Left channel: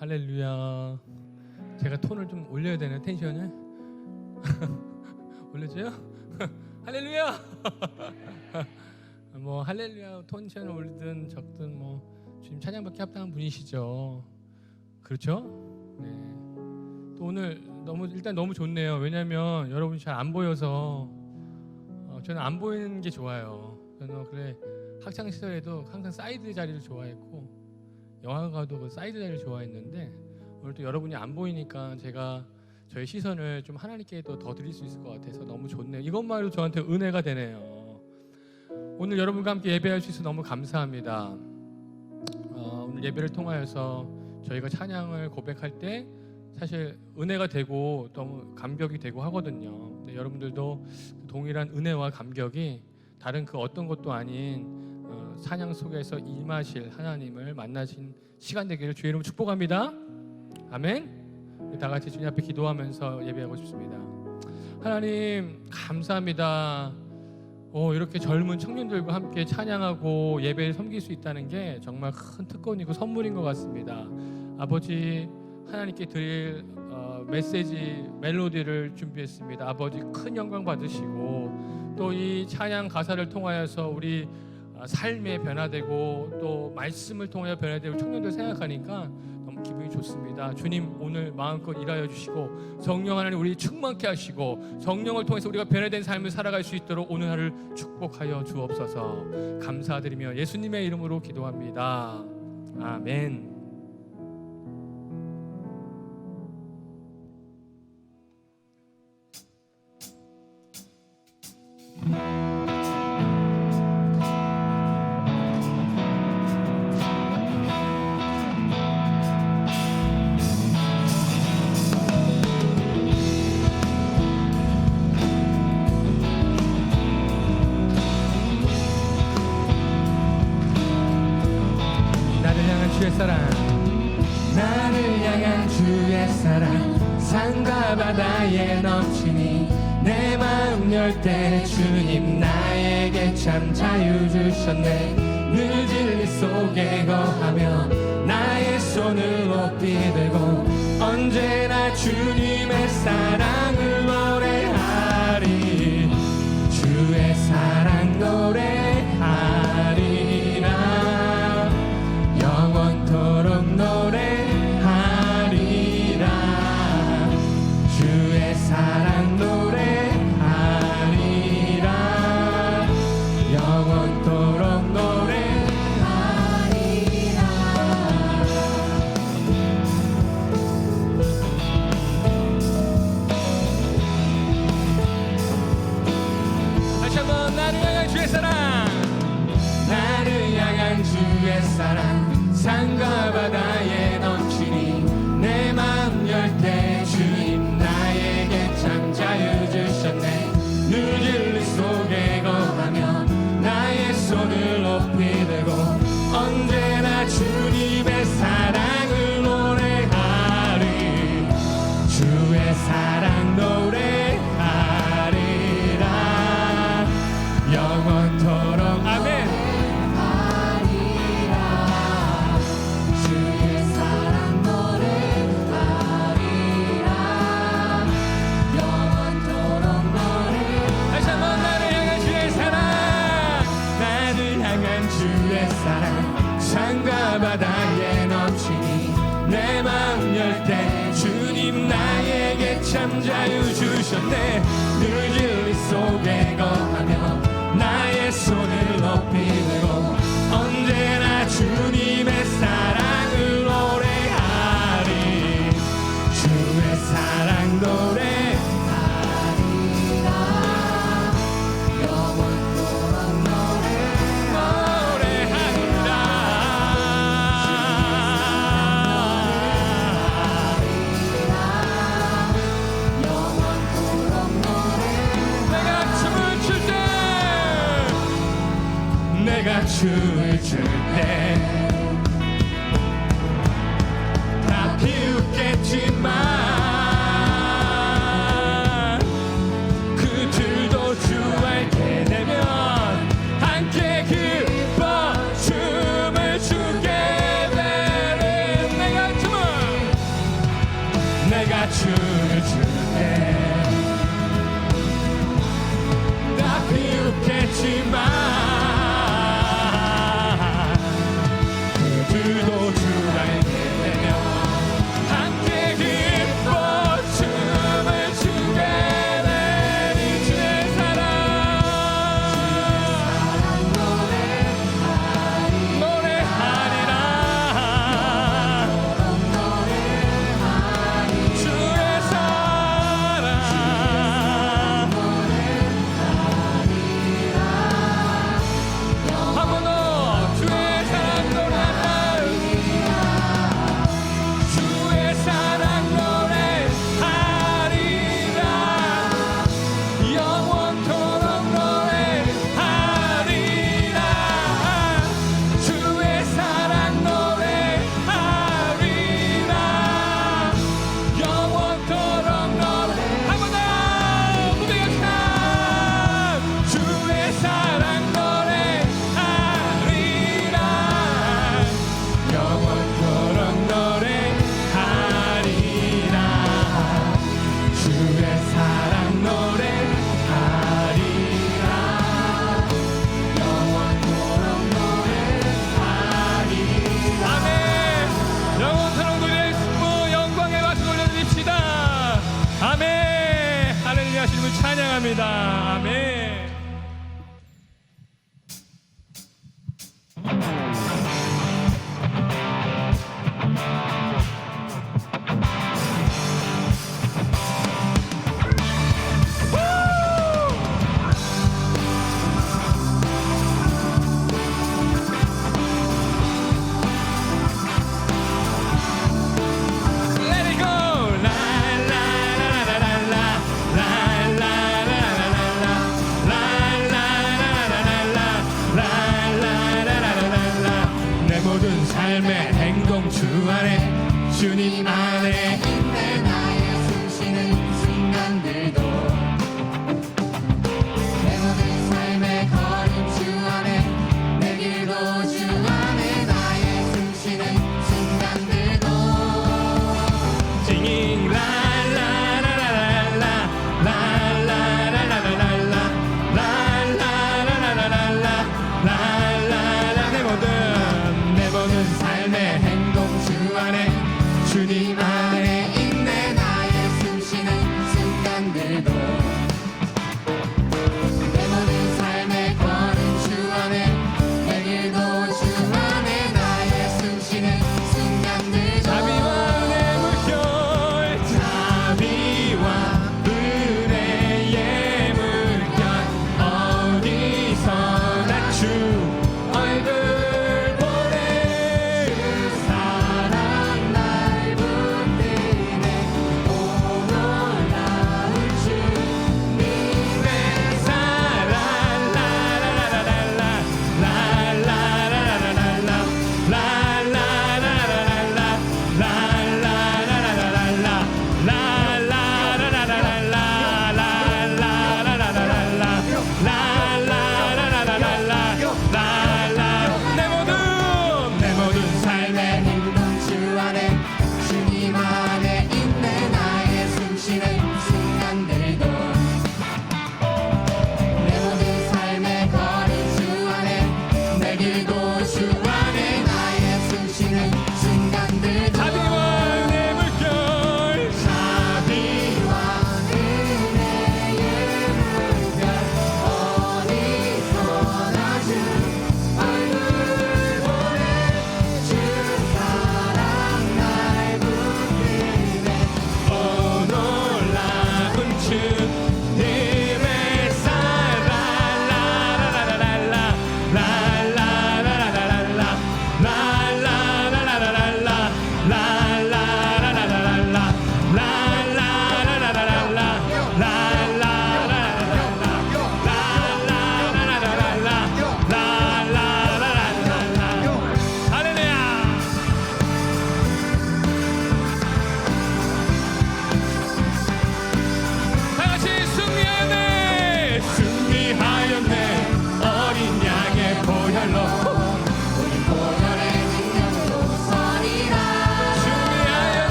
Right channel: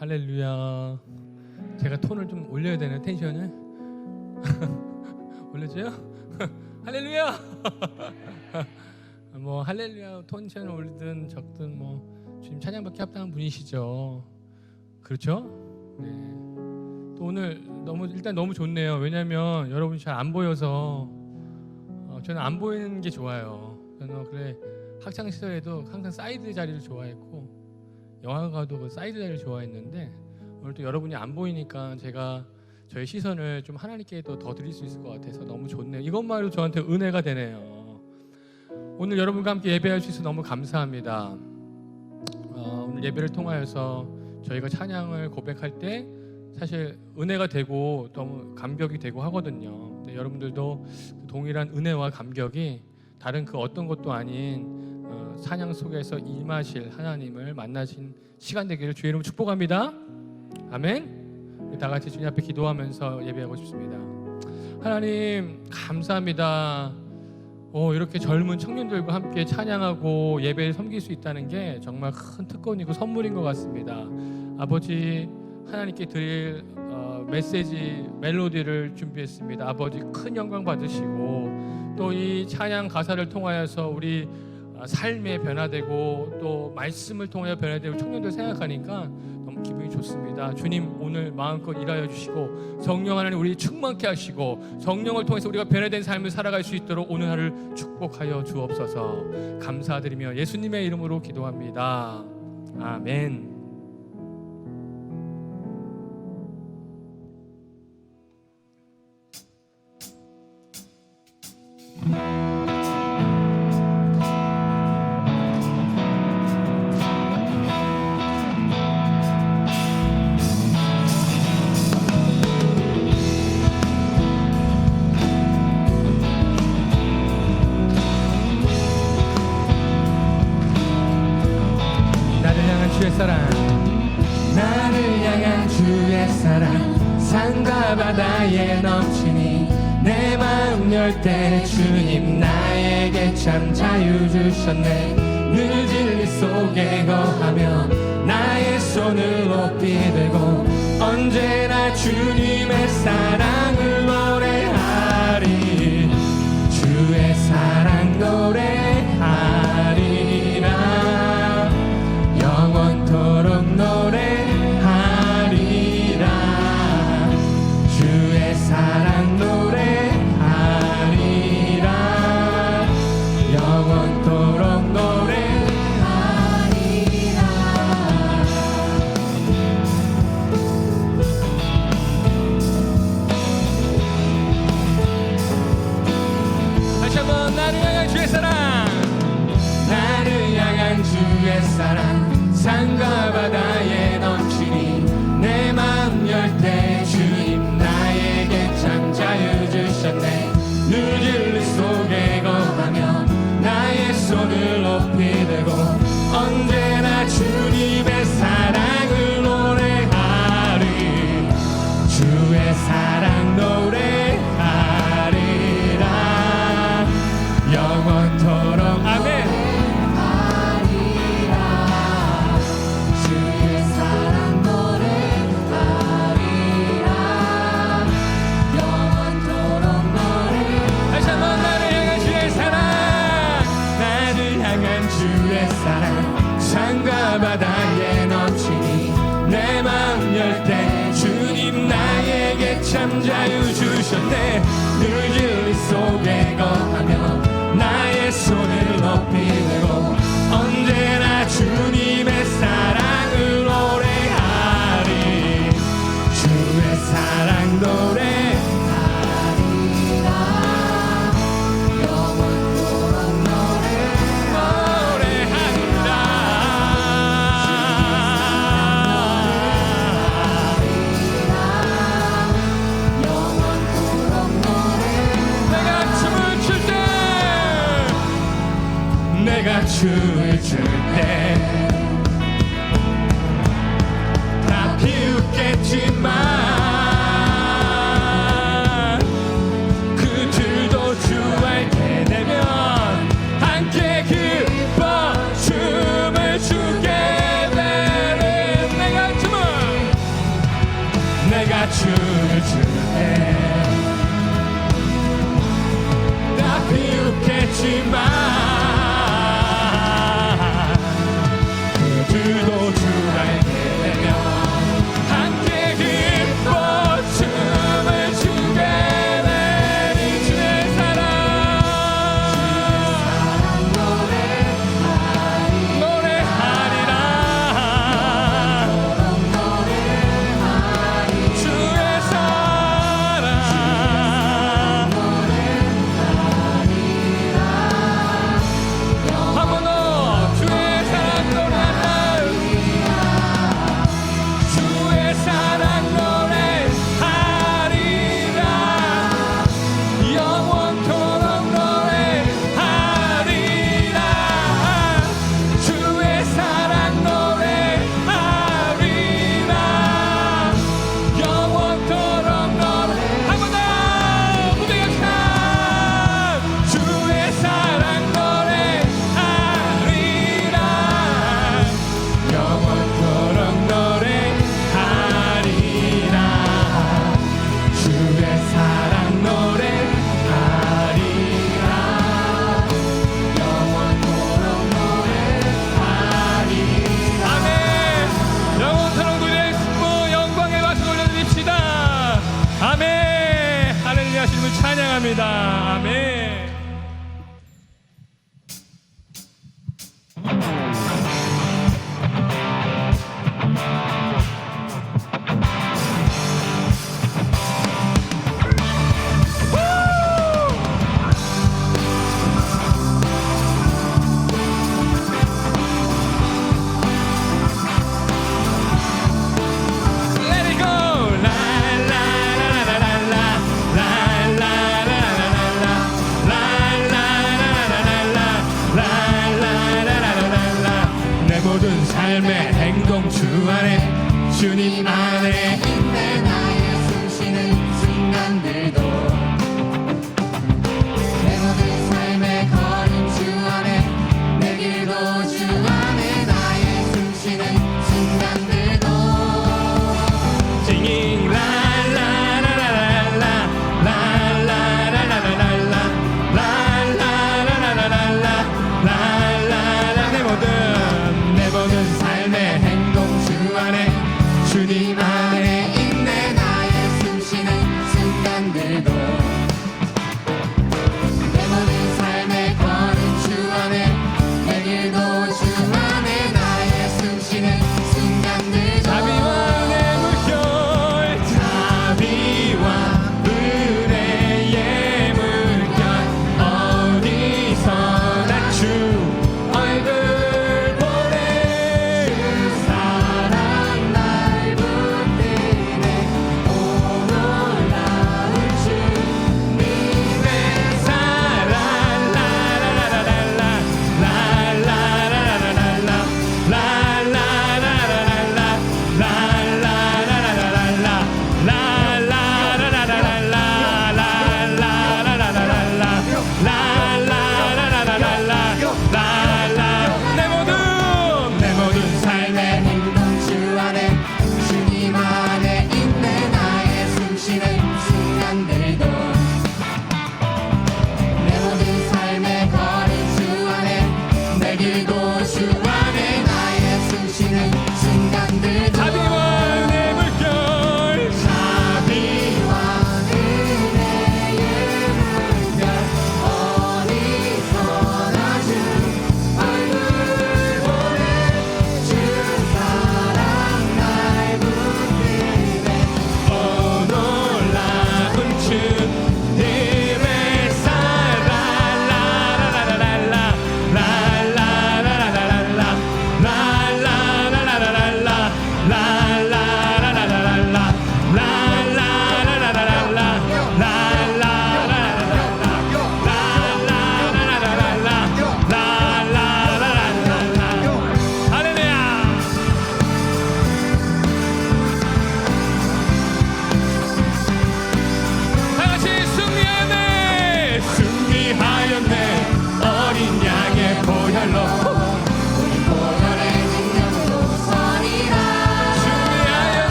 할렐루야. 제가 톤을 좀 올려야 되네, 텐션을. 올려줘요? 할렐루야. 뭐 할렐루야 텐션을 올리든 적든 뭐 주님 찬양받기 합당한 분이시죠. 그렇죠? 네. 또 오늘 일단 너무 좋네요. 왜냐하면 여러분이 잘 안 보여서 저는 안 보이는 게 좋아요. 저는 그래 학창 시절에도 항상 사이드 자리를 좋아했고 영화가도 그 사이드 자리를 좋아했는데 오늘 또 여러분이 안 보이니까 제가 저의 시선을 좀 하나님께 더 드릴 수 있을 것 같아서 너무 좋네요. 이것만으로 저한테 은혜가 되네요. 오늘 여러분과 함께 예배할 수 있어서 너무 감사합니다. 오늘 예배를 통하여서 저희가 찬양을 고백할 때 사실 은혜가 되고 너무 감격이 되고 하거든요. 근데 여러분들도 동일한 은혜와 감격이 다른 그 어떤 것도 아닌 찬양 속에서 임하실 하나님을 만나신 시간 되기를 주의 이름으로 축복합니다. 아멘. 다 같이 주님 앞에 기도하면서 예배하고 싶습니다. 하나님 감사합니다. 이렇게 젊은 청년들과 함께 찬양하고 예배를 섬길 수 있다는 게 정말 큰 특권이고 선물인 것 같습니다. 아버지 하나님께 드릴 메시지 멜로디를 준비했습니다. 아버지 큰 영광 받으시고 또 이 찬양 가사를 통하여서 우리 삶에 변화되고 또 말씀을 통하여 변화되고 청년들 생각하니까 너무 기분이 좋습니다. 주님 오늘 마음껏 일하여 주시고 성령 하나님 우리 충만케 하시고 성령을 통해서 우리가 변화된 삶을 살아갈 수 있도록 오늘 하루를 축복하여 주옵소서. 감사드리며 예수님의 이름으로 기도합니다. 아멘. 때 주님 나에게 참 자유 주셨네. 늘 진리 속에 거하며 나의 손을 높이 들고 언제나 주님의 사랑을 노래하리. 주의 사랑 노래하리라. 영원토록 노래하리라. 주의 사랑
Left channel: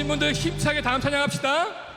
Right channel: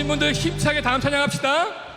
믿으신 분들 힘차게 다음 찬양합시다.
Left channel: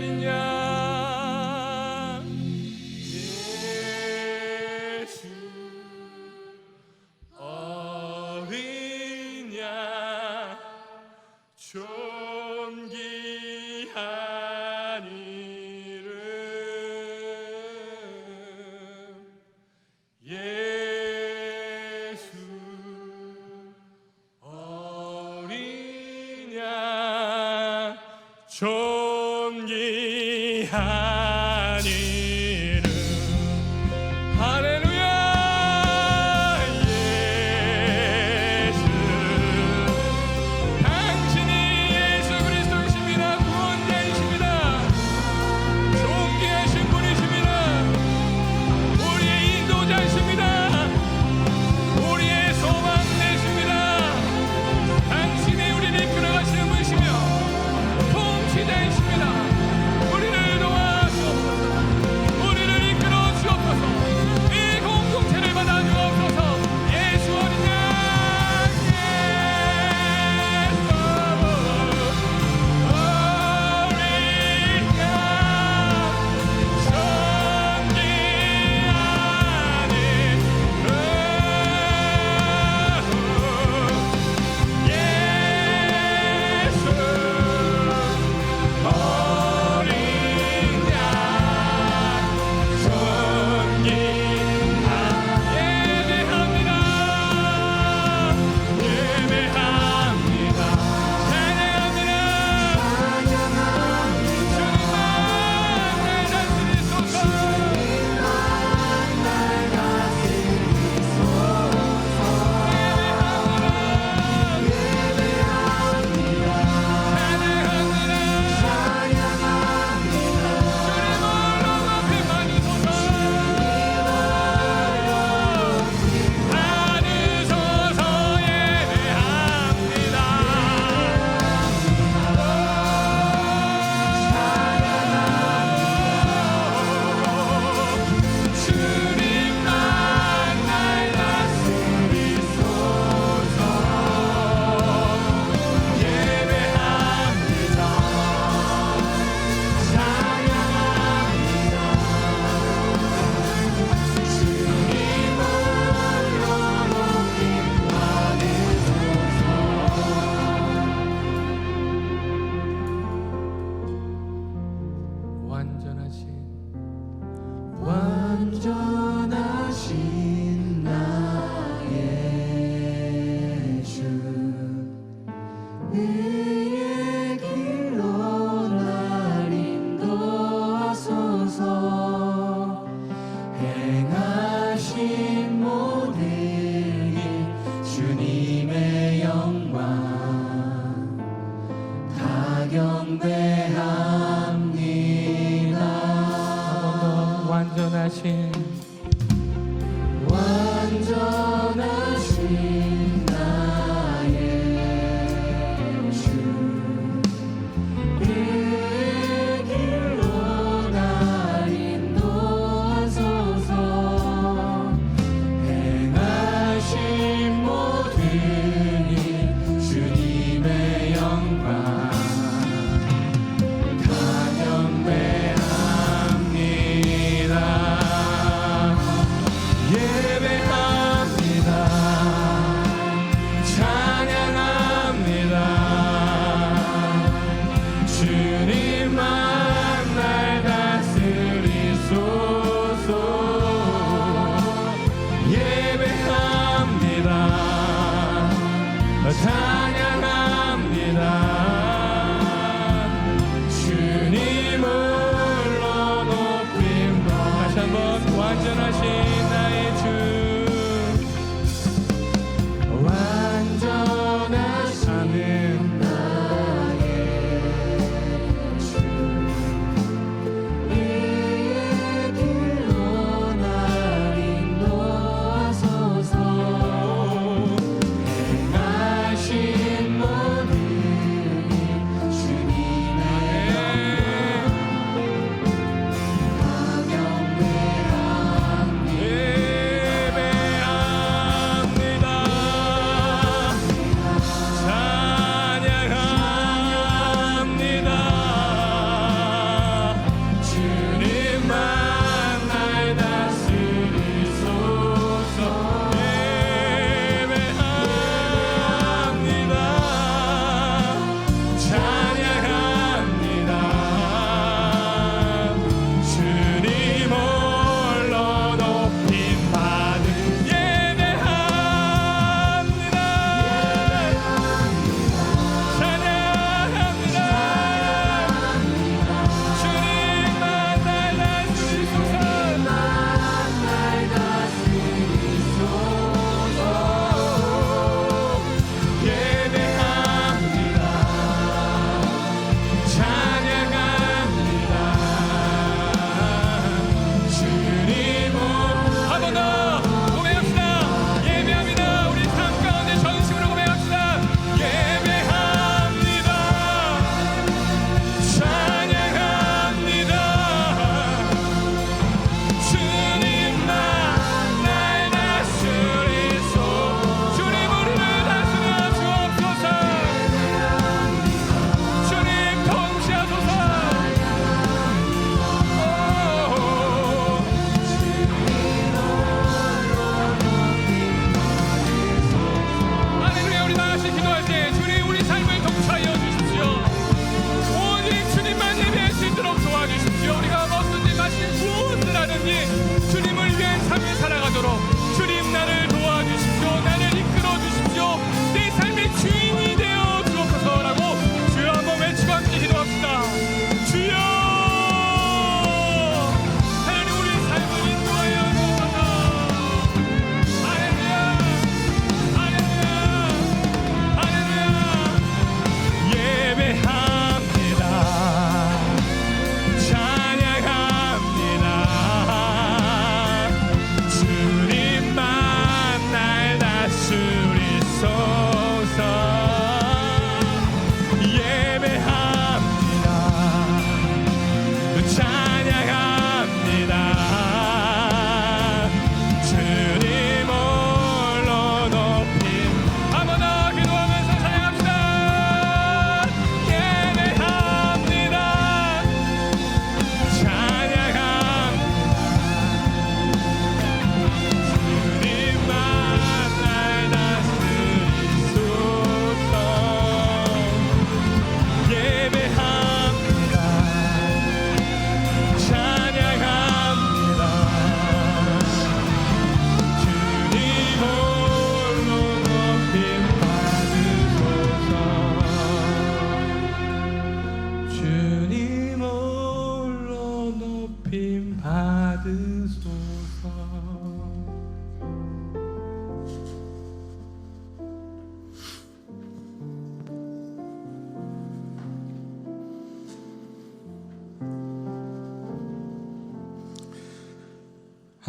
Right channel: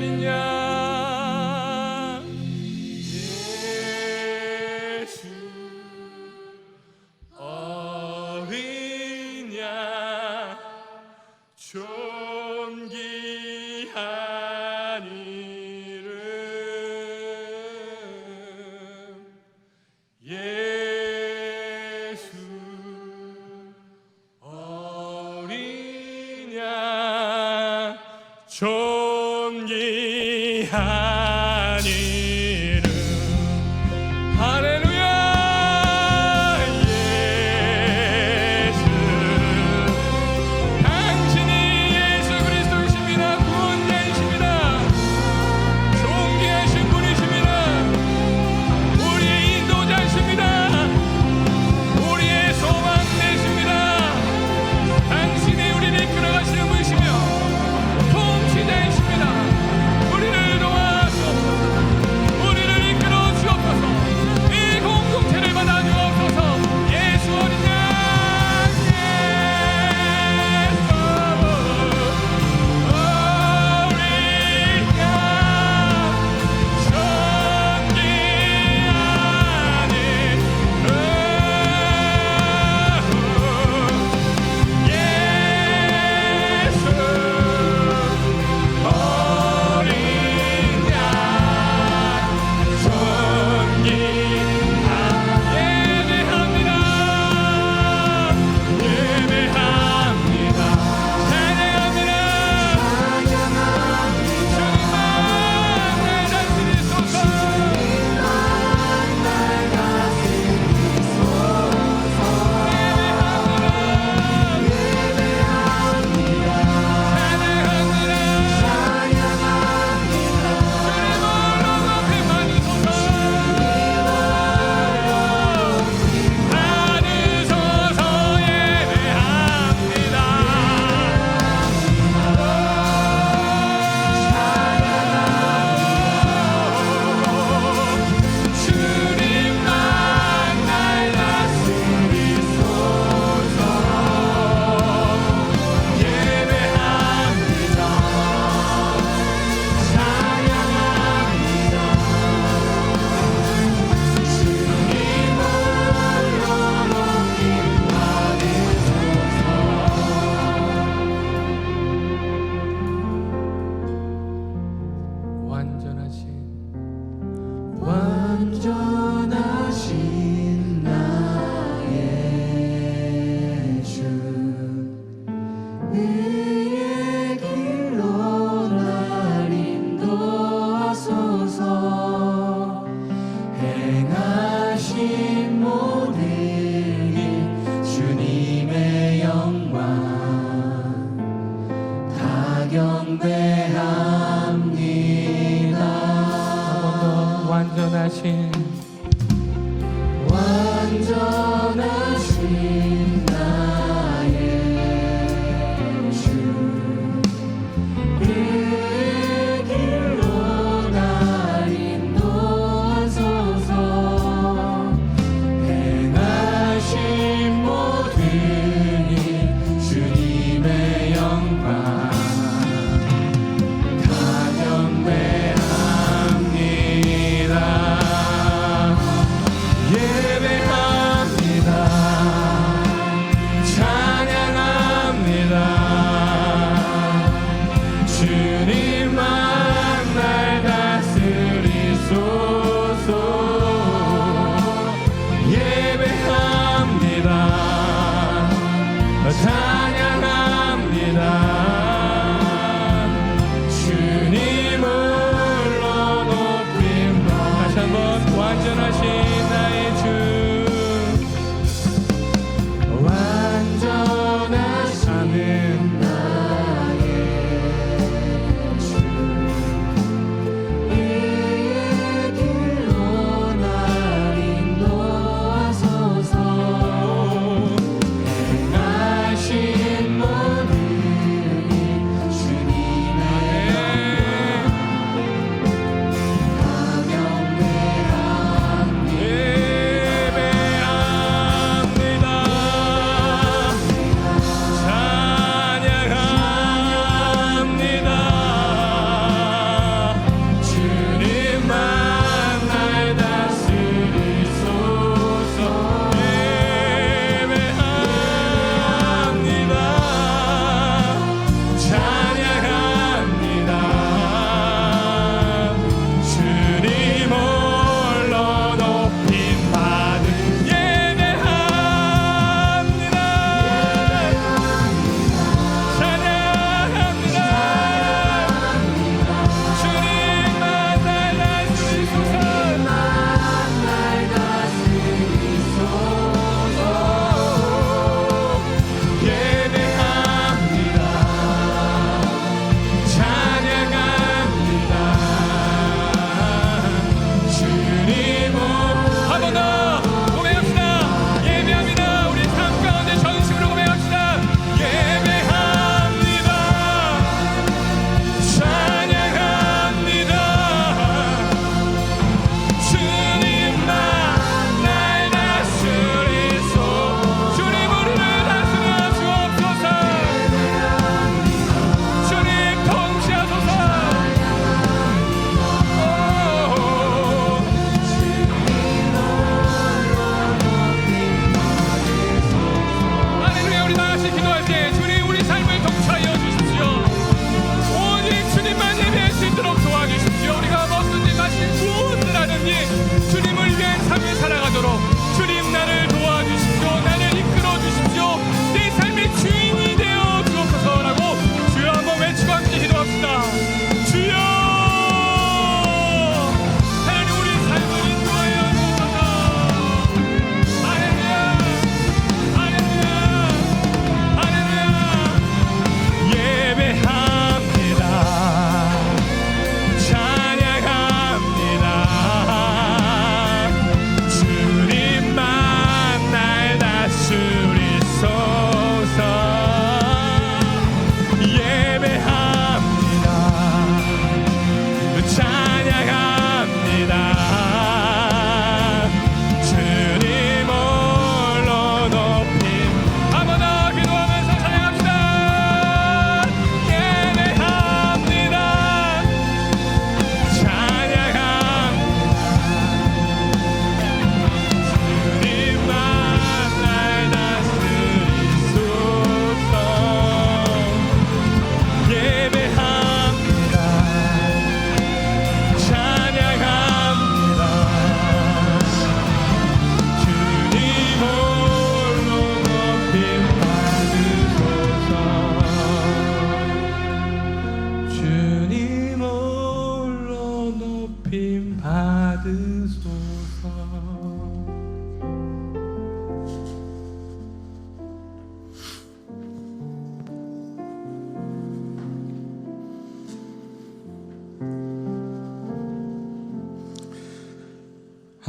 어린 양 예수 어린 양 존귀한 이름 예수 어린 양 존귀한 이름 할렐루야 예수 당신이 예수 그리스도이십니다. 구원자이십니다. 존귀하신 분이십니다. 우리의 인도자이십니다. 우리의 소망 되십니다. 당신이 우리를 이끌어가시는 분이시며 통치자이십니다. 우리를 도와주옵소서.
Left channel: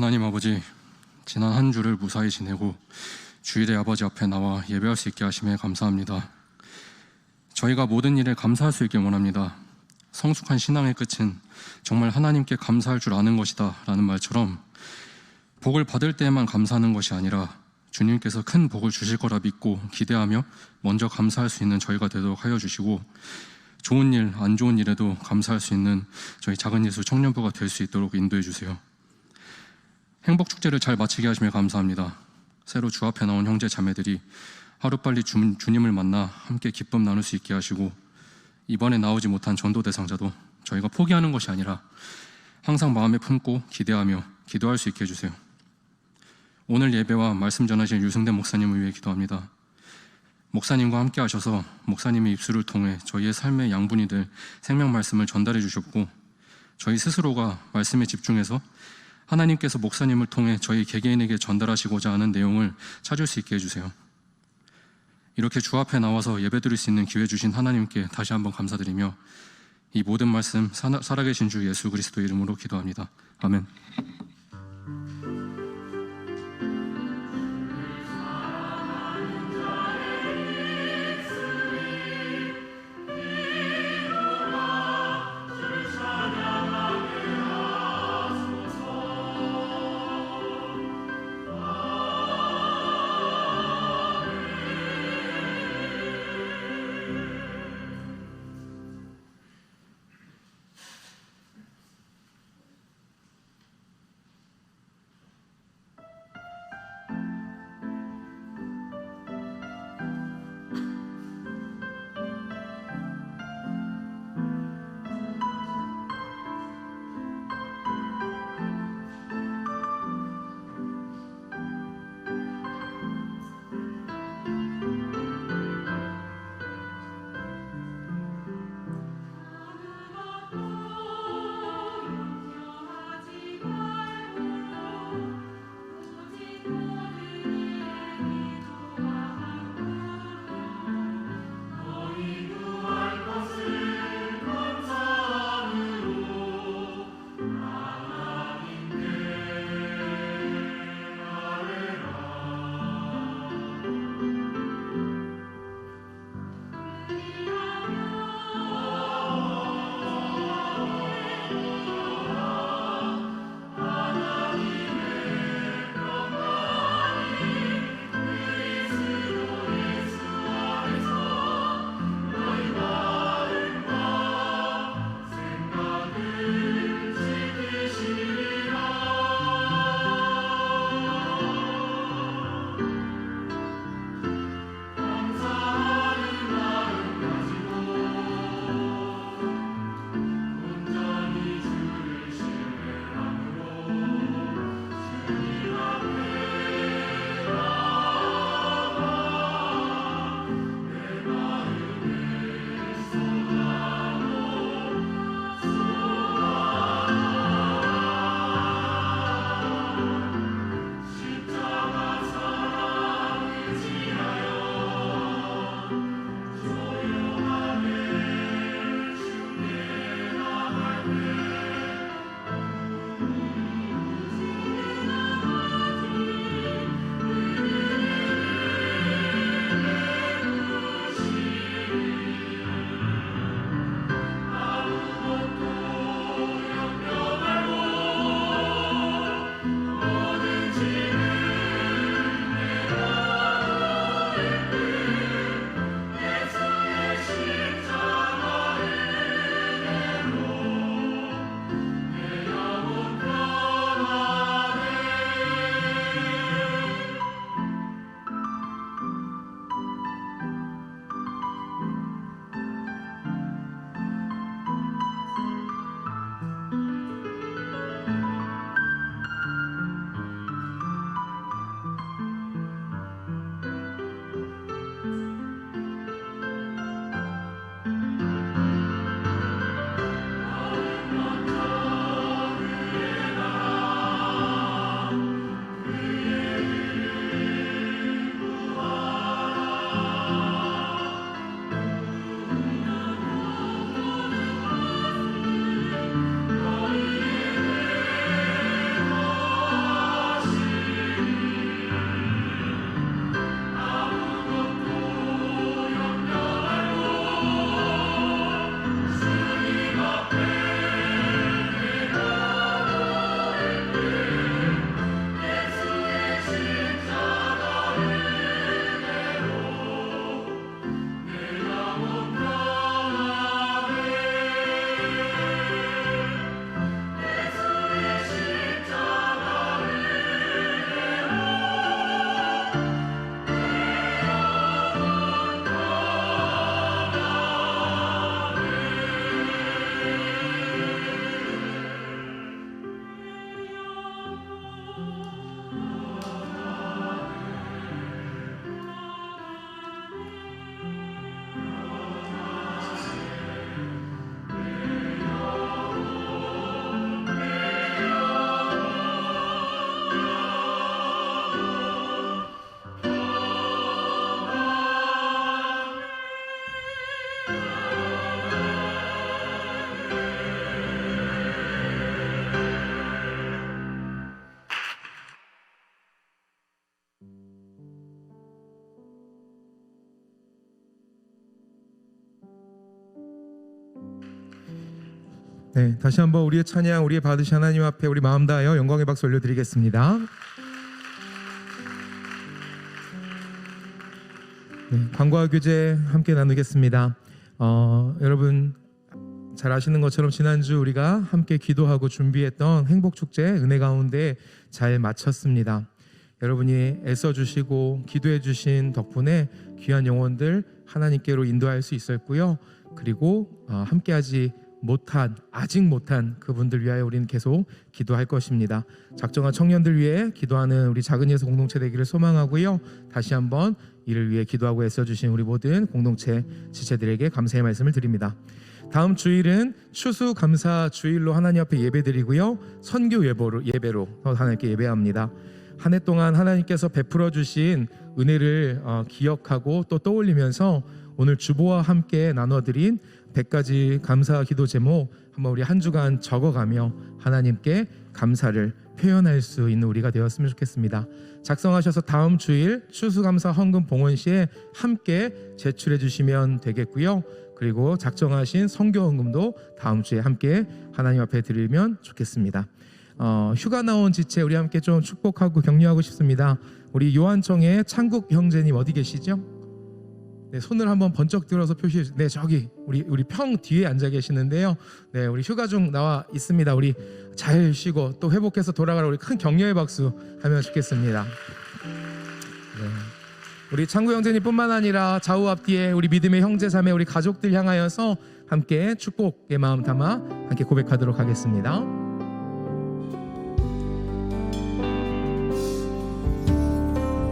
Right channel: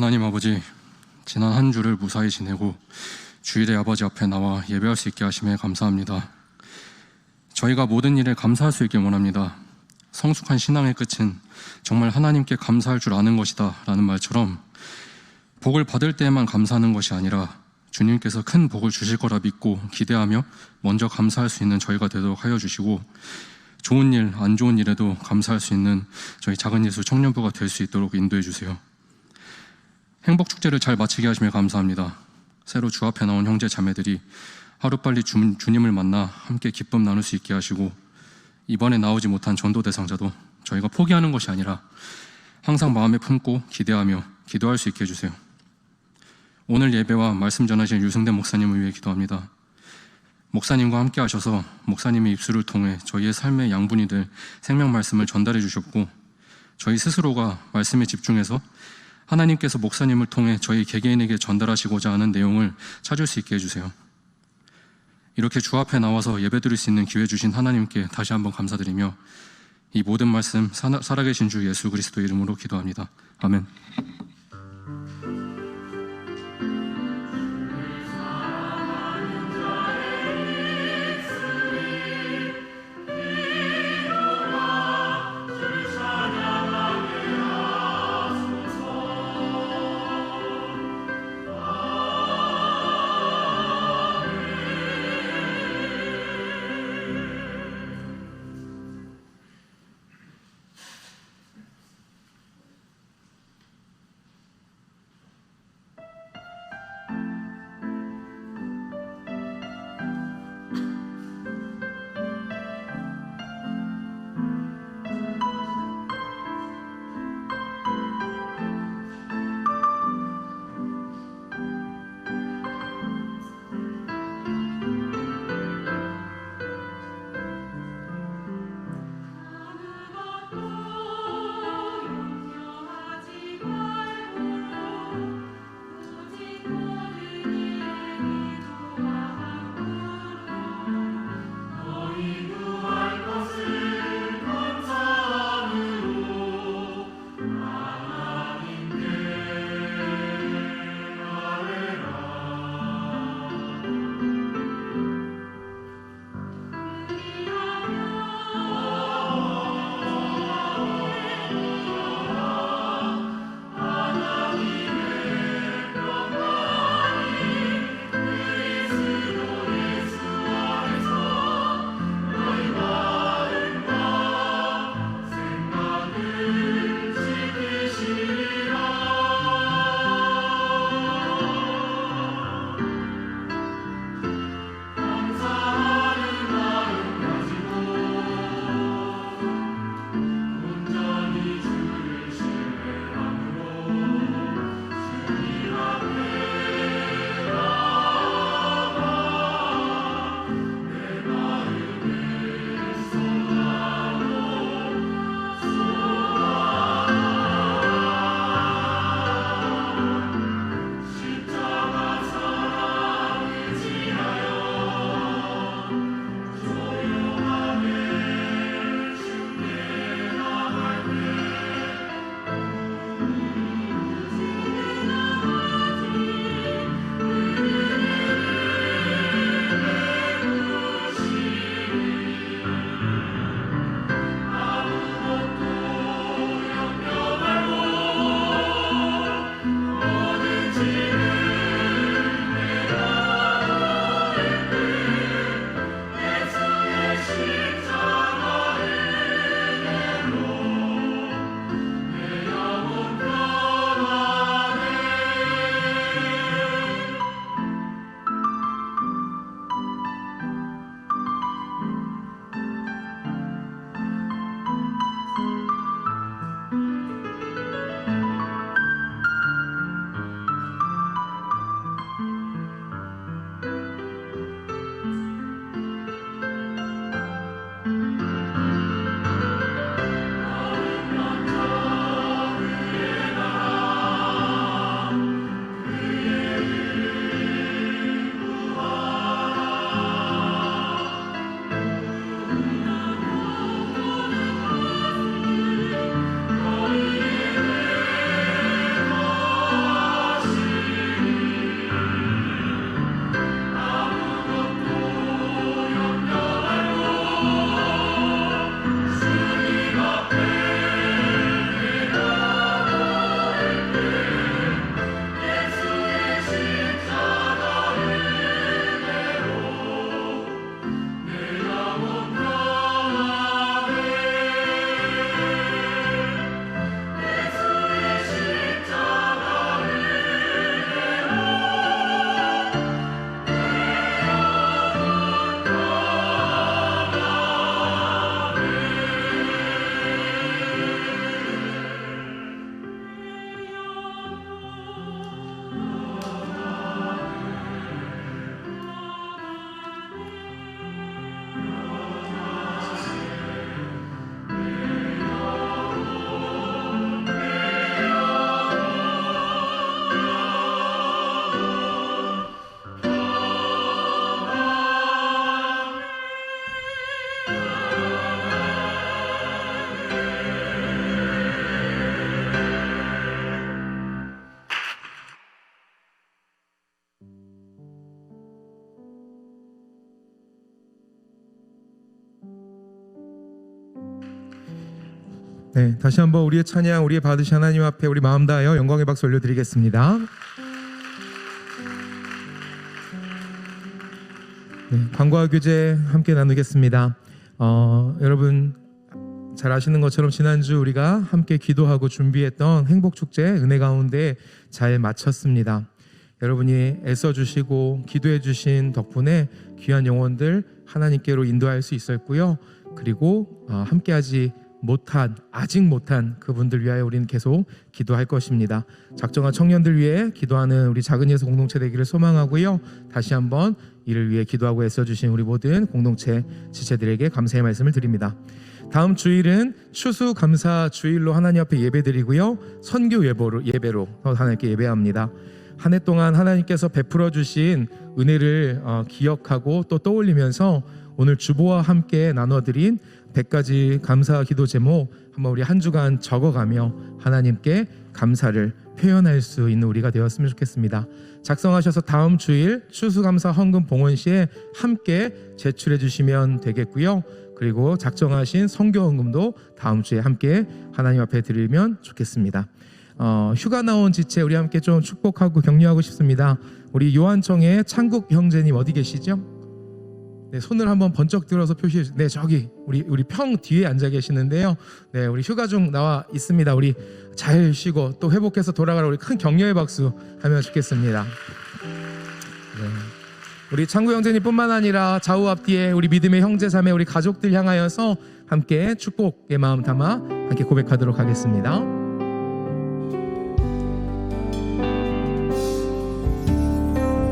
하나님 아버지, 지난 한 주를 무사히 지내고 주일에 아버지 앞에 나와 예배할 수 있게 하심에 감사합니다. 저희가 모든 일에 감사할 수 있게 원합니다. 성숙한 신앙의 끝은 정말 하나님께 감사할 줄 아는 것이다 라는 말처럼 복을 받을 때에만 감사하는 것이 아니라 주님께서 큰 복을 주실 거라 믿고 기대하며 먼저 감사할 수 있는 저희가 되도록 하여 주시고, 좋은 일, 안 좋은 일에도 감사할 수 있는 저희 작은 예수 청년부가 될 수 있도록 인도해 주세요. 행복축제를 잘 마치게 하시며 감사합니다. 새로 주 앞에 나온 형제 자매들이 하루빨리 주님을 만나 함께 기쁨 나눌 수 있게 하시고, 이번에 나오지 못한 전도 대상자도 저희가 포기하는 것이 아니라 항상 마음에 품고 기대하며 기도할 수 있게 해주세요. 오늘 예배와 말씀 전하실 유승대 목사님을 위해 기도합니다. 목사님과 함께 하셔서 목사님의 입술을 통해 저희의 삶의 양분이 될 생명 말씀을 전달해 주셨고, 저희 스스로가 말씀에 집중해서 하나님께서 목사님을 통해 저희 개개인에게 전달하시고자 하는 내용을 찾을 수 있게 해주세요. 이렇게 주 앞에 나와서 예배드릴 수 있는 기회 주신 하나님께 다시 한번 감사드리며 이 모든 말씀 살아계신 주 예수 그리스도의 이름으로 기도합니다. 아멘. 네, 다시 한번 우리의 찬양, 우리의 받으신 하나님 앞에 우리 마음 다하여 영광의 박수 올려드리겠습니다. 네, 광고와 교제 함께 나누겠습니다. 여러분 잘 아시는 것처럼 지난주 우리가 함께 기도하고 준비했던 행복축제 은혜 가운데 잘 마쳤습니다. 여러분이 애써주시고 기도해주신 덕분에 귀한 영혼들 하나님께로 인도할 수 있었고요. 그리고 아직 못한 그분들 위하여 우리는 계속 기도할 것입니다. 작정한 청년들 위해 기도하는 우리 작은 예수 공동체 되기를 소망하고요. 다시 한번 이를 위해 기도하고 애써주신 우리 모든 공동체 지체들에게 감사의 말씀을 드립니다. 다음 주일은 추수감사 주일로 하나님 앞에 예배드리고요. 선교 예배로 하나님께 예배합니다. 한 해 동안 하나님께서 베풀어 주신 은혜를 기억하고 또 떠올리면서 오늘 주보와 함께 나눠드린 100가지 감사 기도 제목 한번 우리 한 주간 적어가며 하나님께 감사를 표현할 수 있는 우리가 되었으면 좋겠습니다. 작성하셔서 다음 주일 추수감사 헌금 봉헌 시에 함께 제출해 주시면 되겠고요. 그리고 작정하신 선교 헌금도 다음 주에 함께 하나님 앞에 드리면 좋겠습니다. 휴가 나온 지체 우리 함께 좀 축복하고 격려하고 싶습니다. 우리 요한청의 창국 형제님 어디 계시죠? 네, 손을 한번 번쩍 들어서 표시해 주세요. 네, 저기 우리 평 뒤에 앉아 계시는데요. 네, 우리 휴가 중 나와 있습니다. 우리 잘 쉬고 또 회복해서 돌아가라 우리 큰 격려의 박수 하면 좋겠습니다. 네. 우리 창구 형제님뿐만 아니라 좌우 앞뒤에 우리 믿음의 형제자매 우리 가족들 향하여서 함께 축복의 마음 담아 함께 고백하도록 하겠습니다.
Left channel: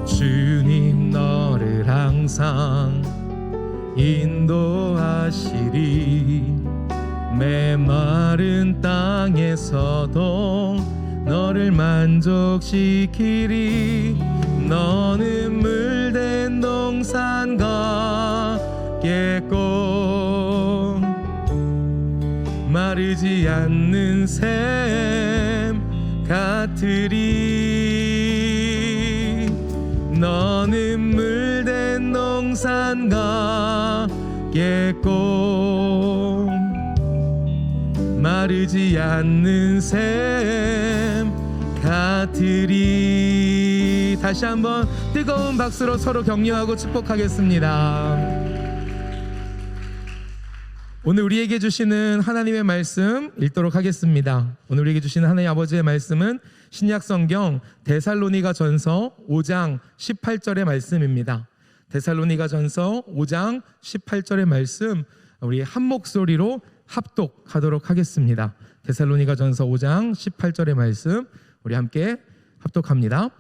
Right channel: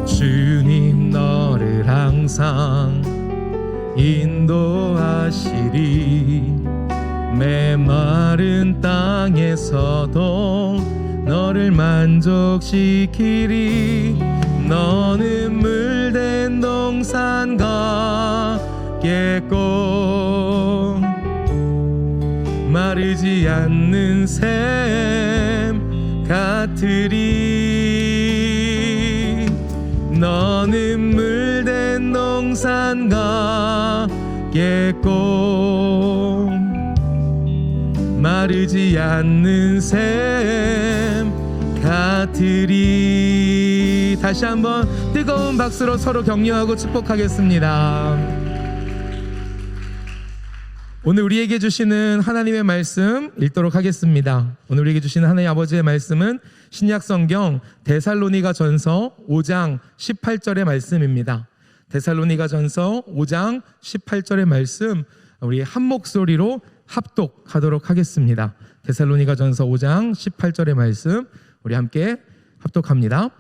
주님 너를 항상 인도하시리 메마른 땅에서도 너를 만족시키리 너는 물된 동산 같겠고 마르지 않는 샘 같으리 너는 물된 동산 같겠고 마르지 않는 샘 같으리. 다시 한번 뜨거운 박수로 서로 격려하고 축복하겠습니다. 오늘 우리에게 주시는 하나님의 말씀 읽도록 하겠습니다. 오늘 우리에게 주시는 하나님 아버지의 말씀은 신약성경 데살로니가전서 5장 18절의 말씀입니다. 데살로니가전서 5장 18절의 말씀 우리 한 목소리로 합독하도록 하겠습니다. 데살로니가전서 5장 18절의 말씀 우리 함께 합독합니다.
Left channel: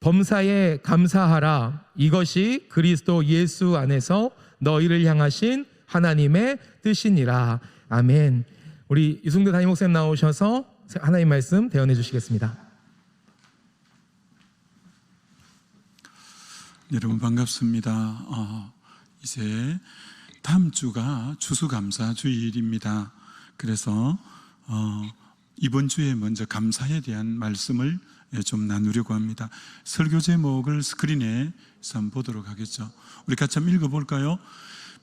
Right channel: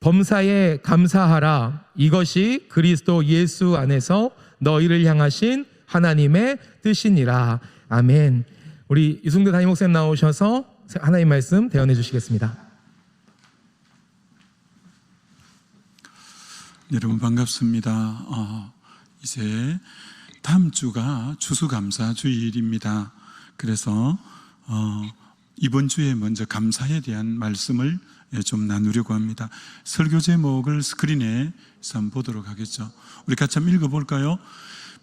범사에 감사하라. 이것이 그리스도 예수 안에서 너희를 향하신 하나님의 뜻이니라. 아멘. 우리 이승도 담임 목사님 나오셔서 하나님 말씀 대언해 주시겠습니다. 여러분 반갑습니다. 이제 다음 주가 추수감사 주일입니다. 그래서 이번 주에 먼저 감사에 대한 말씀을 좀 나누려고 합니다. 설교 제목을 스크린에 한번 보도록 하겠죠. 우리 같이 한번 읽어볼까요?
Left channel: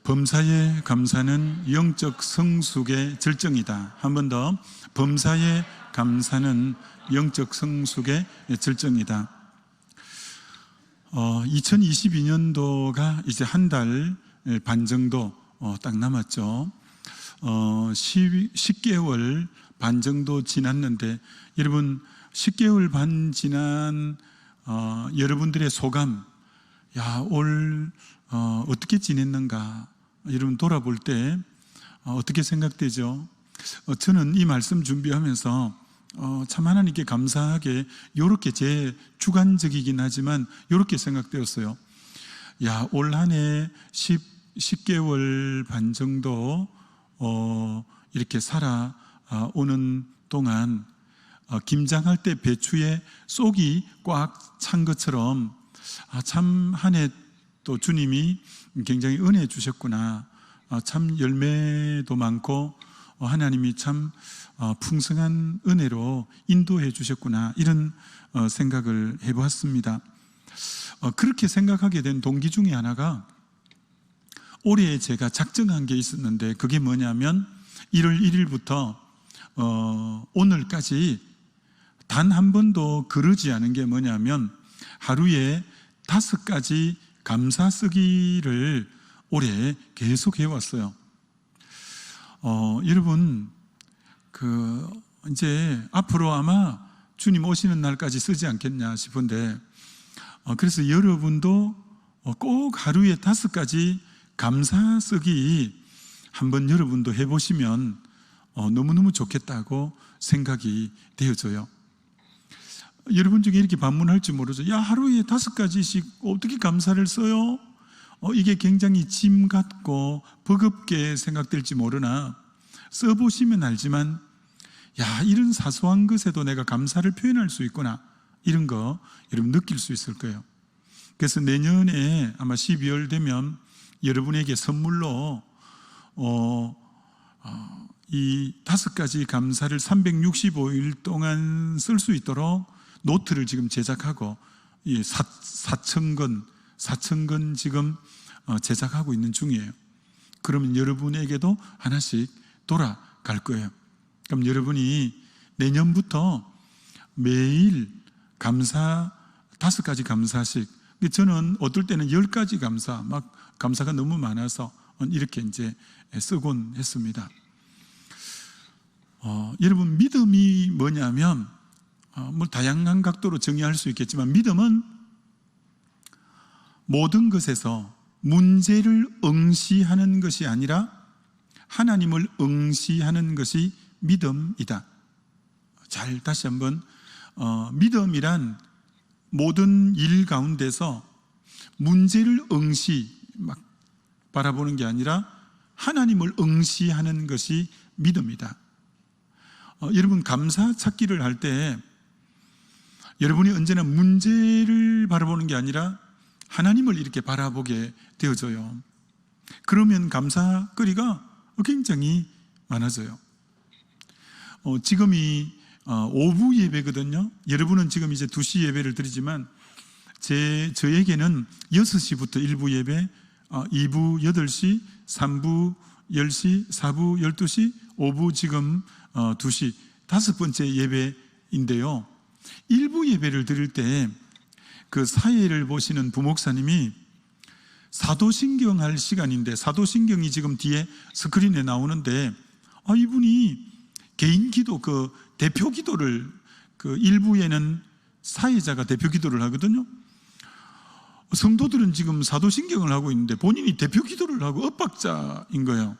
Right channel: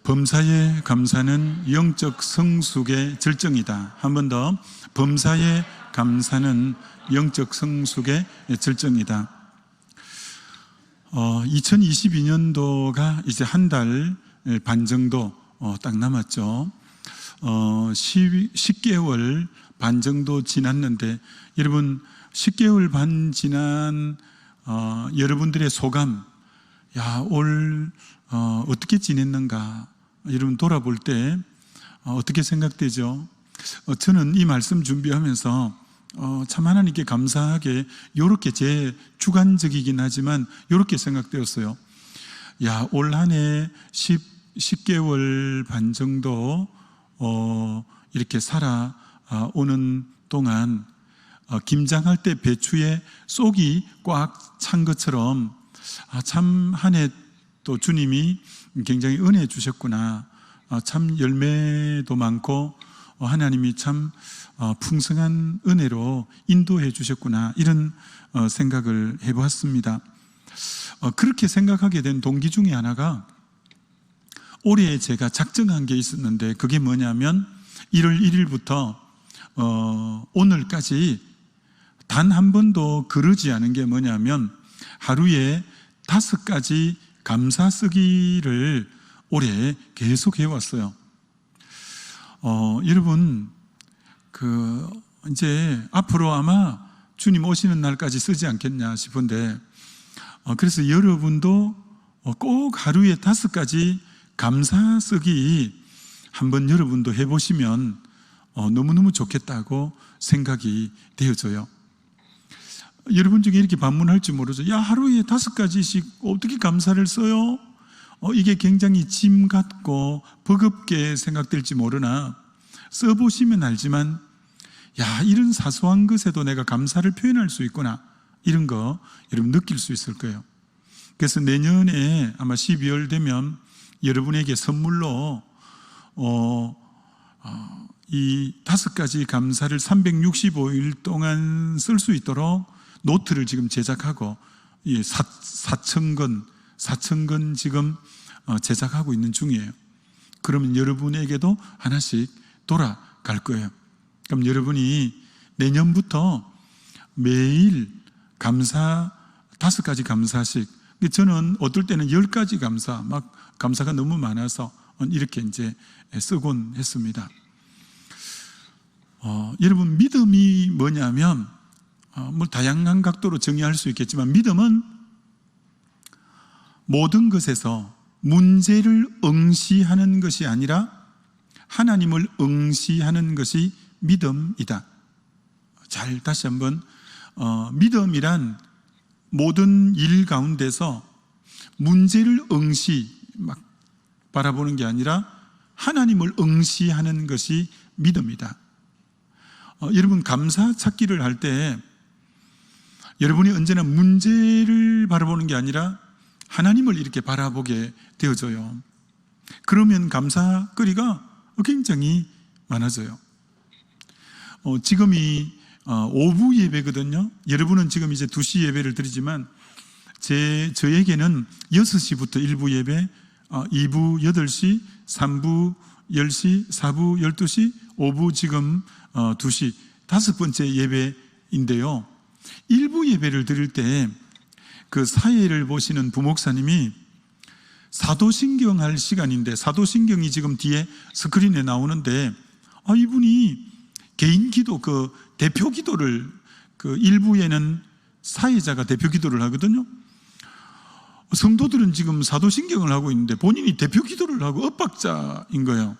범사의 감사는 영적 성숙의 절정이다. 한 번 더. 범사의 감사는 영적 성숙의 절정이다. 2022년도가 이제 한 달 반 정도 딱 남았죠. 10개월 반 정도 지났는데 여러분 10개월 반 지난 여러분들의 소감, 올 어떻게 지냈는가 여러분 돌아볼 때 어떻게 생각되죠? 저는 이 말씀 준비하면서 참 하나님께 감사하게 이렇게 제 주관적이긴 하지만 이렇게 생각되었어요. 올 한 해 10개월 반 정도 이렇게 살아오는 동안 김장할 때 배추에 쏙이 꽉 찬 것처럼 참 한 해 또 주님이 굉장히 은혜 주셨구나. 참 열매도 많고 하나님이 참 풍성한 은혜로 인도해 주셨구나. 이런 생각을 해보았습니다. 그렇게 생각하게 된 동기 중에 하나가 올해 제가 작정한 게 있었는데 그게 뭐냐면 1월 1일부터 오늘까지 단 한 번도 그러지 않은 게 뭐냐면 하루에 5가지 감사 쓰기를 올해 계속 해왔어요. 여러분, 이제 앞으로 아마 주님 오시는 날까지 쓰지 않겠냐 싶은데, 그래서 여러분도 꼭 하루에 5가지 감사 쓰기 한번 여러분도 해보시면 너무너무 좋겠다고 생각이 되어져요. 여러분 중에 이렇게 반문할지 모르죠. 야, 하루에 5가지씩 어떻게 감사를 써요? 이게 굉장히 짐 같고 버겁게 생각될지 모르나 써보시면 알지만, 야, 이런 사소한 것에도 내가 감사를 표현할 수 있구나, 이런 거 여러분 느낄 수 있을 거예요. 그래서 내년에 아마 12월 되면 여러분에게 선물로 이 5가지 감사를 365일 동안 쓸 수 있도록 노트를 지금 제작하고 4,000권 지금 제작하고 있는 중이에요. 그러면 여러분에게도 하나씩 돌아갈 거예요. 그럼 여러분이 내년부터 매일 감사 5가지 감사씩, 저는 어떨 때는 10가지 감사, 막 감사가 너무 많아서 이렇게 이제 쓰곤 했습니다. 여러분, 믿음이 뭐냐면 뭐 다양한 각도로 정의할 수 있겠지만, 믿음은 모든 것에서 문제를 응시하는 것이 아니라 하나님을 응시하는 것이 믿음이다. 잘 다시 한번, 믿음이란 모든 일 가운데서 문제를 막 바라보는 게 아니라 하나님을 응시하는 것이 믿음이다. 여러분, 감사 찾기를 할 때 여러분이 언제나 문제를 바라보는 게 아니라 하나님을 이렇게 바라보게 되어져요. 그러면 감사거리가 굉장히 많아져요. 지금이 오후 예배거든요. 여러분은 지금 이제 2시 예배를 드리지만 저에게는 6시부터 1부 예배, 2부 8시, 3부 10시, 4부 12시, 5부 지금 2시, 5번째 예배인데요. 1부 예배를 드릴 때 그 사회를 보시는 부목사님이 사도신경 할 시간인데, 사도신경이 지금 뒤에 스크린에 나오는데, 이분이 개인 기도, 대표 기도를, 1부에는 사회자가 대표 기도를 하거든요. 성도들은 지금 사도신경을 하고 있는데 본인이 대표 기도를 하고 엇박자인 거예요.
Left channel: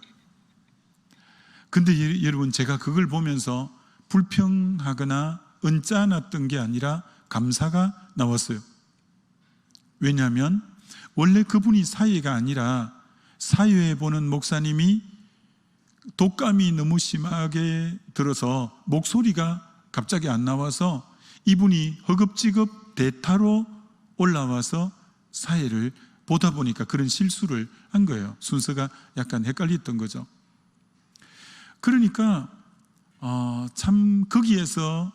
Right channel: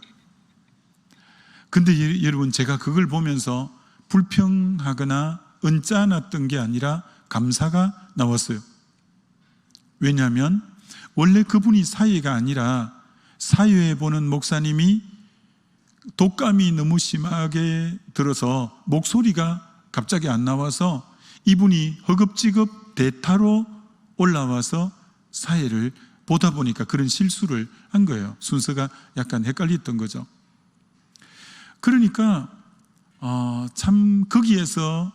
근데 여러분, 제가 그걸 보면서 불평하거나 언짢았던 게 아니라 감사가 나왔어요. 왜냐하면 원래 그분이 사회가 아니라 사회에 보는 목사님이 독감이 너무 심하게 들어서 목소리가 갑자기 안 나와서 이분이 허겁지겁 대타로 올라와서 사회를 보다 보니까 그런 실수를 한 거예요. 순서가 약간 헷갈렸던 거죠. 그러니까 참 거기에서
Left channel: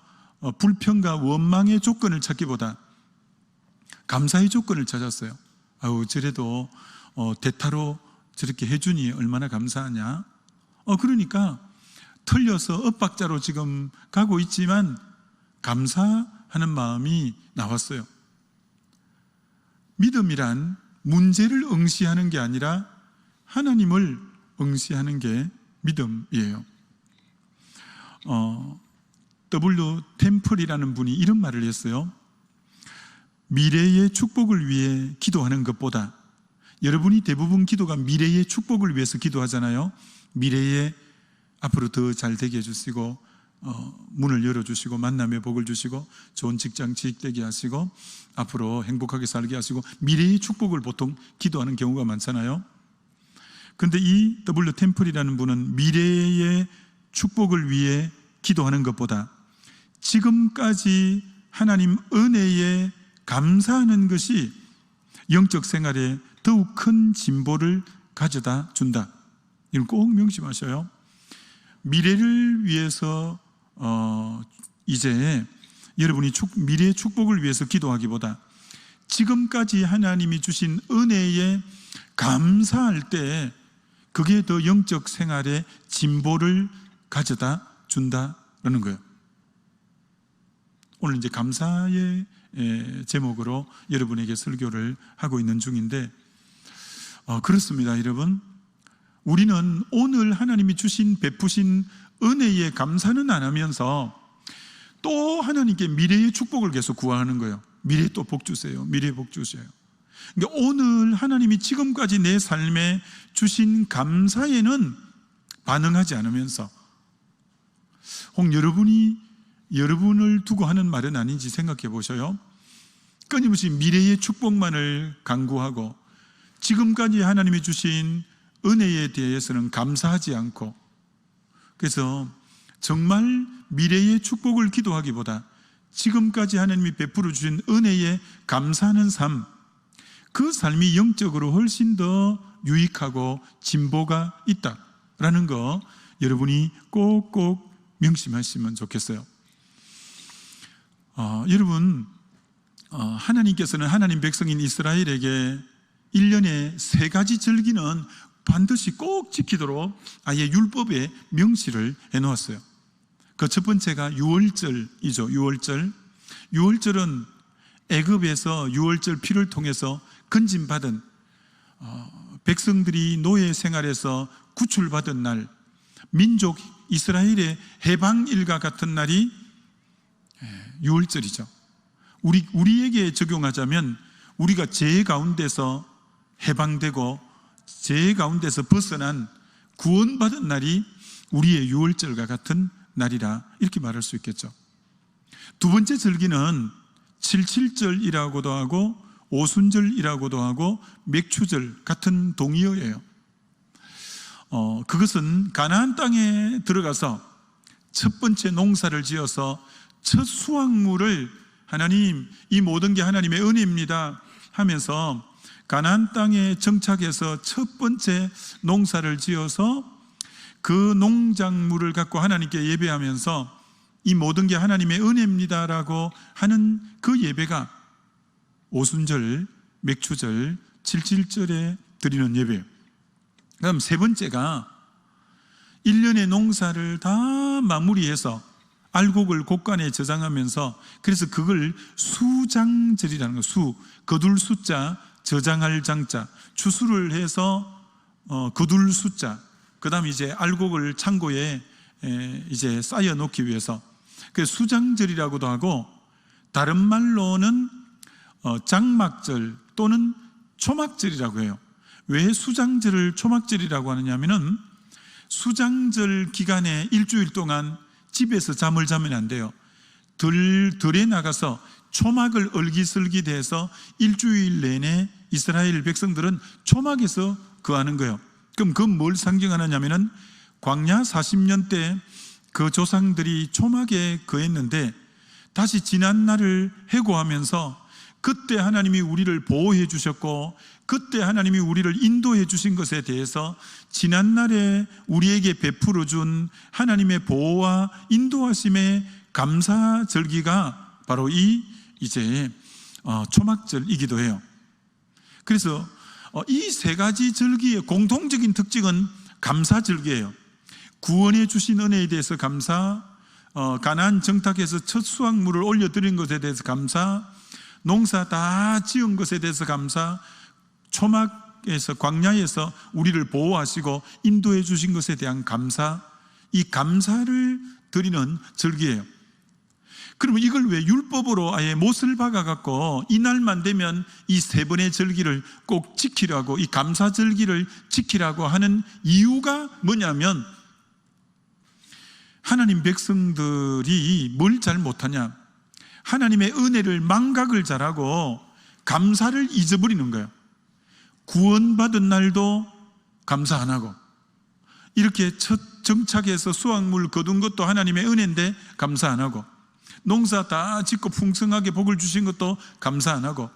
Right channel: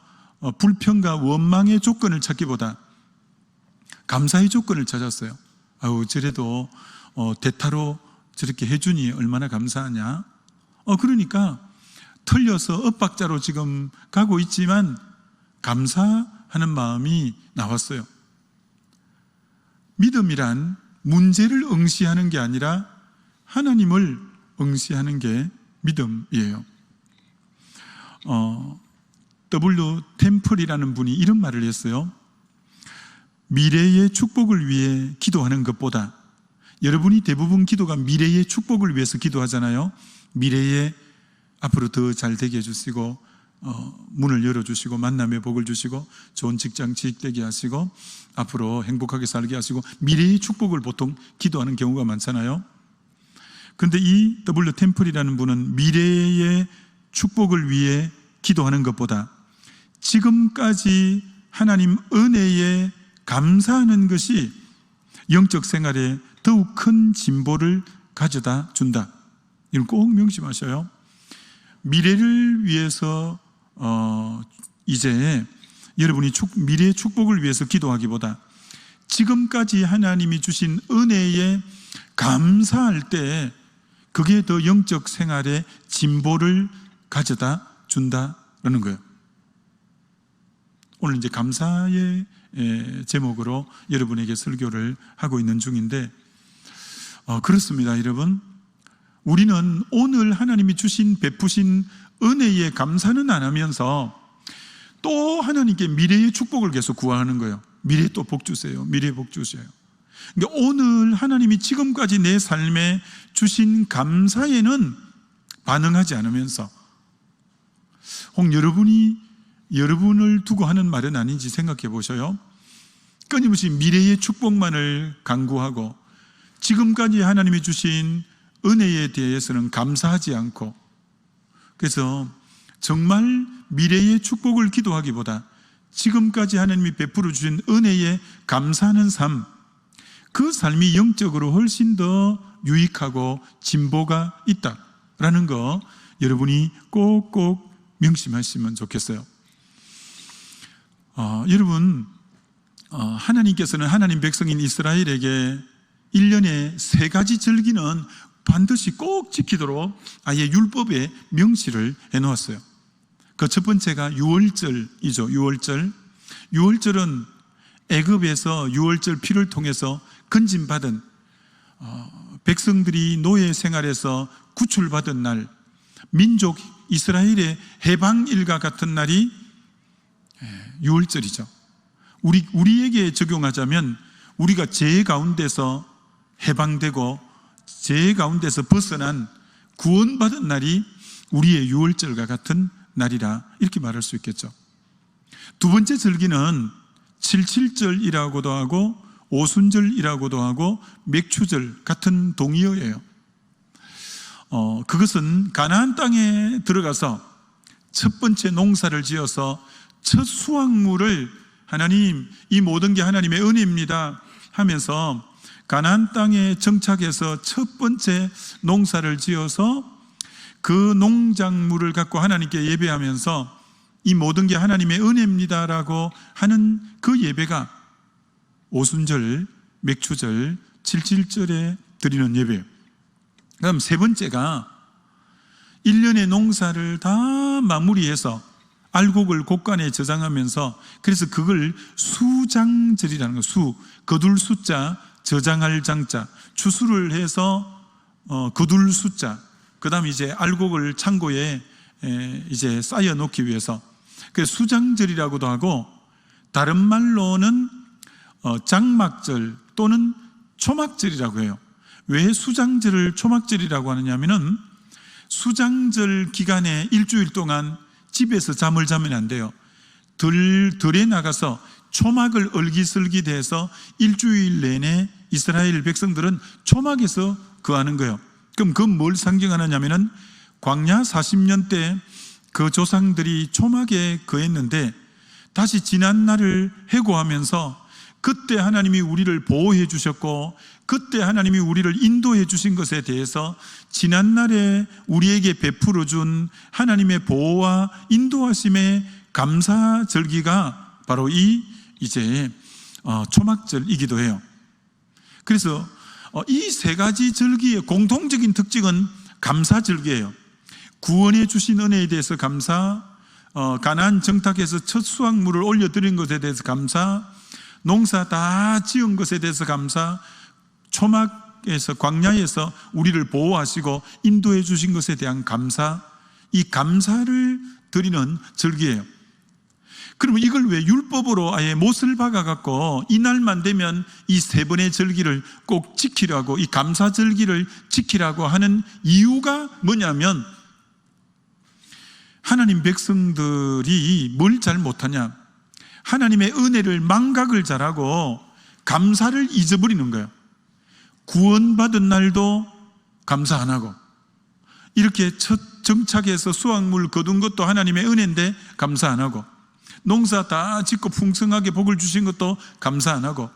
불평과 원망의 조건을 찾기보다 감사의 조건을 찾았어요. 저래도 대타로 저렇게 해주니 얼마나 감사하냐. 그러니까 틀려서 엇박자로 지금 가고 있지만 감사하는 마음이 나왔어요. 믿음이란 문제를 응시하는 게 아니라 하나님을 응시하는 게 믿음이에요. W. 템플이라는 분이 이런 말을 했어요. 미래의 축복을 위해 기도하는 것보다, 여러분이 대부분 기도가 미래의 축복을 위해서 기도하잖아요. 미래에 앞으로 더 잘 되게 해주시고 문을 열어주시고 만남의 복을 주시고 좋은 직장 취직되게 하시고 앞으로 행복하게 살게 하시고, 미래의 축복을 보통 기도하는 경우가 많잖아요. 근데 이 W. 템플이라는 분은 미래의 축복을 위해 기도하는 것보다 지금까지 하나님 은혜에 감사하는 것이 영적 생활에 더욱 큰 진보를 가져다 준다. 이건 꼭 명심하셔요. 미래를 위해서 이제 여러분이 미래의 축복을 위해서 기도하기보다 지금까지 하나님이 주신 은혜에 감사할 때 그게 더 영적 생활에 진보를 가져다 준다라는 거예요. 오늘 이제 감사의 제목으로 여러분에게 설교를 하고 있는 중인데, 그렇습니다, 여러분. 우리는 오늘 하나님이 주신 베푸신 은혜에 감사는 안 하면서 또 하나님께 미래의 축복을 계속 구하는 거예요. 미래 또 복 주세요. 미래 복 주세요. 그러니까 오늘 하나님이 지금까지 내 삶에 주신 감사에는 반응하지 않으면서, 혹 여러분을 두고 하는 말은 아닌지 생각해 보셔요. 끊임없이 미래의 축복만을 간구하고 지금까지 하나님이 주신 은혜에 대해서는 감사하지 않고, 그래서 정말 미래의 축복을 기도하기보다 지금까지 하나님이 베풀어 주신 은혜에 감사하는 삶, 그 삶이 영적으로 훨씬 더 유익하고 진보가 있다라는 거 여러분이 꼭꼭 명심하시면 좋겠어요. 여러분, 하나님께서는 하나님 백성인 이스라엘에게 1년에 3가지 절기는 반드시 꼭 지키도록 아예 율법에 명시를 해놓았어요. 그 첫 번째가 유월절이죠. 유월절은 애굽에서 유월절 피를 통해서 건진받은 백성들이 노예 생활에서 구출받은 날, 민족 이스라엘의 해방일과 같은 날이 유월절이죠. 우리에게 적용하자면 우리가 죄 가운데서 해방되고 죄 가운데서 벗어난 구원받은 날이 우리의 유월절과 같은 날이라 이렇게 말할 수 있겠죠. 두 번째 절기는 칠칠절이라고도 하고 오순절이라고도 하고 맥추절 같은 동의어예요. 그것은 가나안 땅에 들어가서 첫 번째 농사를 지어서 첫 수확물을 하나님, 이 모든 게 하나님의 은혜입니다 하면서 가나안 땅에 정착해서 첫 번째 농사를 지어서 그 농작물을 갖고 하나님께 예배하면서 이 모든 게 하나님의 은혜입니다라고 하는 그 예배가 오순절, 맥추절, 칠칠절에 드리는 예배예요. 그럼 세 번째가 1년의 농사를 다 마무리해서 알곡을 곡간에 저장하면서, 그래서 그걸 수장절이라는 거, 거둘 숫자, 저장할 장자, 추수를 해서 거둘 숫자, 그 다음에 이제 알곡을 창고에 이제 쌓여 놓기 위해서, 그 수장절이라고도 하고, 다른 말로는 장막절 또는 초막절이라고 해요. 왜 수장절을 초막절이라고 하느냐면은 수장절 기간에 일주일 동안 집에서 잠을 자면 안 돼요. 들에 나가서 초막을 얼기설기대서 일주일 내내 이스라엘 백성들은 초막에서 거하는 거예요. 그럼 그건 뭘 상징하느냐면은 광야 40년 때 그 조상들이 초막에 거했는데 다시 지난 날을 회고하면서 그때 하나님이 우리를 보호해 주셨고 그때 하나님이 우리를 인도해 주신 것에 대해서 지난날에 우리에게 베풀어 준 하나님의 보호와 인도하심의 감사절기가 바로 이제 초막절이기도 해요. 그래서 이 세 가지 절기의 공통적인 특징은 감사절기예요. 구원해 주신 은혜에 대해서 감사, 가나안 정탁에서 첫 수확물을 올려드린 것에 대해서 감사, 농사 다 지은 것에 대해서 감사, 초막에서 광야에서 우리를 보호하시고 인도해 주신 것에 대한 감사, 이 감사를 드리는 절기예요. 그러면 이걸 왜 율법으로 아예 못을 박아갖고 이날만 되면 이 세 번의 절기를 꼭 지키라고, 이 감사절기를 지키라고 하는 이유가 뭐냐면, 하나님 백성들이 뭘 잘 못하냐, 하나님의 은혜를 망각을 잘하고 감사를 잊어버리는 거예요. 구원받은 날도 감사 안 하고, 이렇게 첫 정착해서 수확물 거둔 것도 하나님의 은혜인데 감사 안 하고, 농사 다 짓고 풍성하게 복을 주신 것도 감사 안 하고,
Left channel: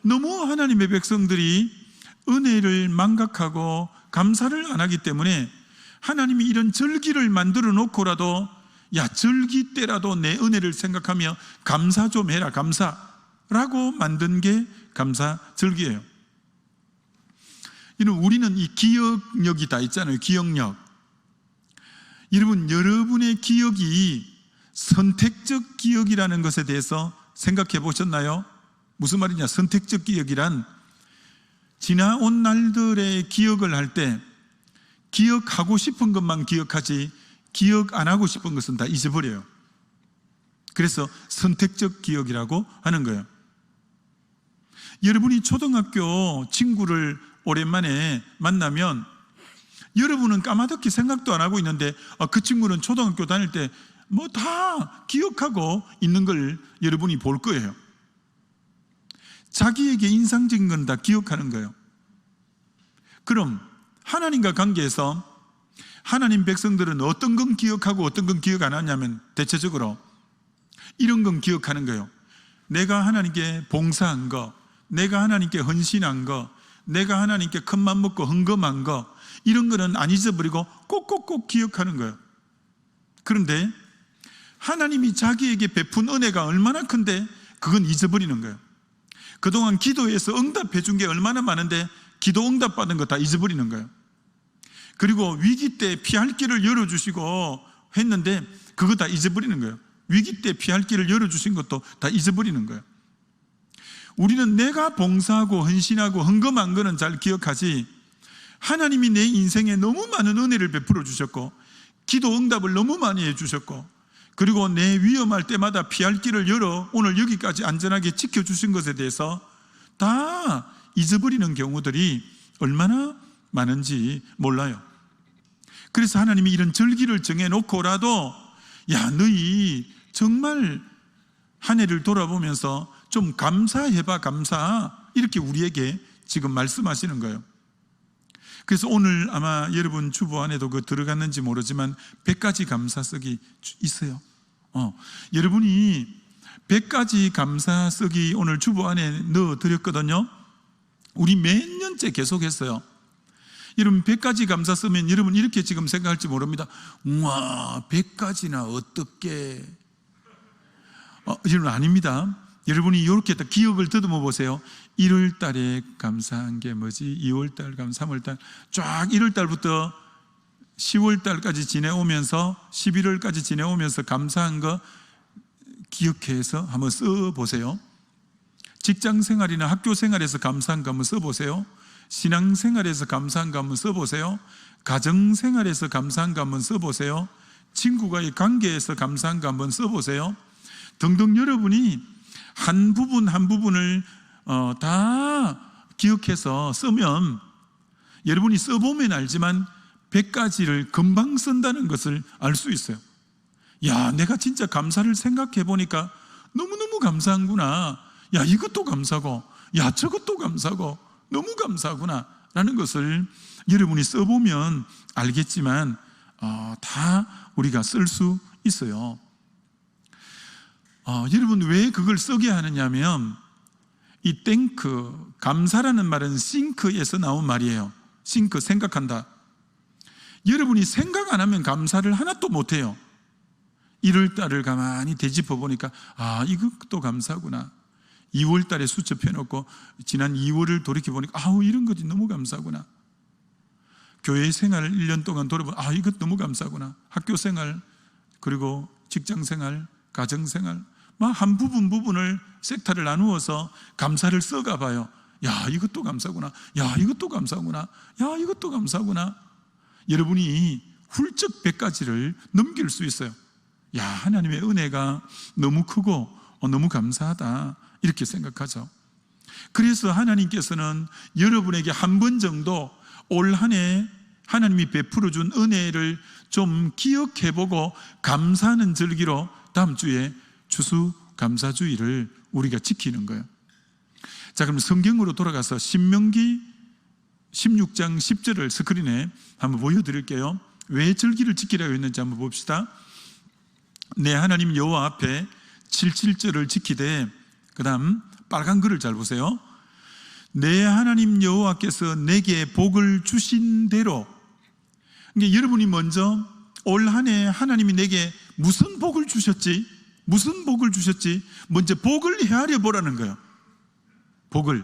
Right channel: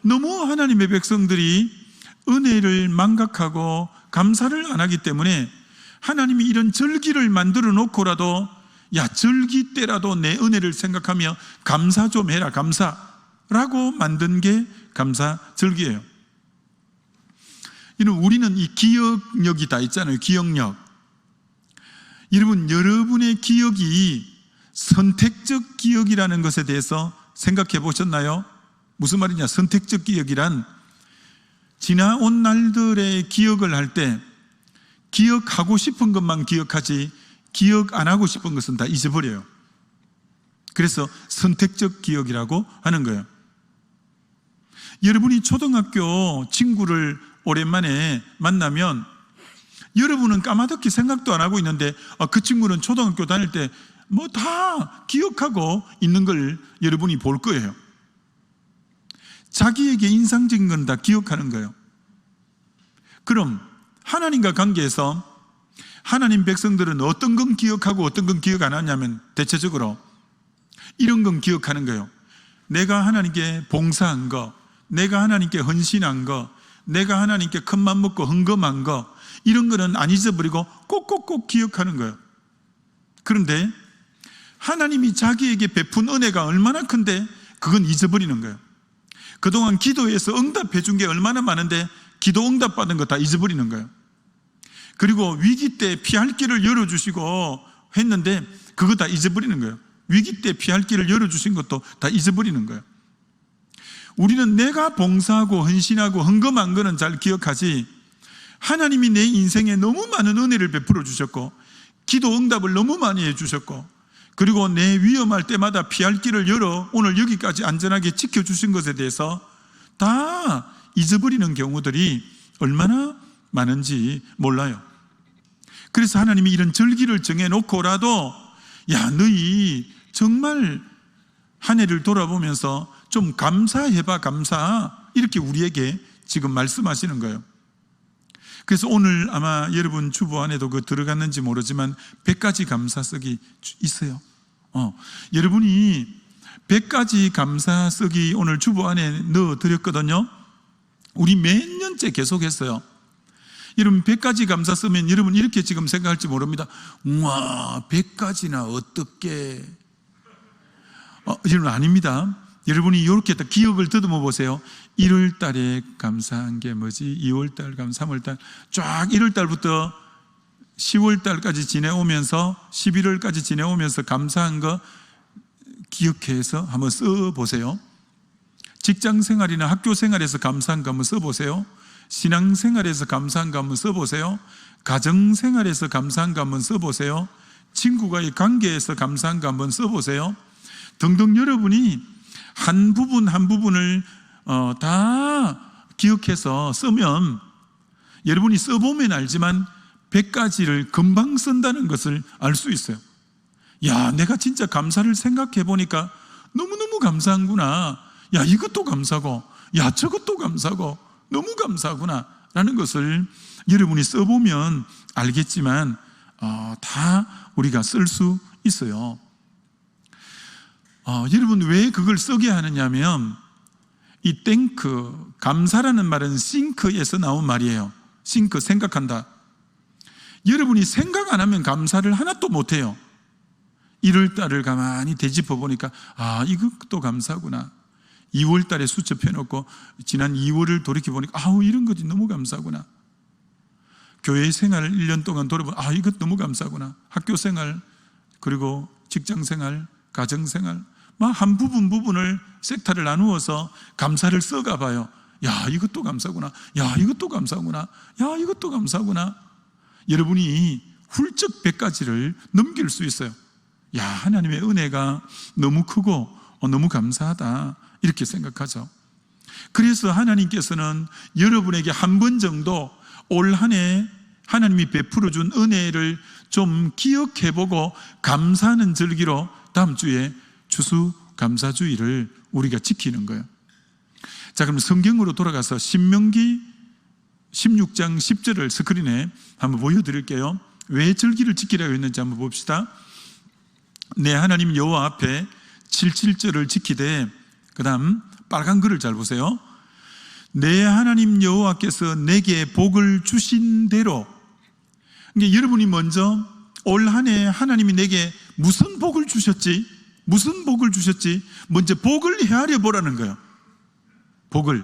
너무 하나님의 백성들이 은혜를 망각하고 감사를 안 하기 때문에 하나님이 이런 절기를 만들어 놓고라도, 야, 절기 때라도 내 은혜를 생각하며 감사 좀 해라, 감사라고 만든 게 감사절기예요. 우리는 이 기억력이 다 있잖아요. 기억력. 여러분, 여러분의 기억이 선택적 기억이라는 것에 대해서 생각해 보셨나요? 무슨 말이냐? 선택적 기억이란 지나온 날들의 기억을 할 때 기억하고 싶은 것만 기억하지 기억 안 하고 싶은 것은 다 잊어버려요. 그래서 선택적 기억이라고 하는 거예요. 여러분이 초등학교 친구를 오랜만에 만나면 여러분은 까마득히 생각도 안 하고 있는데 그 친구는 초등학교 다닐 때 뭐 다 기억하고 있는 걸 여러분이 볼 거예요. 자기에게 인상적인 건 다 기억하는 거예요. 그럼 하나님과 관계에서 하나님 백성들은 어떤 건 기억하고 어떤 건 기억 안 하냐면 대체적으로 이런 건 기억하는 거예요. 내가 하나님께 봉사한 거, 내가 하나님께 헌신한 거, 내가 하나님께 큰맘 먹고 헌금한 거, 이런 거는 안 잊어버리고 꼭꼭꼭 기억하는 거예요. 그런데 하나님이 자기에게 베푼 은혜가 얼마나 큰데 그건 잊어버리는 거예요. 그동안 기도에서 응답해 준 게 얼마나 많은데 기도 응답 받은 거 다 잊어버리는 거예요. 그리고 위기 때 피할 길을 열어주시고 했는데 그거 다 잊어버리는 거예요. 위기 때 피할 길을 열어주신 것도 다 잊어버리는 거예요. 우리는 내가 봉사하고 헌신하고 헌금한 거는 잘 기억하지, 하나님이 내 인생에 너무 많은 은혜를 베풀어 주셨고 기도 응답을 너무 많이 해주셨고 그리고 내 위험할 때마다 피할 길을 열어 오늘 여기까지 안전하게 지켜주신 것에 대해서 다 잊어버리는 경우들이 얼마나 많은지 몰라요. 그래서 하나님이 이런 절기를 정해놓고라도 야, 너희 정말 한 해를 돌아보면서 좀 감사해봐, 감사, 이렇게 우리에게 지금 말씀하시는 거예요. 그래서 오늘 아마 여러분 주보 안에도 그 들어갔는지 모르지만 100가지 감사석이 있어요. 여러분이 100가지 감사석이 오늘 주보 안에 넣어드렸거든요. 우리 몇 년째 계속했어요. 여러분 100가지 감사 쓰면 여러분 이렇게 지금 생각할지 모릅니다. 우와, 100가지나 어떻게? 여러분 아닙니다. 여러분이 이렇게 기억을 더듬어 보세요. 1월 달에 감사한 게 뭐지? 2월 달, 3월 달, 쫙 1월 달부터 10월 달까지 지내오면서 11월까지 지내오면서 감사한 거 기억해서 한번 써보세요. 직장 생활이나 학교 생활에서 감사한 거 한번 써보세요. 신앙 생활에서 감사한 거 한번 써보세요. 가정 생활에서 감사한 거 한번 써보세요. 친구와의 관계에서 감사한 거 한번 써보세요. 등등 여러분이 한 부분 한 부분을 다 기억해서 쓰면 여러분이 써보면 알지만 100가지를 금방 쓴다는 것을 알 수 있어요. 야, 내가 진짜 감사를 생각해 보니까 너무너무 감사한구나. 야, 이것도 감사고, 야, 저것도 감사고, 너무 감사하구나 라는 것을 여러분이 써보면 알겠지만 다 우리가 쓸 수 있어요. 여러분 왜 그걸 쓰게 하느냐면 이 땡크, 감사라는 말은 싱크에서 나온 말이에요. 싱크, 생각한다. 여러분이 생각 안 하면 감사를 하나도 못해요. 1월 달을 가만히 되짚어 보니까 이것도 감사구나. 2월 달에 수첩해놓고 지난 2월을 돌이켜보니까 이런 것이 너무 감사구나. 교회 생활을 1년 동안 돌아보면 이것 너무 감사구나. 학교 생활, 그리고 직장 생활, 가정 생활 한 부분을 섹터를 나누어서 감사를 써가 봐요. 야, 이것도 감사구나. 야, 이것도 감사구나. 야, 이것도 감사구나. 여러분이 훌쩍 100가지를 넘길 수 있어요. 야, 하나님의 은혜가 너무 크고 너무 감사하다, 이렇게 생각하죠. 그래서 하나님께서는 여러분에게 한 번 정도 올 한 해 하나님이 베풀어 준 은혜를 좀 기억해보고 감사하는 절기로 다음 주에 추수감사주의를 우리가 지키는 거예요. 자, 그럼 성경으로 돌아가서 신명기 16장 10절을 스크린에 한번 보여드릴게요. 왜 절기를 지키라고 했는지 한번 봅시다. 내 하나님 여호와 앞에 77절을 지키되, 그 다음 빨간 글을 잘 보세요. 내 하나님 여호와께서 내게 복을 주신 대로. 그러니까 여러분이 먼저 올 한 해 하나님이 내게 무슨 복을 주셨지? 무슨 복을 주셨지? 먼저 복을 헤아려 보라는 거예요. 복을.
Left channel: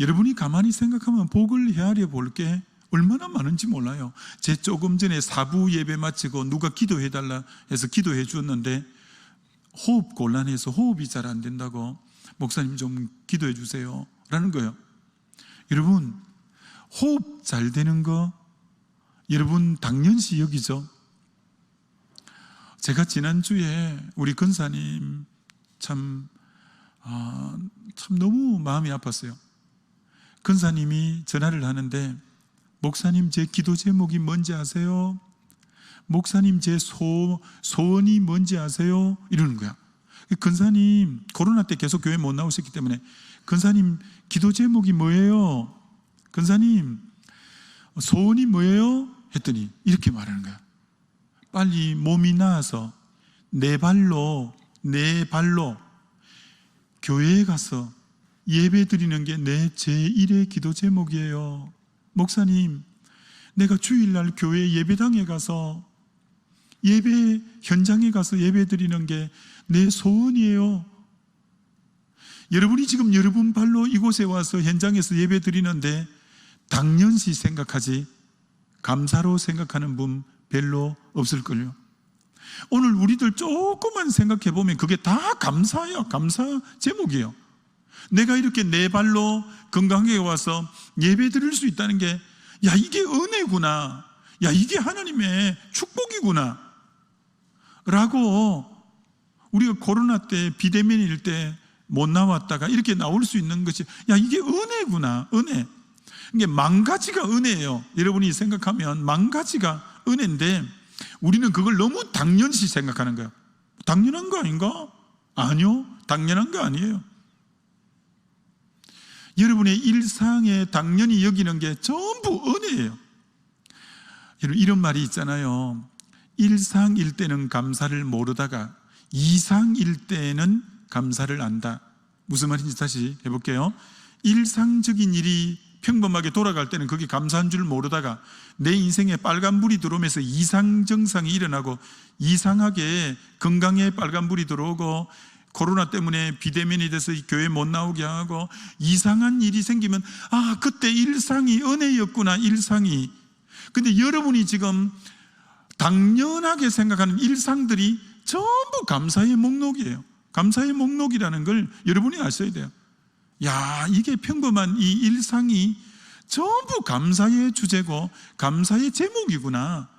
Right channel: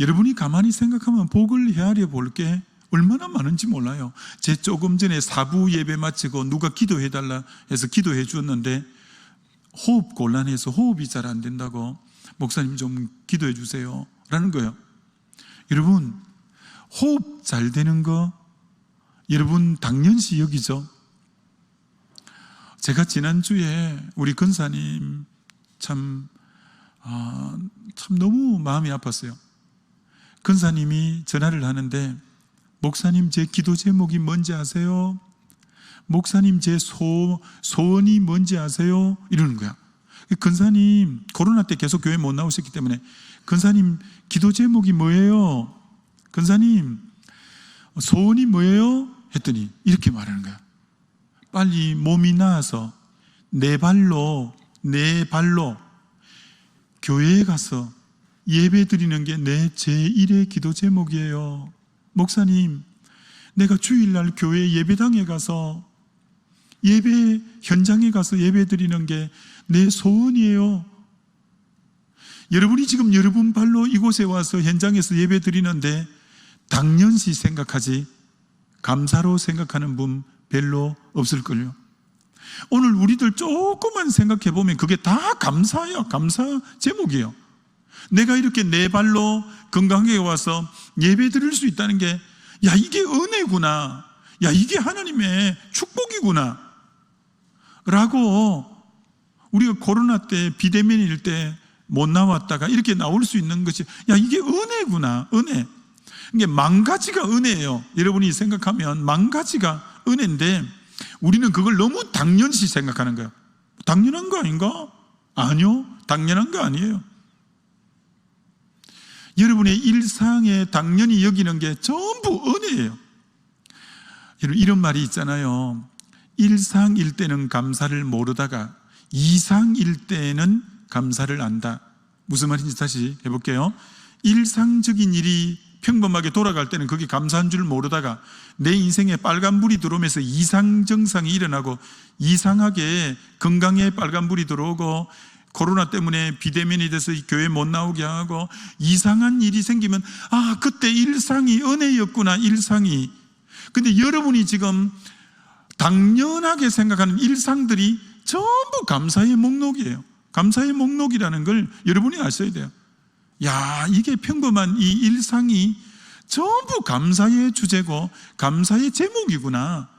여러분이 가만히 생각하면 복을 헤아려 볼 게 얼마나 많은지 몰라요. 제 조금 전에 사부 예배 마치고 누가 기도해달라 해서 기도해 주었는데 호흡 곤란해서 호흡이 잘 안 된다고 목사님 좀 기도해 주세요 라는 거예요. 여러분, 호흡 잘 되는 거 여러분 당연시 여기죠. 제가 지난주에 우리 근사님 참 너무 마음이 아팠어요. 근사님이 전화를 하는데 목사님 제 기도 제목이 뭔지 아세요? 목사님 제 소원이 뭔지 아세요? 이러는 거야. 근사님 코로나 때 계속 교회 못 나오셨기 때문에 근사님 기도 제목이 뭐예요? 근사님 소원이 뭐예요? 했더니 이렇게 말하는 거야. 빨리 몸이 나아서 내 발로 교회에 가서 예배 드리는 게 내 제1의 기도 제목이에요. 목사님, 내가 주일날 교회 예배당에 가서 예배 현장에 가서 예배 드리는 게 내 소원이에요. 여러분이 지금 여러분 발로 이곳에 와서 현장에서 예배 드리는데 당연시 생각하지 감사로 생각하는 분 별로 없을걸요. 오늘 우리들 조금만 생각해 보면 그게 다 감사예요. 감사 제목이에요. 내가 이렇게 내 발로 건강하게 와서 예배 드릴 수 있다는 게, 야, 이게 은혜구나. 야, 이게 하나님의 축복이구나. 라고 우리가 코로나 때 비대면일 때 못 나왔다가 이렇게 나올 수 있는 것이, 야, 이게 은혜구나. 은혜. 이게 만 가지가 은혜예요. 여러분이 생각하면 만 가지가 은혜인데 우리는 그걸 너무 당연시 생각하는 거예요. 당연한 거 아닌가? 아니요. 당연한 거 아니에요. 여러분의 일상에 당연히 여기는 게 전부 은혜예요. 여러분, 이런 말이 있잖아요. 일상일 때는 감사를 모르다가 이상일 때는 감사를 안다. 무슨 말인지 다시 해볼게요. 일상적인 일이 평범하게 돌아갈 때는 그게 감사한 줄 모르다가 내 인생에 빨간불이 들어오면서 이상정상이 일어나고 이상하게 건강에 빨간불이 들어오고 코로나 때문에 비대면이 돼서 교회 못 나오게 하고 이상한 일이 생기면, 아, 그때 일상이 은혜였구나. 일상이. 근데 여러분이 지금 당연하게 생각하는 일상들이 전부 감사의 목록이에요. 감사의 목록이라는 걸 여러분이 아셔야 돼요. 야, 이게 평범한 이 일상이 전부 감사의 주제고 감사의 제목이구나.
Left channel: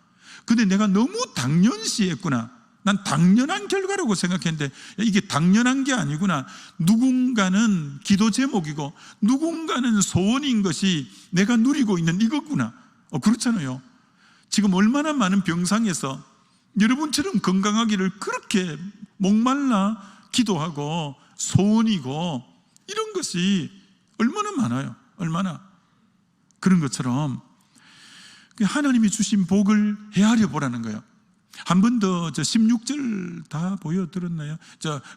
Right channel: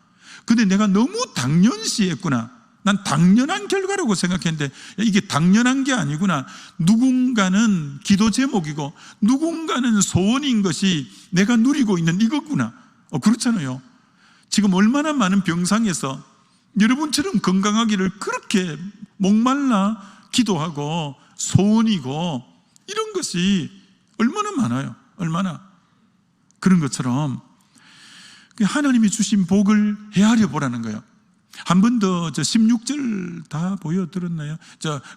근데 내가 너무 당연시했구나. 난 당연한 결과라고 생각했는데 이게 당연한 게 아니구나. 누군가는 기도 제목이고 누군가는 소원인 것이 내가 누리고 있는 이거구나. 그렇잖아요. 지금 얼마나 많은 병상에서 여러분처럼 건강하기를 그렇게 목말라 기도하고 소원이고 이런 것이 얼마나 많아요. 얼마나. 그런 것처럼 하나님이 주신 복을 헤아려 보라는 거예요. 한 번 더 16절 다 보여드렸나요?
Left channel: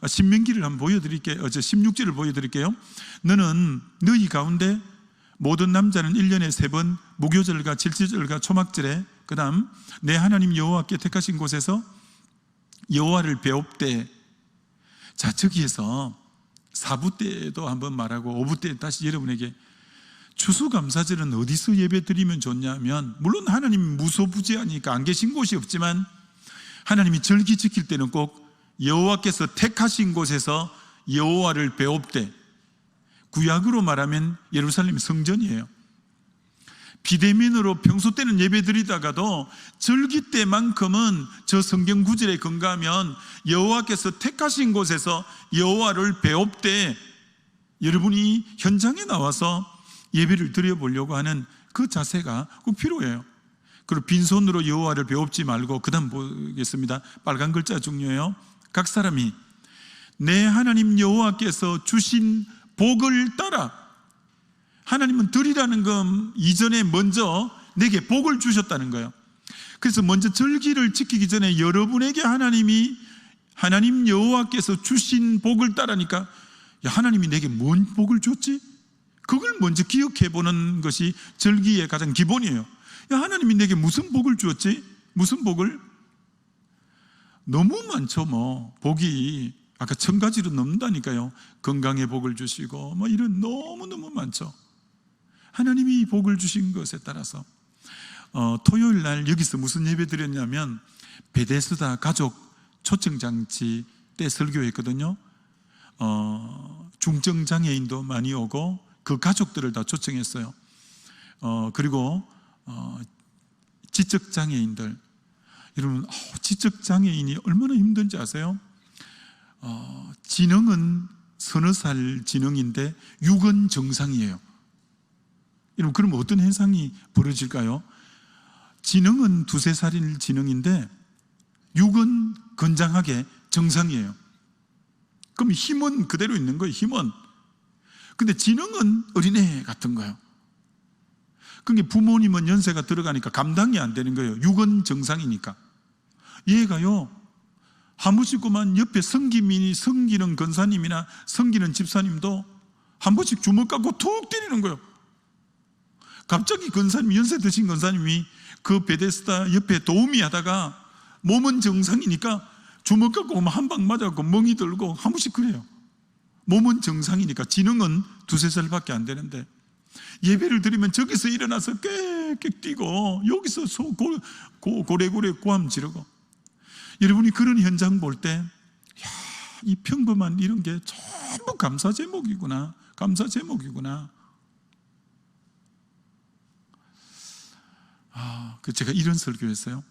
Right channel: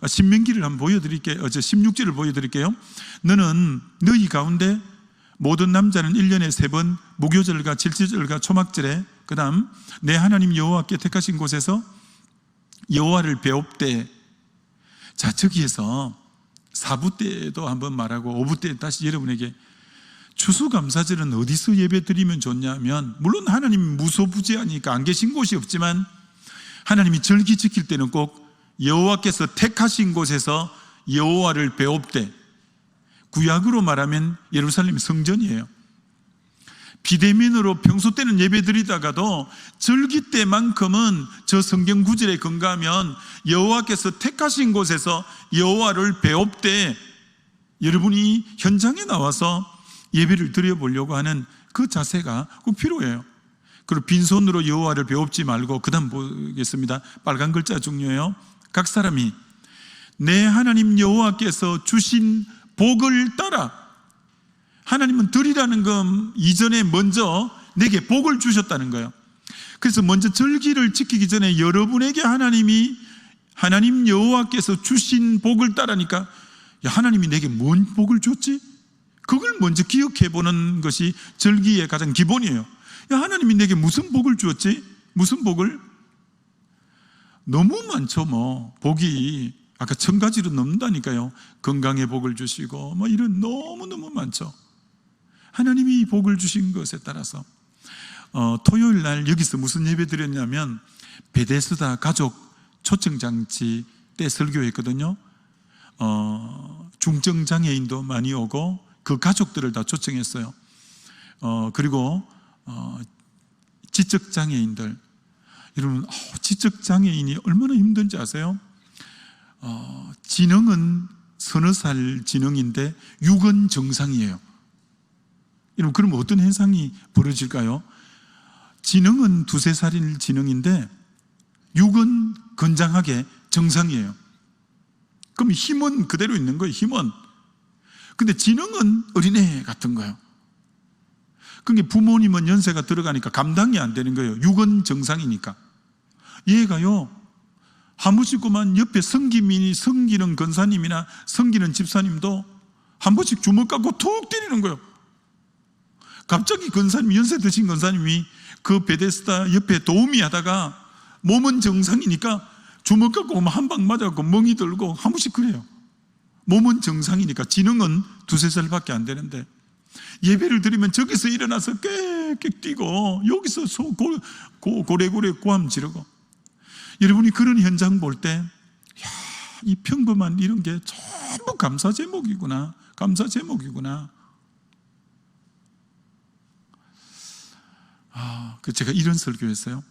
신명기를 한번 보여드릴게요. 16절을 보여드릴게요. 너는 너희 가운데 모든 남자는 1년에 3번 무교절과 질주절과 초막절에 그 다음 내 하나님 여호와께 택하신 곳에서 여호와를 배웁되. 자, 저기에서 4부 때도 한번 말하고 5부 때 다시 여러분에게 추수감사절은 어디서 예배 드리면 좋냐면, 물론 하나님 무소부지하니까 안 계신 곳이 없지만 하나님이 절기 지킬 때는 꼭 여호와께서 택하신 곳에서 여호와를 배웁되. 구약으로 말하면 예루살렘 성전이에요. 비대면으로 평소 때는 예배 드리다가도 절기 때만큼은 저 성경 구절에 근거하면 여호와께서 택하신 곳에서 여호와를 배웁되. 여러분이 현장에 나와서 예배를 드려보려고 하는 그 자세가 꼭 필요해요. 그리고 빈손으로 여호와를 배웁지 말고, 그 다음 보겠습니다. 빨간 글자 중요해요. 각 사람이 내 하나님 여호와께서 주신 복을 따라. 하나님은 드리라는 건 이전에 먼저 내게 복을 주셨다는 거예요. 그래서 먼저 절기를 지키기 전에 여러분에게 하나님 여호와께서 주신 복을 따라니까, 야, 하나님이 내게 뭔 복을 줬지? 그걸 먼저 기억해 보는 것이 절기의 가장 기본이에요. 야, 하나님이 내게 무슨 복을 주었지? 무슨 복을? 너무 많죠. 복이 아까 1000가지로 넘는다니까요. 건강의 복을 주시고 이런 너무너무 많죠. 하나님이 복을 주신 것에 따라서 토요일 날 여기서 무슨 예배 드렸냐면 베데스다 가족 초청장치 때 설교했거든요. 중증장애인도 많이 오고 그 가족들을 다 초청했어요. 그리고 지적장애인들, 여러분 지적장애인이 얼마나 힘든지 아세요? 지능은 서너 살 지능인데 육은 정상이에요. 여러분 그러면 어떤 현상이 벌어질까요? 지능은 두세 살인 지능인데 육은 건장하게 정상이에요. 그럼 힘은 그대로 있는 거예요. 힘은. 근데 지능은 어린애 같은 거예요. 그러니까 부모님은 연세가 들어가니까 감당이 안 되는 거예요. 육은 정상이니까. 얘가요 한번씩만 옆에 성기는 권사님이나 성기는 집사님도 한 번씩 주먹 갖고 툭 때리는 거예요. 갑자기 연세 드신 권사님이 그 베데스다 옆에 도우미 하다가 몸은 정상이니까 주먹 갖고 한 방 맞아갖고 멍이 들고 한 번씩 그래요. 몸은 정상이니까. 지능은 두세 살밖에 안 되는데 예배를 드리면 저기서 일어나서 깨끗 뛰고 여기서 고래고래 고함 지르고. 여러분이 그런 현장 볼 때 이 평범한 이런 게 전부 감사 제목이구나. 감사 제목이구나. 제가 이런 설교했어요.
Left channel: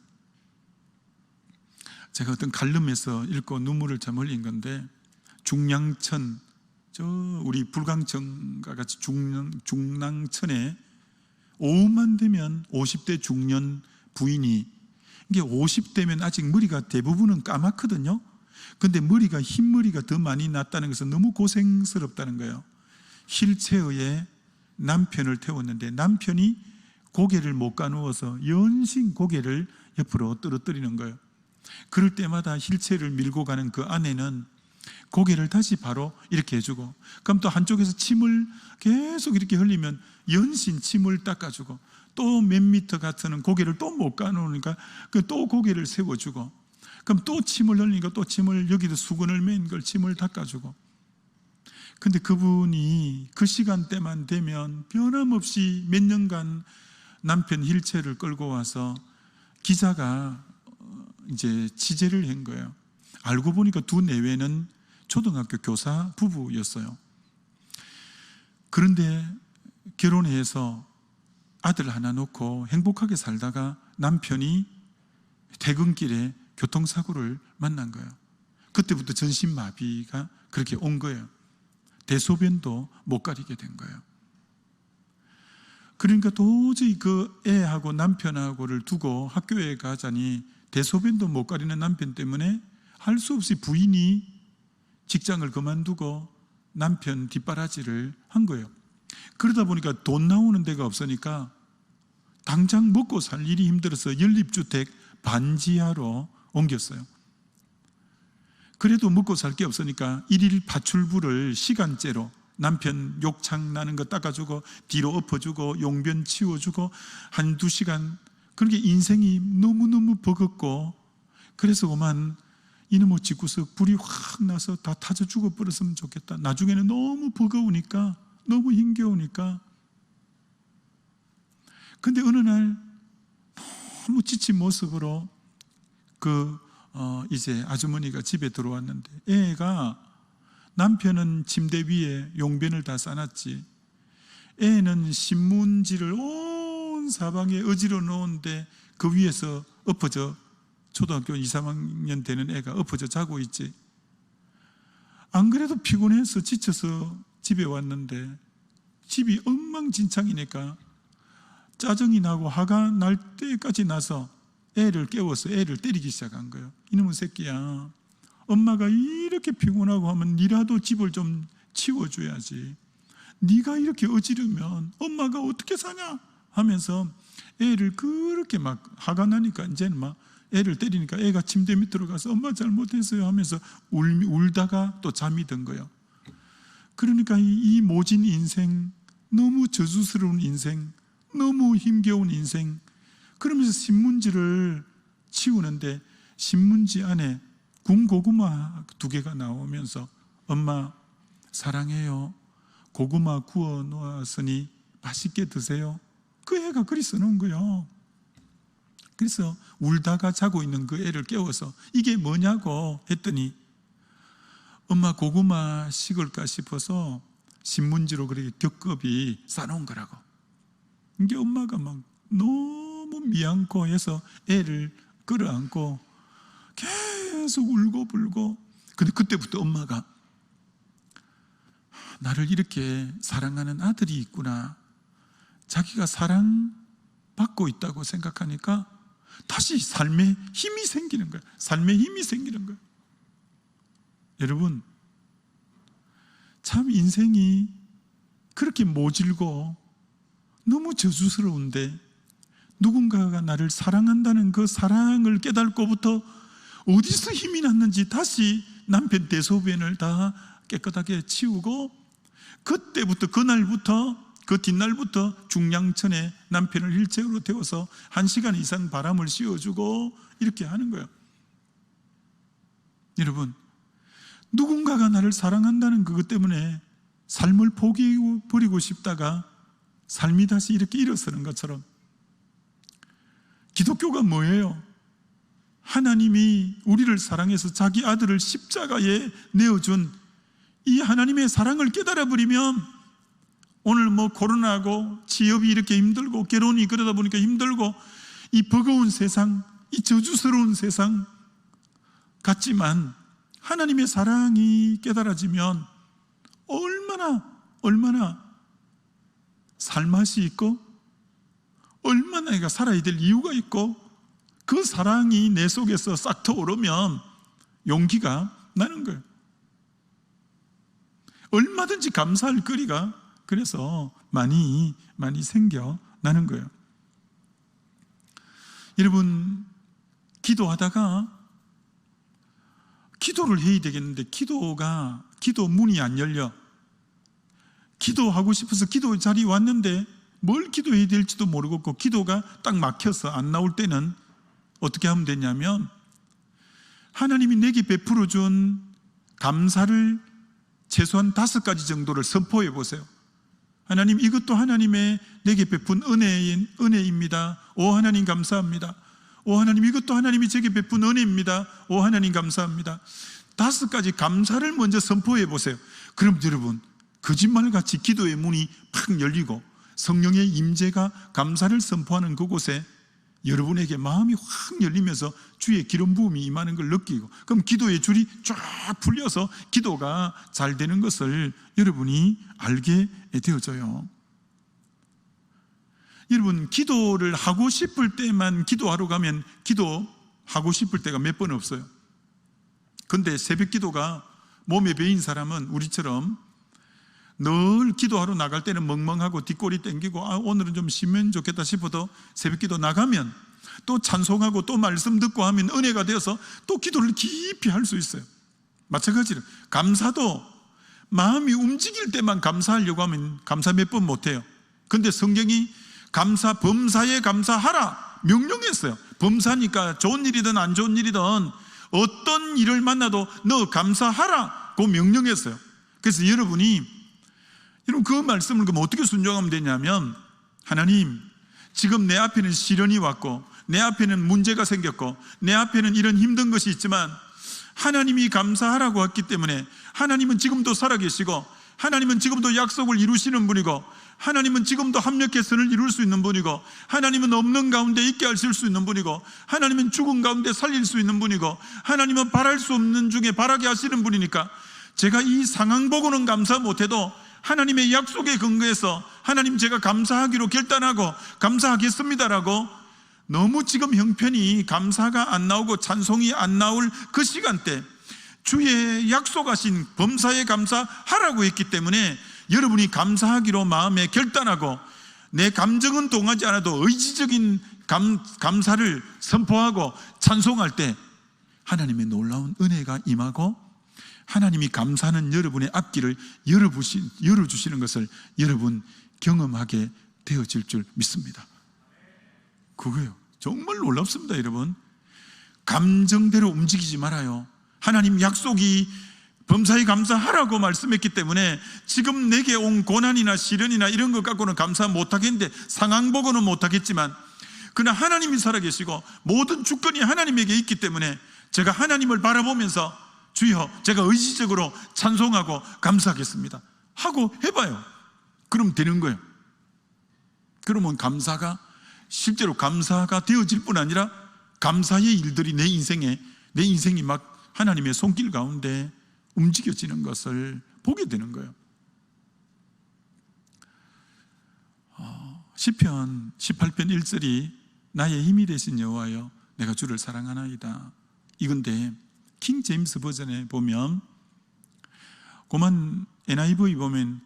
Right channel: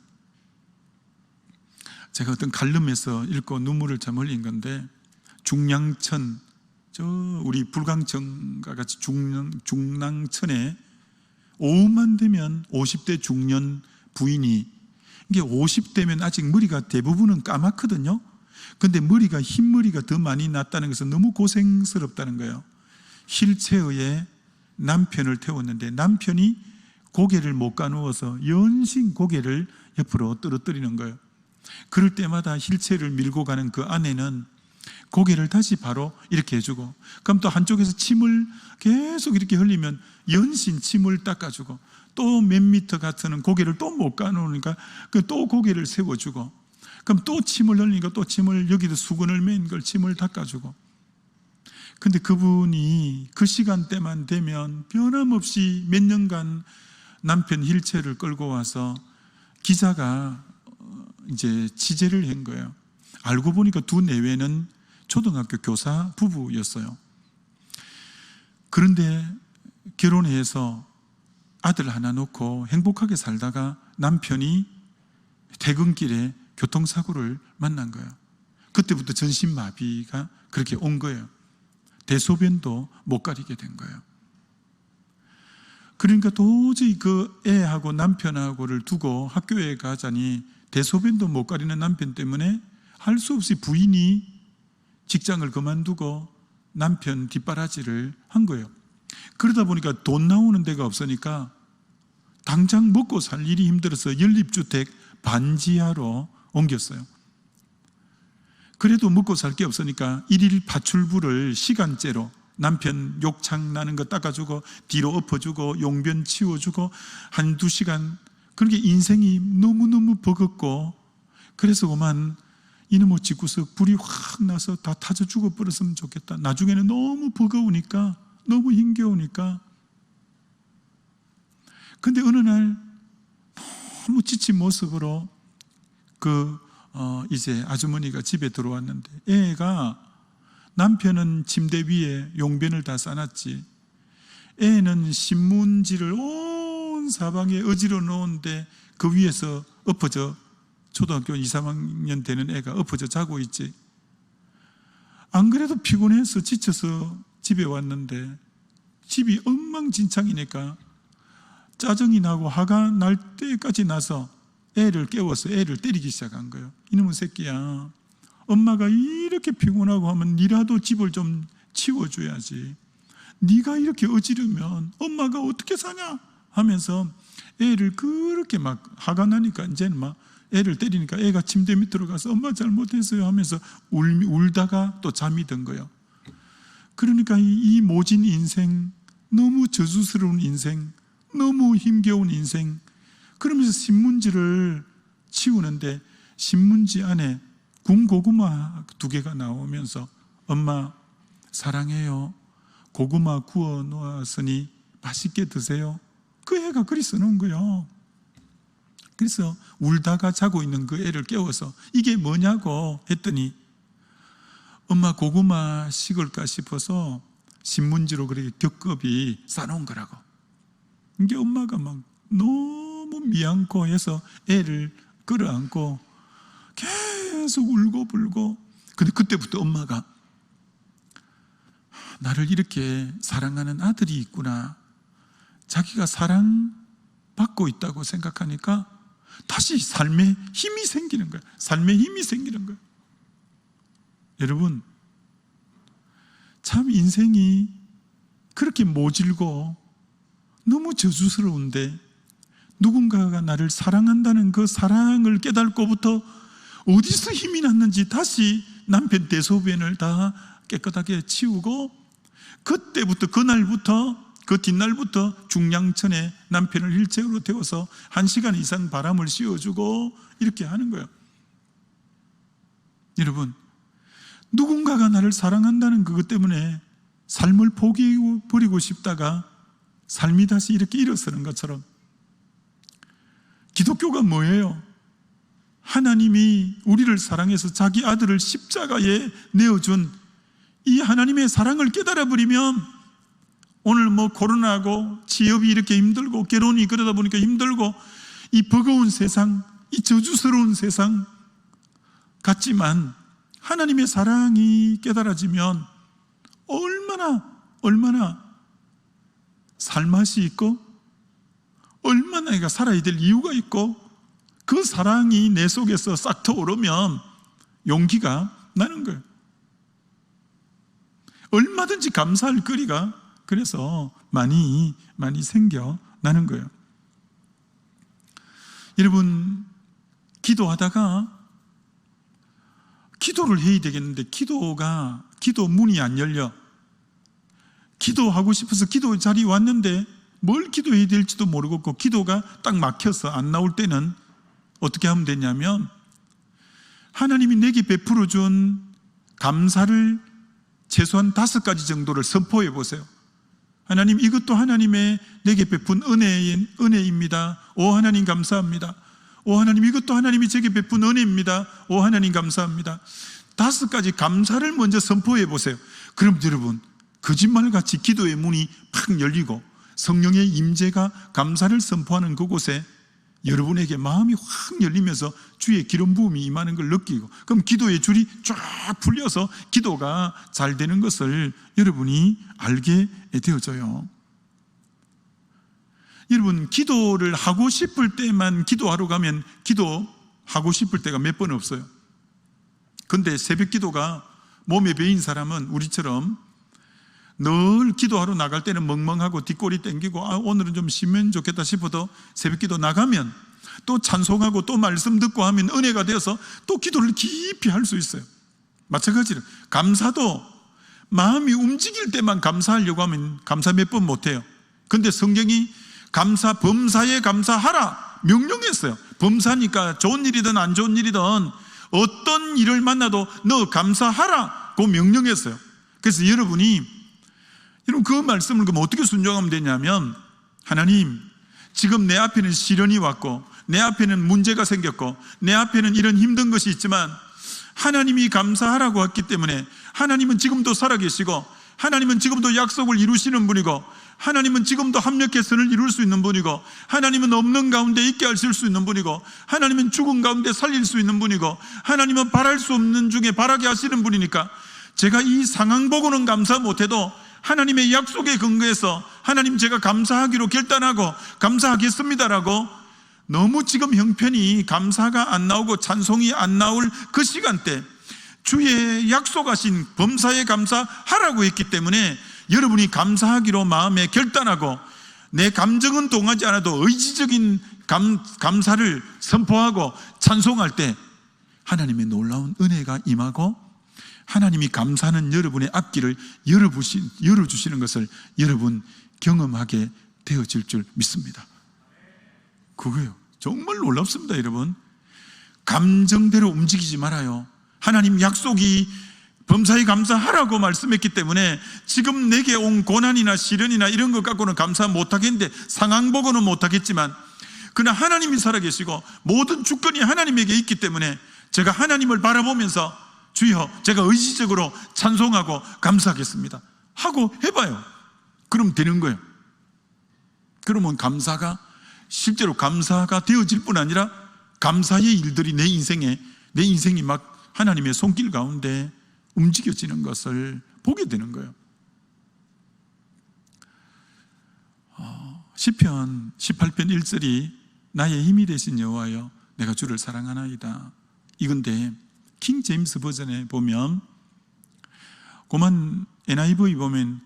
제가 어떤 칼럼에서 읽고 눈물을 참 흘린 건데, 중량천, 우리 불광천과 같이 중랑천에 오후만 되면 50대 중년 부인이, 이게 50대면 아직 머리가 대부분은 까맣거든요. 근데 머리가 흰머리가 더 많이 났다는 것은 너무 고생스럽다는 거예요. 휠체어에 남편을 태웠는데 남편이 고개를 못 가누어서 연신 고개를 옆으로 떨어뜨리는 거예요. 그럴 때마다 휠체어를 밀고 가는 그 아내는 고개를 다시 바로 이렇게 해주고, 그럼 또 한쪽에서 침을 계속 이렇게 흘리면 연신 침을 닦아주고, 또 몇 미터 같은 고개를 또 못 가누으니까 또 고개를 세워주고, 그럼 또 침을 흘리니까 또 침을, 여기도 수건을 맨 걸 침을 닦아주고. 근데 그분이 그 시간대만 되면 변함없이 몇 년간 남편 휠체어를 끌고 와서 기자가 이제 취재를 한 거예요. 알고 보니까 두 내외는 초등학교 교사 부부였어요. 그런데 결혼해서 아들 하나 놓고 행복하게 살다가 남편이 퇴근길에 교통사고를 만난 거예요. 그때부터 전신마비가 그렇게 온 거예요. 대소변도 못 가리게 된 거예요. 그러니까 도저히 그 애하고 남편하고를 두고 학교에 가자니 대소변도 못 가리는 남편 때문에 할 수 없이 부인이 직장을 그만두고 남편 뒷바라지를 한 거예요. 그러다 보니까 돈 나오는 데가 없으니까 당장 먹고 살 일이 힘들어서 연립주택 반지하로 옮겼어요. 그래도 먹고 살 게 없으니까 일일 파출부를 시간제로 남편 욕창 나는 거 닦아주고 뒤로 엎어주고 용변 치워주고 한두 시간, 그렇게 인생이 너무너무 버겁고, 그래서 그만 이놈의 집구석 불이 확 나서 다 타져 죽어버렸으면 좋겠다. 나중에는 너무 버거우니까, 너무 힘겨우니까. 근데 어느 날 너무 지친 모습으로 이제 아주머니가 집에 들어왔는데, 애가, 남편은 침대 위에 용변을 다 싸놨지, 애는 신문지를 온 사방에 어지러 놓은데 그 위에서 엎어져, 초등학교 2, 3학년 되는 애가 엎어져 자고 있지. 안 그래도 피곤해서 지쳐서 집에 왔는데 집이 엉망진창이니까 짜증이 나고 화가 날 때까지 나서 애를 깨워서 애를 때리기 시작한 거예요. 이놈의 새끼야, 엄마가 이렇게 피곤하고 하면 니라도 집을 좀 치워줘야지. 네가 이렇게 어지르면 엄마가 어떻게 사냐 하면서 애를 그렇게 막 화가 나니까 이제는 막 애를 때리니까 애가 침대 밑으로 가서 엄마 잘못했어요 하면서 울다가 또 잠이 든 거예요. 그러니까 이 모진 인생, 너무 저주스러운 인생, 너무 힘겨운 인생, 그러면서 신문지를 치우는데 신문지 안에 군고구마 2개가 나오면서 엄마 사랑해요, 고구마 구워 놓았으니 맛있게 드세요. 그 애가 그리 써놓은 거예요. 그래서 울다가 자고 있는 그 애를 깨워서 이게 뭐냐고 했더니 엄마 고구마 식을까 싶어서 신문지로 그렇게 겹겹이 싸놓은 거라고. 이게 엄마가 막 너무 미안고 해서 애를 끌어안고 계속 울고 불고. 근데 그때부터 엄마가 나를 이렇게 사랑하는 아들이 있구나, 자기가 사랑받고 있다고 생각하니까 다시 삶에 힘이 생기는 거예요. 삶에 힘이 생기는 거예요. 여러분, 참 인생이 그렇게 모질고 너무 저주스러운데 누군가가 나를 사랑한다는 그 사랑을 깨닫고부터 어디서 힘이 났는지 다시 남편 대소변을 다 깨끗하게 치우고, 그때부터 그날부터 그 뒷날부터 중량천에 남편을 휠체어로 태워서 1시간 이상 바람을 씌워주고 이렇게 하는 거예요. 여러분, 누군가가 나를 사랑한다는 그것 때문에 삶을 포기해버리고 싶다가 삶이 다시 이렇게 일어서는 것처럼, 기독교가 뭐예요? 하나님이 우리를 사랑해서 자기 아들을 십자가에 내어준 이 하나님의 사랑을 깨달아버리면, 오늘 뭐 코로나고 취업이 이렇게 힘들고 결혼이 그러다 보니까 힘들고 이 버거운 세상, 이 저주스러운 세상 같지만 하나님의 사랑이 깨달아지면 얼마나 살맛이 있고 얼마나 내가 살아야 될 이유가 있고, 그 사랑이 내 속에서 싹 터오르면 용기가 나는 거예요. 얼마든지 감사할 거리가 그래서 많이 생겨나는 거예요. 여러분, 기도하다가 기도를 해야 되겠는데 기도 문이 안 열려. 기도하고 싶어서 기도 자리에 왔는데 뭘 기도해야 될지도 모르겠고 기도가 딱 막혀서 안 나올 때는 어떻게 하면 되냐면, 하나님이 내게 베풀어 준 감사를 최소한 5가지 정도를 선포해 보세요. 하나님, 이것도 하나님의 내게 베푼 은혜입니다. 오 하나님 감사합니다. 오 하나님, 이것도 하나님이 제게 베푼 은혜입니다. 오 하나님 감사합니다. 5가지 감사를 먼저 선포해 보세요. 그럼 여러분, 거짓말같이 기도의 문이 팍 열리고 성령의 임재가 감사를 선포하는 그곳에 여러분에게 마음이 확 열리면서 주의 기름 부음이 임하는 걸 느끼고, 그럼 기도의 줄이 쫙 풀려서 기도가 잘 되는 것을 여러분이 알게 되어져요. 여러분, 기도를 하고 싶을 때만 기도하러 가면 기도하고 싶을 때가 몇 번 없어요. 근데 새벽 기도가 몸에 배인 사람은 우리처럼 늘 기도하러 나갈 때는 멍멍하고 뒷골이 땡기고 오늘은 좀 쉬면 좋겠다 싶어도 새벽 기도 나가면 또 찬송하고 또 말씀 듣고 하면 은혜가 되어서 또 기도를 깊이 할 수 있어요. 마찬가지로 감사도 마음이 움직일 때만 감사하려고 하면 감사 몇 번 못해요. 근데 성경이 범사에 감사하라 명령했어요. 범사니까 좋은 일이든 안 좋은 일이든 어떤 일을 만나도 너 감사하라고 명령했어요. 그래서 여러분 그 말씀을 그럼 어떻게 순종하면 되냐면, 하나님, 지금 내 앞에는 시련이 왔고 내 앞에는 문제가 생겼고 내 앞에는 이런 힘든 것이 있지만 하나님이 감사하라고 했기 때문에 하나님은 지금도 살아계시고 하나님은 지금도 약속을 이루시는 분이고 하나님은 지금도 합력의 선을 이룰 수 있는 분이고 하나님은 없는 가운데 있게 하실 수 있는 분이고 하나님은 죽은 가운데 살릴 수 있는 분이고 하나님은 바랄 수 없는 중에 바라게 하시는 분이니까 제가 이 상황 보고는 감사 못해도 하나님의 약속에 근거해서 하나님, 제가 감사하기로 결단하고 감사하겠습니다라고, 너무 지금 형편이 감사가 안 나오고 찬송이 안 나올 그 시간대 주의 약속하신 범사에 감사하라고 했기 때문에 여러분이 감사하기로 마음에 결단하고 내 감정은 동하지 않아도 의지적인 감사를 선포하고 찬송할 때 하나님의 놀라운 은혜가 임하고 하나님이 감사하는 여러분의 앞길을 열어주시는 것을 여러분 경험하게 되어질 줄 믿습니다. 그거요, 정말 놀랍습니다. 여러분, 감정대로 움직이지 말아요. 하나님 약속이 범사에 감사하라고 말씀했기 때문에 지금 내게 온 고난이나 시련이나 이런 것 갖고는 감사 못하겠는데, 상황 보고는 못하겠지만 그러나 하나님이 살아계시고 모든 주권이 하나님에게 있기 때문에 제가 하나님을 바라보면서 주여 제가 의지적으로 찬송하고 감사하겠습니다 하고 해봐요. 그럼 되는 거예요. 그러면 감사가 실제로 감사가 되어질 뿐 아니라 감사의 일들이 내 인생이 막 하나님의 손길 가운데 움직여지는 것을 보게 되는 거예요. 시편 18편 1절이 나의 힘이 되신 여호와여 내가 주를 사랑하나이다. 이건데 킹 제임스 버전에 보면 고만 NIV 보면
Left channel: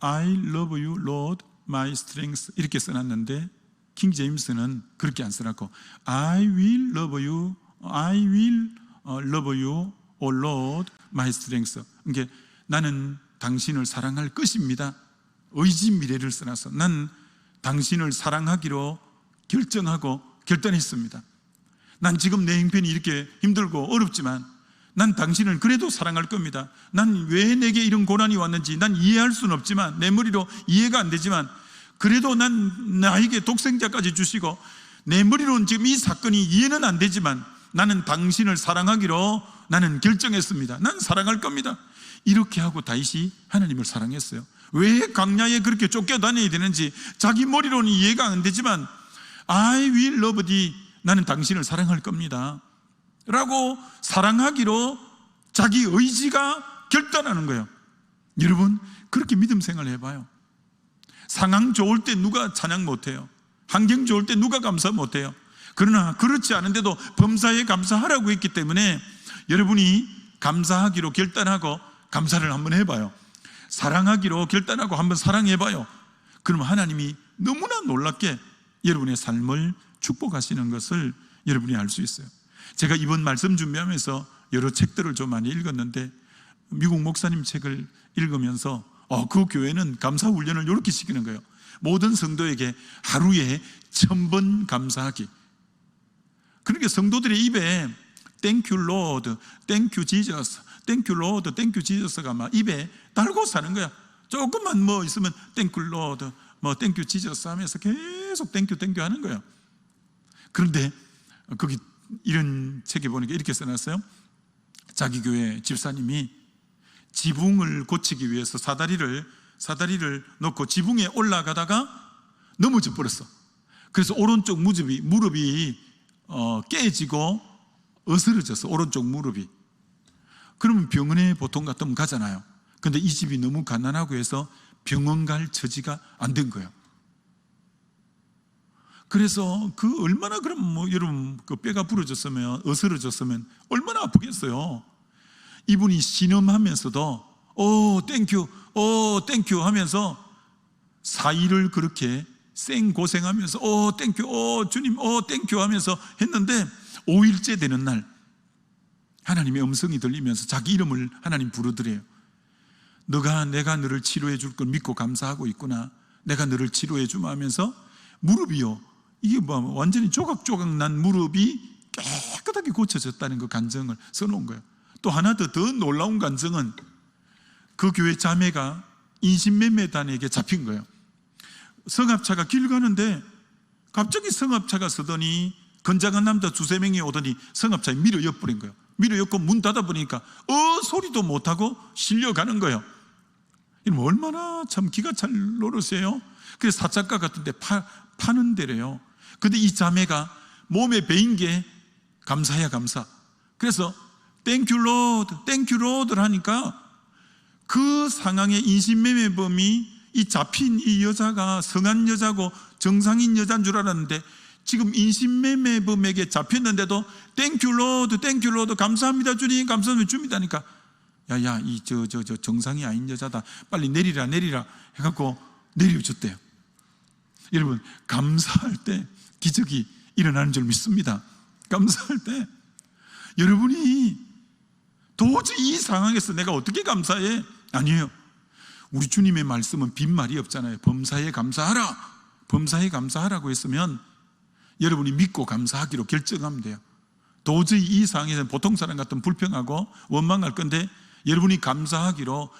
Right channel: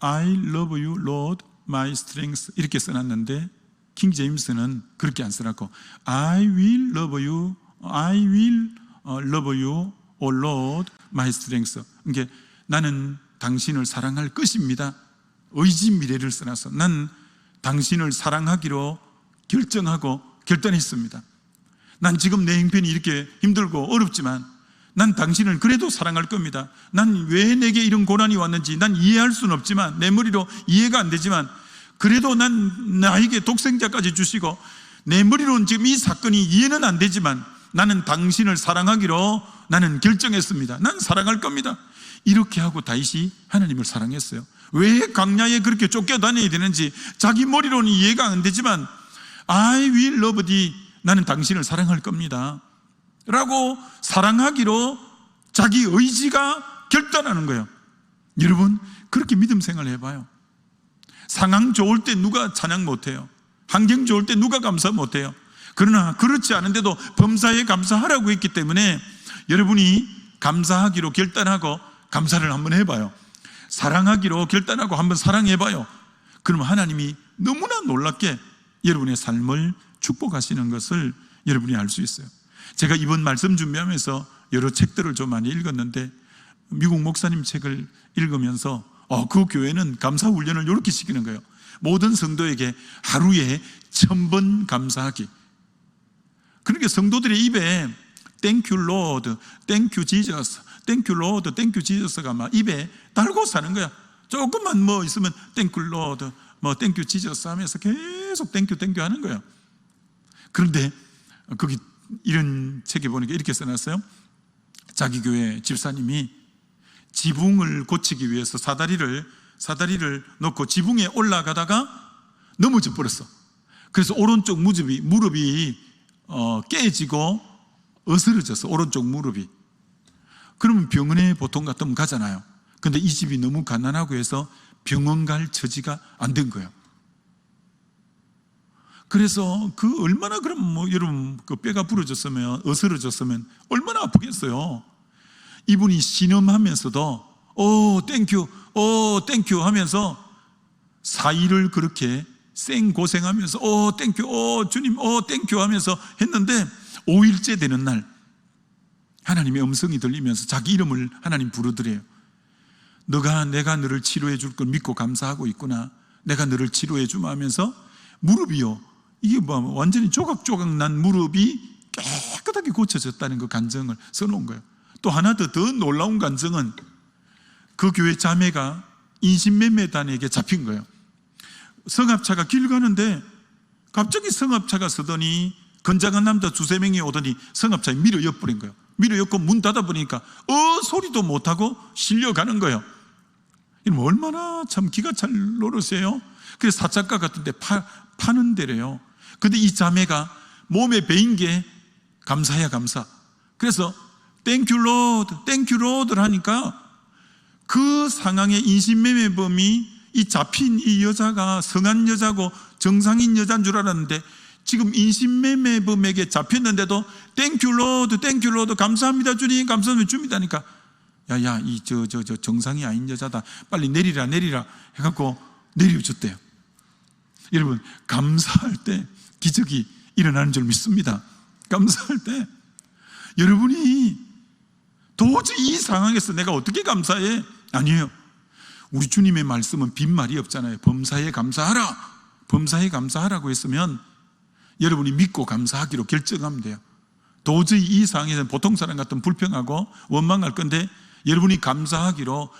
I love you Lord my strength 이렇게 써놨는데 킹 제임스는 그렇게 안 쓰라고 I will love you O Lord my strength. 그러니까 나는 당신을 사랑할 것입니다. 의지 미래를 써놔서 난 당신을 사랑하기로 결정하고 결단했습니다. 난 지금 내 형편이 이렇게 힘들고 어렵지만 난 당신을 그래도 사랑할 겁니다. 난 왜 내게 이런 고난이 왔는지 난 이해할 수는 없지만 내 머리로 이해가 안 되지만 그래도 난 나에게 독생자까지 주시고 내 머리로는 지금 이 사건이 이해는 안 되지만 나는 당신을 사랑하기로 나는 결정했습니다. 난 사랑할 겁니다. 이렇게 하고 다윗이 하나님을 사랑했어요. 왜 광야에 그렇게 쫓겨다녀야 되는지 자기 머리로는 이해가 안 되지만 I will love thee 나는 당신을 사랑할 겁니다 라고 사랑하기로 자기 의지가 결단하는 거예요. 여러분 그렇게 믿음 생활을 해봐요. 상황 좋을 때 누가 찬양 못해요? 환경 좋을 때 누가 감사 못해요? 그러나 그렇지 않은데도 범사에 감사하라고 했기 때문에 여러분이 감사하기로 결단하고 감사를 한번 해봐요. 사랑하기로 결단하고 한번 사랑해봐요. 그러면 하나님이 너무나 놀랍게 여러분의 삶을 축복하시는 것을 여러분이 알 수 있어요. 제가 이번 말씀 준비하면서 여러 책들을 좀 많이 읽었는데 미국 목사님 책을 읽으면서 그 교회는 감사 훈련을 이렇게 시키는 거예요. 모든 성도에게 하루에 1000번 감사하기. 그러니까 성도들의 입에 Thank you Lord, Thank you Jesus, Thank you Lord, Thank you Jesus가 막 입에 달고 사는 거야. 조금만 뭐 있으면 Thank you Lord, 뭐 Thank you Jesus 하면서 계속 Thank you, Thank you 하는 거예요. 그런데 거기 이런 책에 보니까 이렇게 써놨어요. 자기 교회 집사님이 지붕을 고치기 위해서 사다리를 놓고 지붕에 올라가다가 넘어져 버렸어. 그래서 오른쪽 무릎이 깨지고 어스러졌어. 오른쪽 무릎이. 그러면 병원에 보통 같으면 가잖아요. 근데 이 집이 너무 가난하고 해서 병원 갈 처지가 안 된 거예요. 그래서 그 얼마나 그럼 뭐 여러분 그 뼈가 부러졌으면 어스러졌으면 얼마나 아프겠어요. 이분이 신음하면서도 땡큐 하면서 4일을 그렇게 생고생하면서 땡큐 주님 땡큐 하면서 했는데 5일째 되는 날 하나님의 음성이 들리면서 자기 이름을 하나님 부르더래요. 내가 너를 치료해 줄 걸 믿고 감사하고 있구나. 내가 너를 치료해 주마 하면서 무릎이요. 이게 뭐 완전히 조각조각 난 무릎이 깨끗하게 고쳐졌다는 그 간증을 써놓은 거예요. 또 하나 더 놀라운 간증은 그 교회 자매가 인신매매단에게 잡힌 거예요. 성합차가 길 가는데 갑자기 성합차가 서더니 건장한 남자 2-3명이 오더니 성합차에 밀어 엿버린 거예요. 밀어 엿고 문 닫아보니까 소리도 못하고 실려가는 거예요. 이러면 얼마나 참 기가 찰 노릇이에요. 그래서 사찰가 같은데 파는 데래요. 근데 이 자매가 몸에 베인 게 감사야 감사. 그래서 Thank you Lord, Thank you Lord를 하니까 그 상황의 인신매매범이 이 잡힌 이 여자가 성한 여자고 정상인 여자인 줄 알았는데 지금 인신매매범에게 잡혔는데도 Thank you Lord, Thank you Lord, 감사합니다 주님, 감사합니다 줍니다니까. 야야 이 저 정상이 아닌 여자다. 빨리 내리라 해갖고 내려줬대요. 여러분 감사할 때 기적이 일어나는 줄 믿습니다. 감사할 때 여러분이 도저히 이 상황에서 내가 어떻게 감사해? 아니에요. 우리 주님의 말씀은 빈말이 없잖아요. 범사에 감사하라. 범사에 감사하라고 했으면 여러분이 믿고 감사하기로 결정하면 돼요. 도저히 이 상황에서는 보통 사람 같으면 불평하고 원망할 건데 여러분이 감사하기로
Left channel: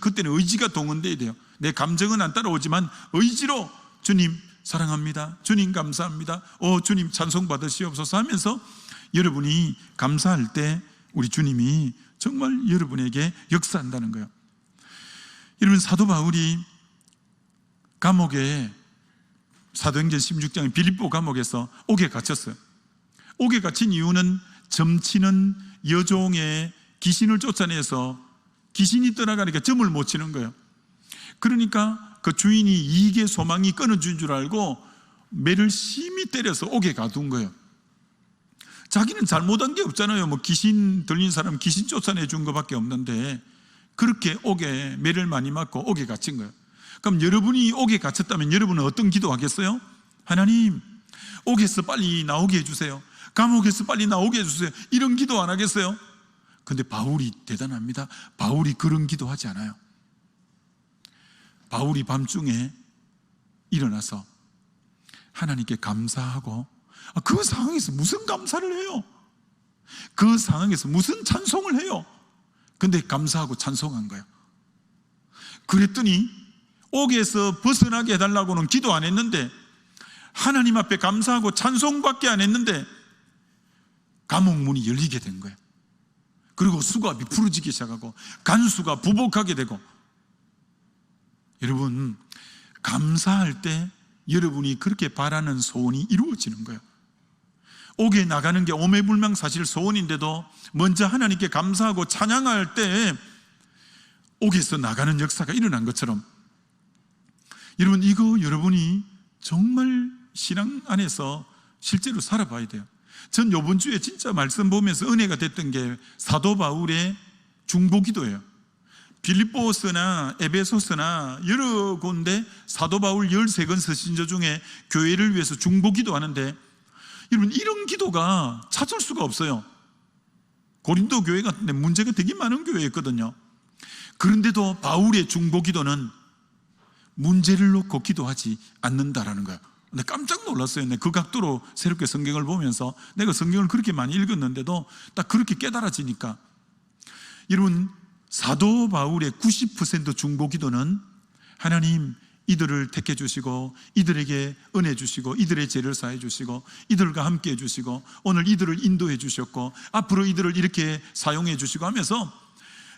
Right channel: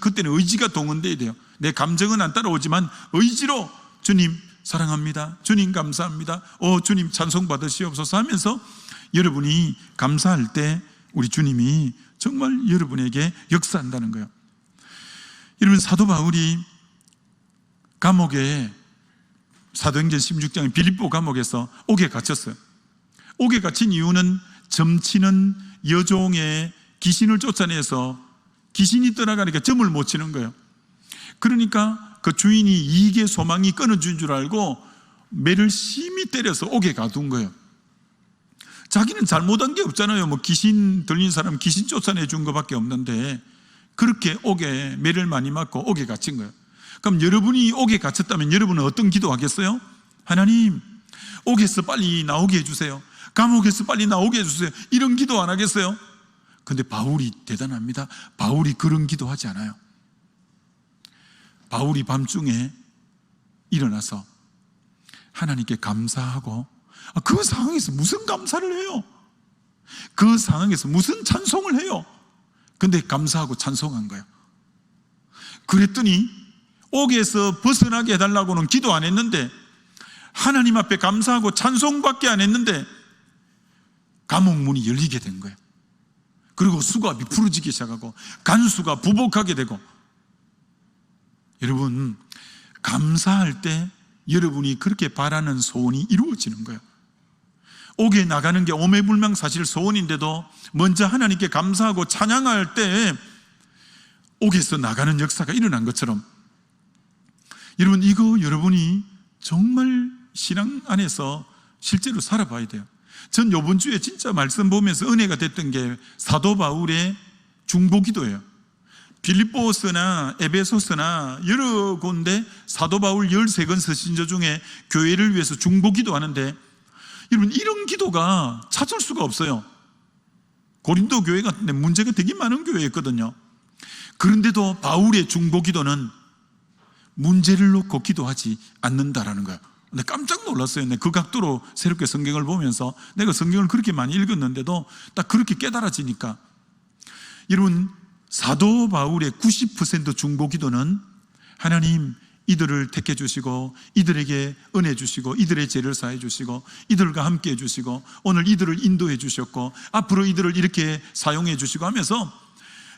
그때는 의지가 동원돼야 돼요. 내 감정은 안 따라오지만 의지로 주님 사랑합니다. 주님 감사합니다. 주님 찬송 받으시옵소서 하면서 여러분이 감사할 때 우리 주님이 정말 여러분에게 역사한다는 거예요. 여러분, 사도 바울이 감옥에 사도행전 16장의 빌립보 감옥에서 옥에 갇혔어요. 옥에 갇힌 이유는 점치는 여종의 귀신을 쫓아내서 귀신이 떠나가니까 점을 못 치는 거예요. 그러니까 그 주인이 이익의 소망이 끊어진 줄 알고 매를 심히 때려서 옥에 가둔 거예요. 자기는 잘못한 게 없잖아요. 뭐 귀신 들린 사람 귀신 쫓아내 준 것밖에 없는데 그렇게 옥에 매를 많이 맞고 옥에 갇힌 거예요. 그럼 여러분이 옥에 갇혔다면 여러분은 어떤 기도하겠어요? 하나님, 옥에서 빨리 나오게 해주세요. 감옥에서 빨리 나오게 해주세요. 이런 기도 안 하겠어요? 근데 바울이 대단합니다. 바울이 그런 기도하지 않아요. 바울이 밤중에 일어나서 하나님께 감사하고, 그 상황에서 무슨 감사를 해요? 그 상황에서 무슨 찬송을 해요? 근데 감사하고 찬송한 거예요. 그랬더니 옥에서 벗어나게 해달라고는 기도 안 했는데, 하나님 앞에 감사하고 찬송밖에 안 했는데 감옥 문이 열리게 된 거예요. 그리고 수갑이 풀어지기 시작하고 간수가 부복하게 되고. 여러분, 감사할 때 여러분이 그렇게 바라는 소원이 이루어지는 거예요. 옥에 나가는 게 오매불망사실 소원인데도 먼저 하나님께 감사하고 찬양할 때 옥에서 나가는 역사가 일어난 것처럼, 여러분, 이거 여러분이 정말 신앙 안에서 실제로 살아봐야 돼요. 전 이번 주에 진짜 말씀 보면서 은혜가 됐던 게 사도 바울의 중보기도예요. 빌립보서나 에베소서나 여러 군데 사도 바울 13권 서신서 중에 교회를 위해서 중보기도 하는데, 여러분, 이런 기도가 찾을 수가 없어요. 고린도 교회 같은데 문제가 되게 많은 교회였거든요. 그런데도 바울의 중보기도는 문제를 놓고 기도하지 않는다라는 거예요. 근데 깜짝 놀랐어요. 그 각도로 새롭게 성경을 보면서 내가 성경을 그렇게 많이 읽었는데도 딱 그렇게 깨달아지니까, 여러분, 사도 바울의 90% 중보기도는 하나님, 이들을 택해 주시고 이들에게 은혜 주시고 이들의 죄를 사해 주시고 이들과 함께 해 주시고 오늘 이들을 인도해 주셨고 앞으로 이들을 이렇게 사용해 주시고 하면서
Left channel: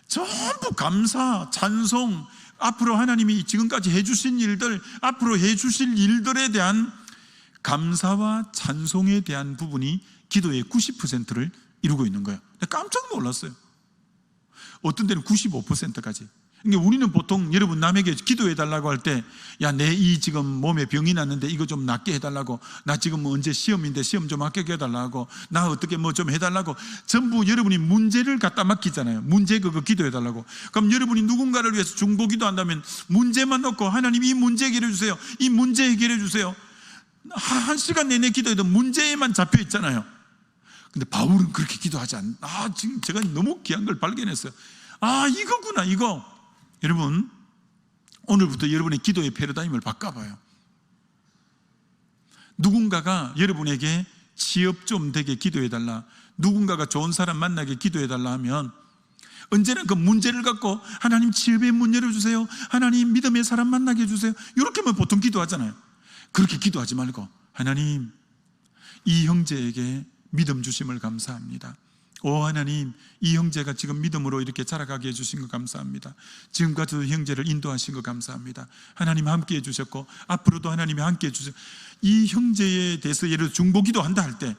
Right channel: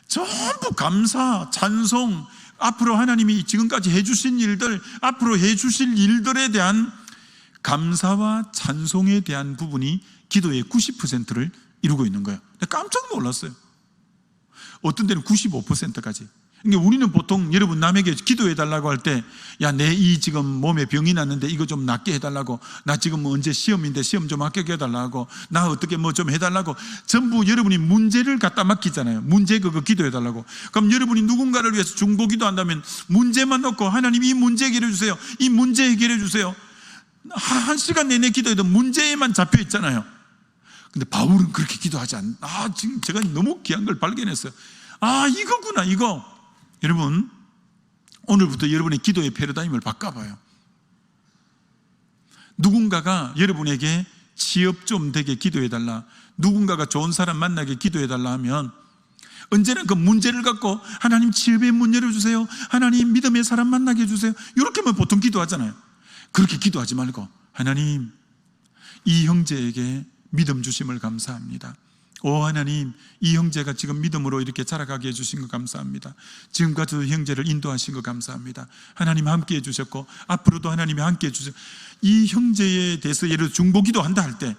전부 감사, 찬송, 앞으로 하나님이 지금까지 해주신 일들, 앞으로 해주실 일들에 대한 감사와 찬송에 대한 부분이 기도의 90%를 이루고 있는 거예요. 깜짝 놀랐어요. 어떤 데는 95%까지. 그러니까 우리는 보통 여러분 남에게 기도해달라고 할 때, 야, 내 이 지금 몸에 병이 났는데 이거 좀 낫게 해달라고, 나 지금 뭐 언제 시험인데 시험 좀 합격해 해달라고, 나 어떻게 뭐 좀 해달라고, 전부 여러분이 문제를 갖다 맡기잖아요. 문제 그거 기도해달라고. 그럼 여러분이 누군가를 위해서 중보기도 한다면 문제만 놓고 하나님 이 문제 해결해 주세요, 이 문제 해결해 주세요, 한 시간 내내 기도해도 문제에만 잡혀 있잖아요. 근데 바울은 그렇게 기도하지 지금 제가 너무 귀한 걸 발견했어요. 이거구나, 이거. 여러분, 오늘부터 여러분의 기도의 패러다임을 바꿔봐요. 누군가가 여러분에게 취업 좀 되게 기도해달라, 누군가가 좋은 사람 만나게 기도해달라 하면 언제나 그 문제를 갖고 하나님 취업의 문 열어주세요, 하나님 믿음의 사람 만나게 해주세요, 이렇게만 보통 기도하잖아요. 그렇게 기도하지 말고, 하나님, 이 형제에게 믿음 주심을 감사합니다. 하나님, 이 형제가 지금 믿음으로 이렇게 자라가게 해주신 거 감사합니다. 지금까지도 형제를 인도하신 거 감사합니다. 하나님 함께 해주셨고 앞으로도 하나님이 함께 해주세요. 이 형제에 대해서 예를 들어 중보기도 한다 할 때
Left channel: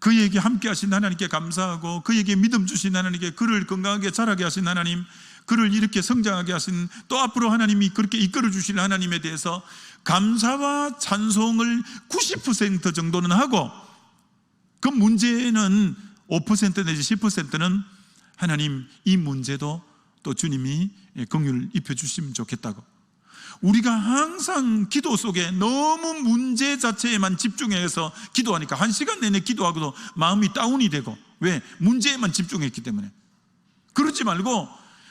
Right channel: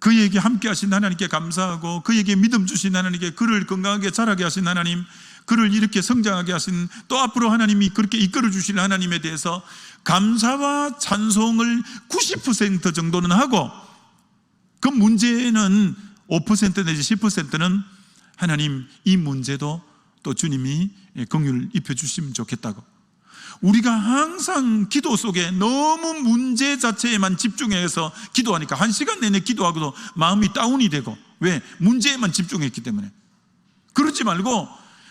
그에게 함께 하신 하나님께 감사하고, 그에게 믿음 주신 하나님께, 그를 건강하게 자라게 하신 하나님, 그를 이렇게 성장하게 하신, 또 앞으로 하나님이 그렇게 이끌어 주실 하나님에 대해서 감사와 찬송을 90% 정도는 하고, 그 문제는 5% 내지 10%는 하나님, 이 문제도 또 주님이 긍휼을 입혀주시면 좋겠다고. 우리가 항상 기도 속에 너무 문제 자체에만 집중해서 기도하니까 1시간 내내 기도하고도 마음이 다운이 되고, 왜? 문제에만 집중했기 때문에. 그러지 말고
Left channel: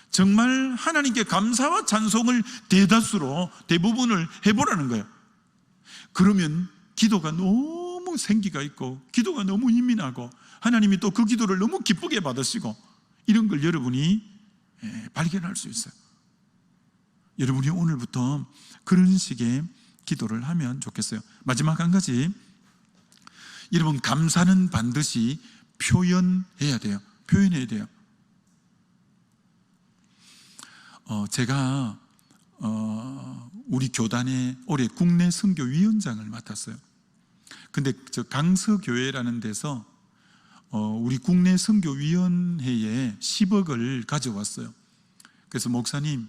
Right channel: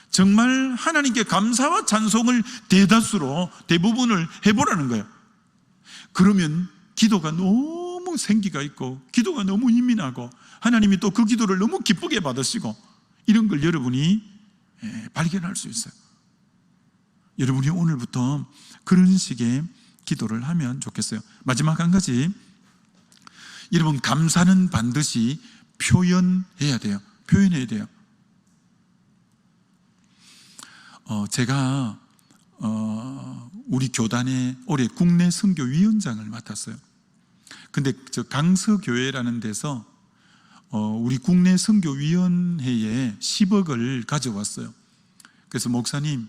정말 하나님께 감사와 찬송을 대다수로 대부분을 해보라는 거예요. 그러면 기도가 너무 생기가 있고 기도가 너무 힘이 나고 하나님이 또 그 기도를 너무 기쁘게 받으시고, 이런 걸 여러분이 발견할 수 있어요. 여러분이 오늘부터 그런 식의 기도를 하면 좋겠어요. 마지막 한 가지, 여러분 감사는 반드시 표현해야 돼요. 표현해야 돼요. 제가 우리 교단의 올해 국내 선교위원장을 맡았어요. 근데 저 강서교회라는 데서 우리 국내 선교위원회에 10억을 가져왔어요. 그래서 목사님,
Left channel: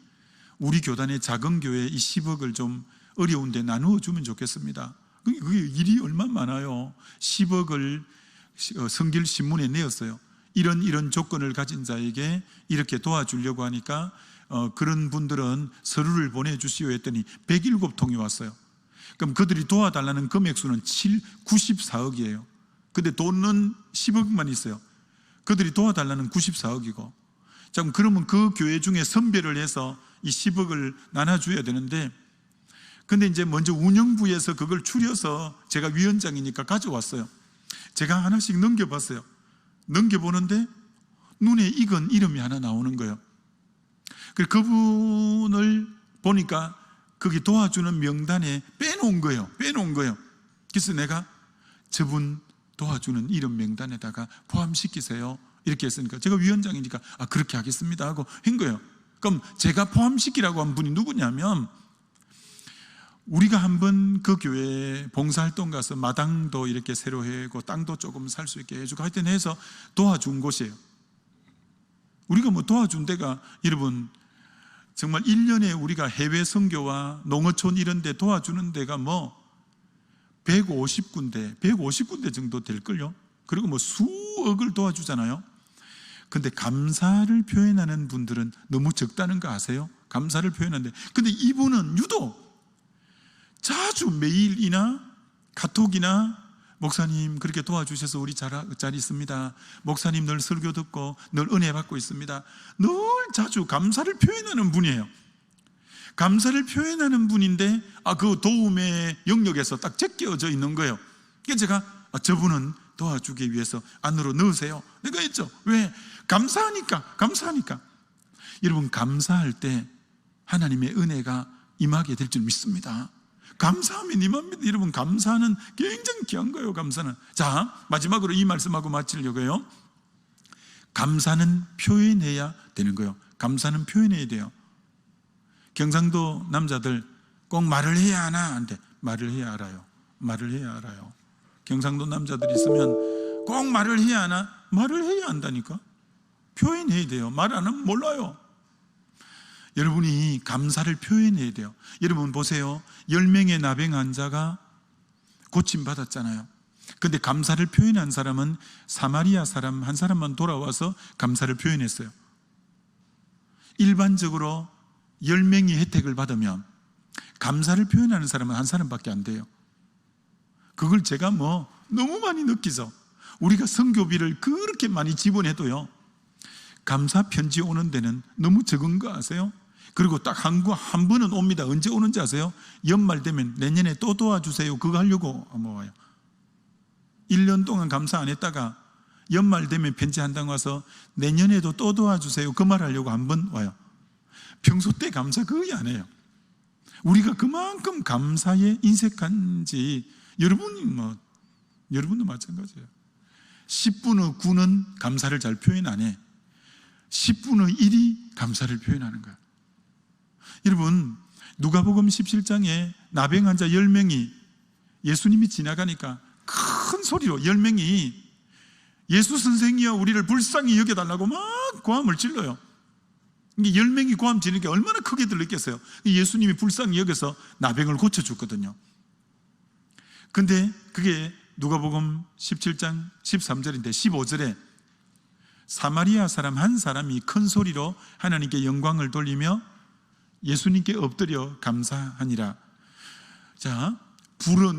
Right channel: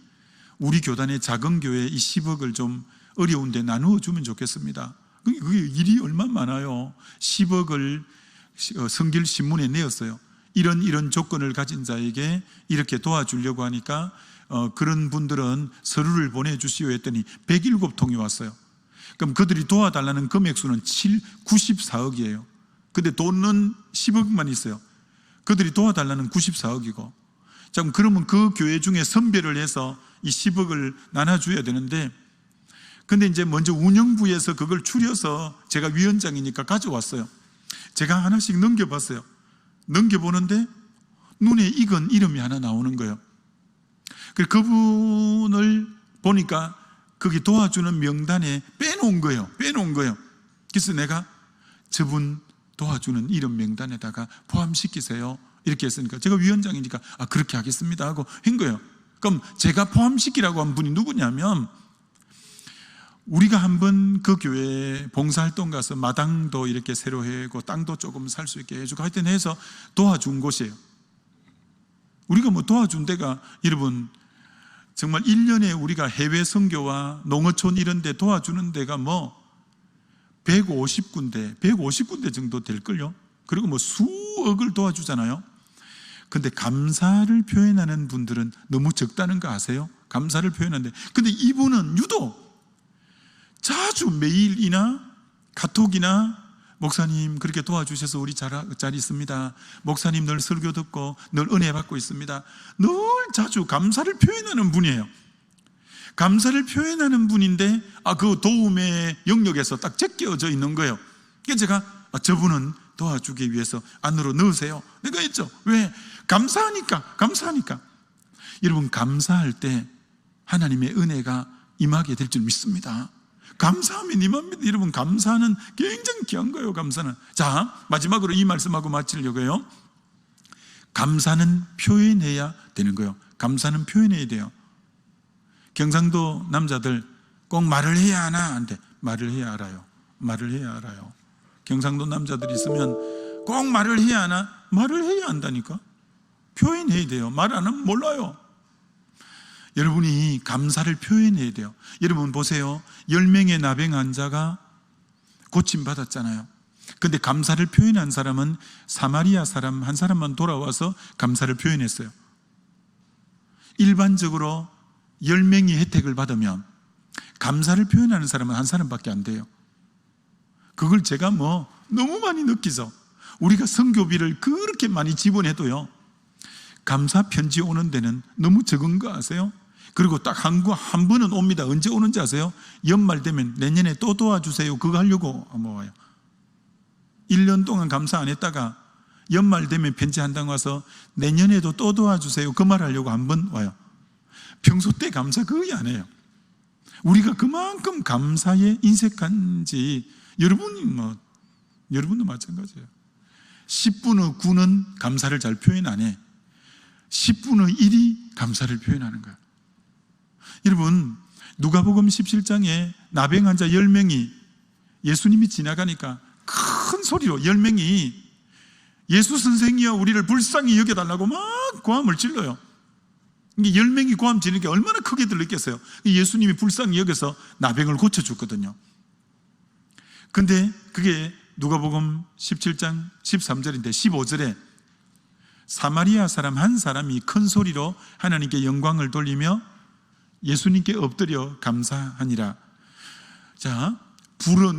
우리 교단의 작은 교회에 이 10억을 좀 어려운데 나누어 주면 좋겠습니다. 그게 일이 얼마나 많아요. 10억을 성길신문에 내었어요. 이런 조건을 가진 자에게 이렇게 도와주려고 하니까 그런 분들은 서류를 보내주시오 했더니 107통이 왔어요. 그럼 그들이 도와달라는 금액수는 94억이에요. 근데 돈은 10억만 있어요. 그들이 도와달라는 94억이고. 자, 그러면 그 교회 중에 선별을 해서 이 10억을 나눠줘야 되는데, 근데 이제 먼저 운영부에서 그걸 추려서 제가 위원장이니까 가져왔어요. 제가 하나씩 넘겨봤어요. 넘겨보는데 눈에 익은 이름이 하나 나오는 거예요. 그분을 보니까 거기 도와주는 명단에 빼놓은 거예요. 그래서 내가 저분 도와주는 이름 명단에다가 포함시키세요. 이렇게 했으니까 제가 위원장이니까 그렇게 하겠습니다 하고 한 거예요. 그럼 제가 포함시키라고 한 분이 누구냐면, 우리가 한번 그 교회 봉사활동 가서 마당도 이렇게 새로 해고 땅도 조금 살 수 있게 해주고 하여튼 해서 도와준 곳이에요. 우리가 뭐 도와준 데가, 여러분 정말 1년에 우리가 해외 선교와 농어촌 이런 데 도와주는 데가 뭐 150군데 정도 될걸요. 그리고 뭐 수억을 도와주잖아요. 근데 감사를 표현하는 분들은 너무 적다는 거 아세요? 감사를 표현하는데, 근데 이분은 유독 자주 메일이나 카톡이나 목사님 그렇게 도와주셔서 우리 잘 있습니다. 목사님 늘 설교 듣고 늘 은혜 받고 있습니다. 늘 자주 감사를 표현하는 분이에요. 감사를 표현하는 분인데 그 도움의 영역에서 딱 제껴져 있는 거예요. 그래서 제가 저분은 도와주기 위해서 안으로 넣으세요. 내가 했죠. 왜? 감사하니까. 여러분 감사할 때 하나님의 은혜가 임하게 될 줄 믿습니다. 감사하면 임합니다. 여러분 감사는 굉장히 귀한 거예요. 감사는. 자, 마지막으로 이 말씀하고 마치려고요. 감사는 표현해야 되는 거예요. 감사는 표현해야 돼요. 경상도 남자들 꼭 말을 해야 하나? 안 돼. 말을 해야 알아요. 경상도 남자들이 있으면 꼭 말을 해야 하나? 말을 해야 한다니까. 표현해야 돼요. 말 안 하면 몰라요. 여러분이 감사를 표현해야 돼요. 여러분 보세요. 10명의 나병 환자가 고침받았잖아요. 근데 감사를 표현한 사람은 사마리아 사람 한 사람만 돌아와서 감사를 표현했어요. 일반적으로 10명이 혜택을 받으면 감사를 표현하는 사람은 한 사람밖에 안 돼요. 그걸 제가 너무 많이 느끼죠. 우리가 선교비를 그렇게 많이 지원해도요, 감사 편지 오는 데는 너무 적은 거 아세요? 그리고 딱 한 번은 옵니다. 언제 오는지 아세요? 연말 되면 내년에 또 도와주세요. 그거 하려고 와요. 1년 동안 감사 안 했다가 연말 되면 편지 한 장 와서 내년에도 또 도와주세요. 그 말 하려고 한 번 와요. 평소 때 감사 거의 안 해요. 우리가 그만큼 감사에 인색한지, 여러분도 마찬가지예요. 10분의 9는 감사를 잘 표현 안 해. 10분의 1이 감사를 표현하는 거야. 여러분, 누가복음 17장에 나병 환자 10명이 예수님이 지나가니까 큰 소리로 10명이 예수 선생이여 우리를 불쌍히 여겨달라고 막 고함을 질러요. 10명이 고함 지르는 게 얼마나 크게 들렸겠어요. 예수님이 불쌍히 여겨서 나병을 고쳐줬거든요. 근데 그게 누가복음 17장 13절인데 15절에 사마리아 사람 한 사람이 큰 소리로 하나님께 영광을 돌리며 예수님께 엎드려 감사하니라. 자,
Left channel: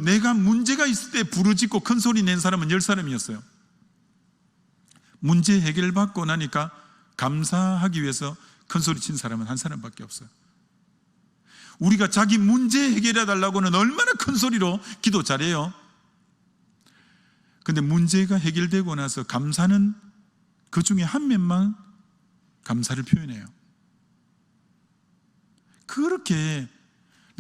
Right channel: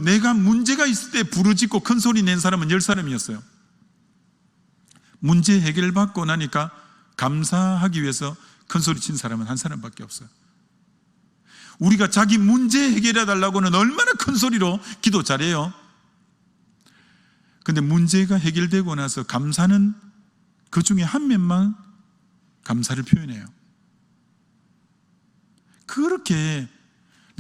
내가 문제가 있을 때 부르짖고 큰 소리 낸 사람은 10사람이었어요. 문제 해결받고 나니까 감사하기 위해서 큰 소리 친 사람은 한 사람밖에 없어요. 우리가 자기 문제 해결해 달라고는 얼마나 큰 소리로 기도 잘해요. 근데 문제가 해결되고 나서 감사는 그 중에 한 명만 감사를 표현해요. 그렇게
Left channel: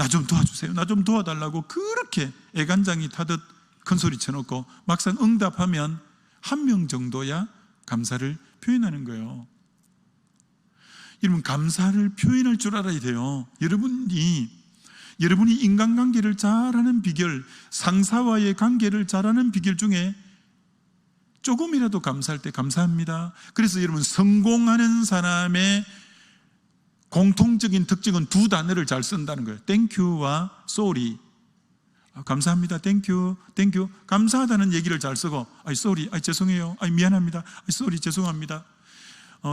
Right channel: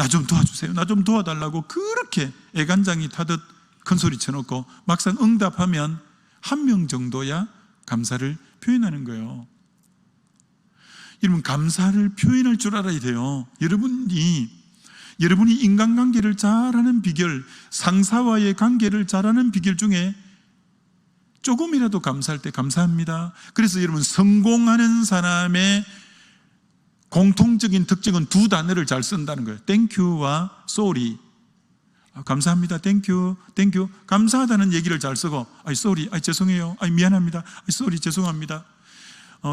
나 좀 도와주세요, 나 좀 도와달라고 그렇게 애간장이 타듯 큰소리 쳐놓고 막상 응답하면 1명 정도야 감사를 표현하는 거예요. 여러분, 감사를 표현할 줄 알아야 돼요. 여러분이 인간관계를 잘하는 비결, 상사와의 관계를 잘하는 비결 중에 조금이라도 감사할 때 감사합니다. 그래서 여러분, 성공하는 사람의 공통적인 특징은 2 단어를 잘 쓴다는 거예요. 땡큐와 쏘리. 감사합니다. 땡큐. 감사하다는 얘기를 잘 쓰고, 쏘리, 죄송해요, 미안합니다, 쏘리, 죄송합니다.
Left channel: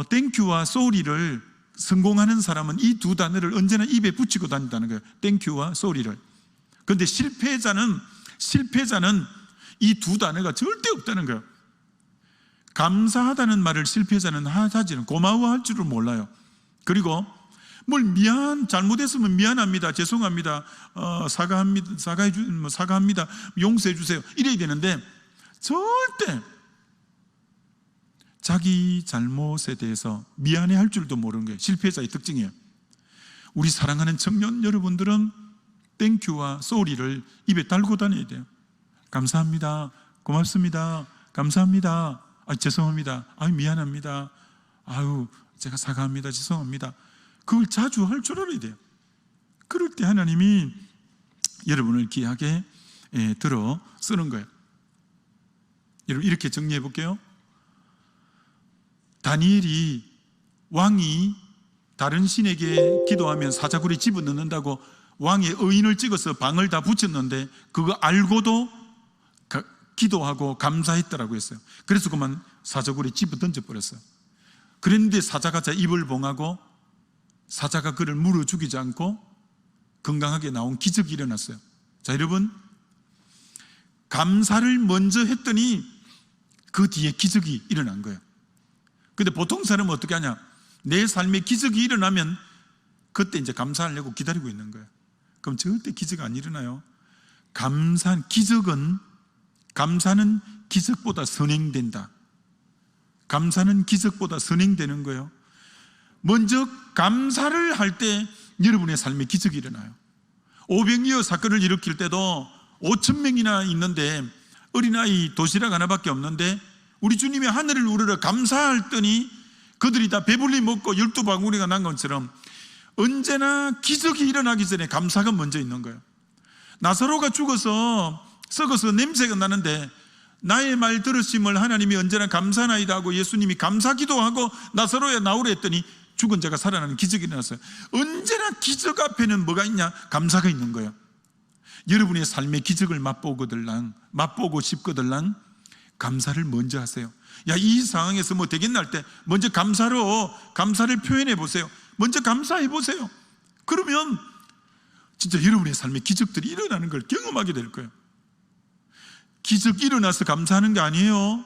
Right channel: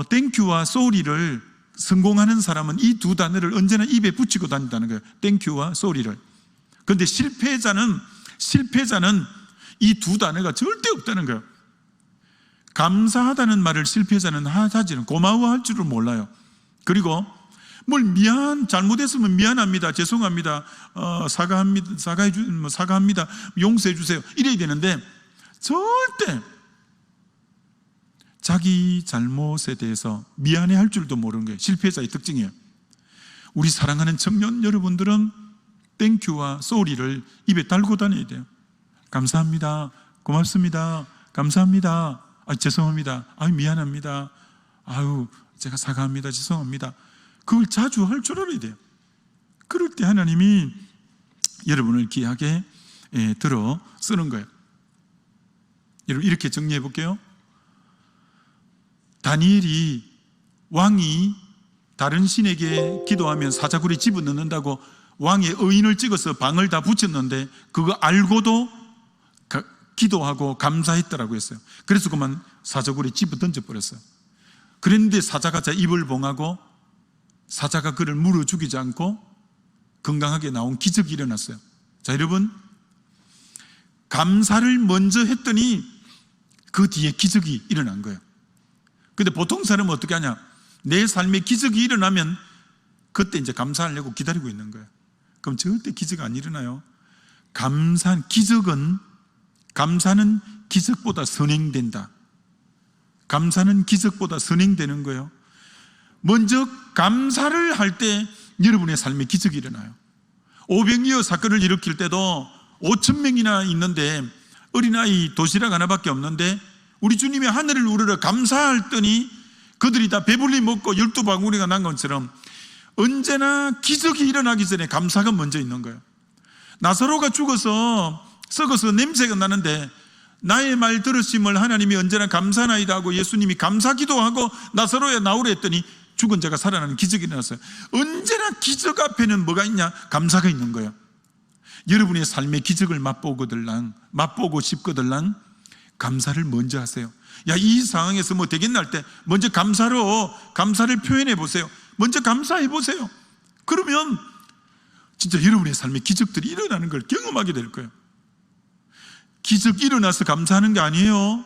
땡큐와 쏘리를 성공하는 사람은 이 2 단어를 언제나 입에 붙이고 다닌다는 거예요. 땡큐와 쏘리를. 그런데 실패자는 이 2 단어가 절대 없다는 거예요. 감사하다는 말을 실패자는 하지는, 고마워할 줄을 몰라요. 그리고 뭘 잘못했으면 미안합니다, 죄송합니다, 사과합니다, 용서해 주세요, 이래야 되는데 절대 자기 잘못에 대해서 미안해할 줄도 모르는 거예요. 실패자의 특징이에요. 우리 사랑하는 청년 여러분들은 땡큐와 쏘리를 입에 달고 다녀야 돼요. 감사합니다, 고맙습니다, 감사합니다, 죄송합니다, 미안합니다, 제가 사과합니다, 죄송합니다. 그걸 자주 할 줄 알아야 돼요. 그럴 때 하나님이 여러분을 귀하게 들어 쓰는 거예요. 여러분, 이렇게 정리해 볼게요. 다니엘이 왕이 다른 신에게 기도하면 사자굴에 집어넣는다고 왕의 의인을 찍어서 방을 다 붙였는데 그거 알고도 기도하고 감사했다라고 했어요. 그래서 그만 사자굴에 집어 던져버렸어요. 그런데 사자가 입을 봉하고 사자가 그를 물어 죽이지 않고 건강하게 나온 기적이 일어났어요. 자, 여러분, 감사를 먼저 했더니 그 뒤에 기적이 일어난 거예요. 근데 보통 사람은 어떻게 하냐? 내 삶에 기적이 일어나면 그때 이제 감사하려고 기다리고 있는 거예요. 그럼 절대 기적 안 일어나요. 감사는 기적보다 선행된다. 감사는 기적보다 선행되는 거예요. 먼저 감사를 할 때 여러분의 삶에 기적이 일어나요. 오병이어 사건을 일으킬 때도 5,000명이나 있는데 어린아이 도시락 하나밖에 없는데 우리 주님이 하늘을 우러러 감사했더니 그들이 다 배불리 먹고 12바구니가 난 것처럼 언제나 기적이 일어나기 전에 감사가 먼저 있는 거예요. 나사로가 죽어서 썩어서 냄새가 나는데 나의 말 들으심을 하나님이 언제나 감사나이다 하고 예수님이 감사 기도하고 나사로야 나오라 했더니 죽은 자가 살아나는 기적이 일어났어요. 언제나 기적 앞에는 뭐가 있냐? 감사가 있는 거예요. 여러분의 삶의 기적을 맛보고 싶거들랑 감사를 먼저 하세요. 이 상황에서 뭐 되겠나 할 때 먼저 감사를 표현해 보세요. 먼저 감사해 보세요. 그러면 진짜 여러분의 삶에 기적들이 일어나는 걸 경험하게 될 거예요. 기적 일어나서 감사하는 게 아니에요.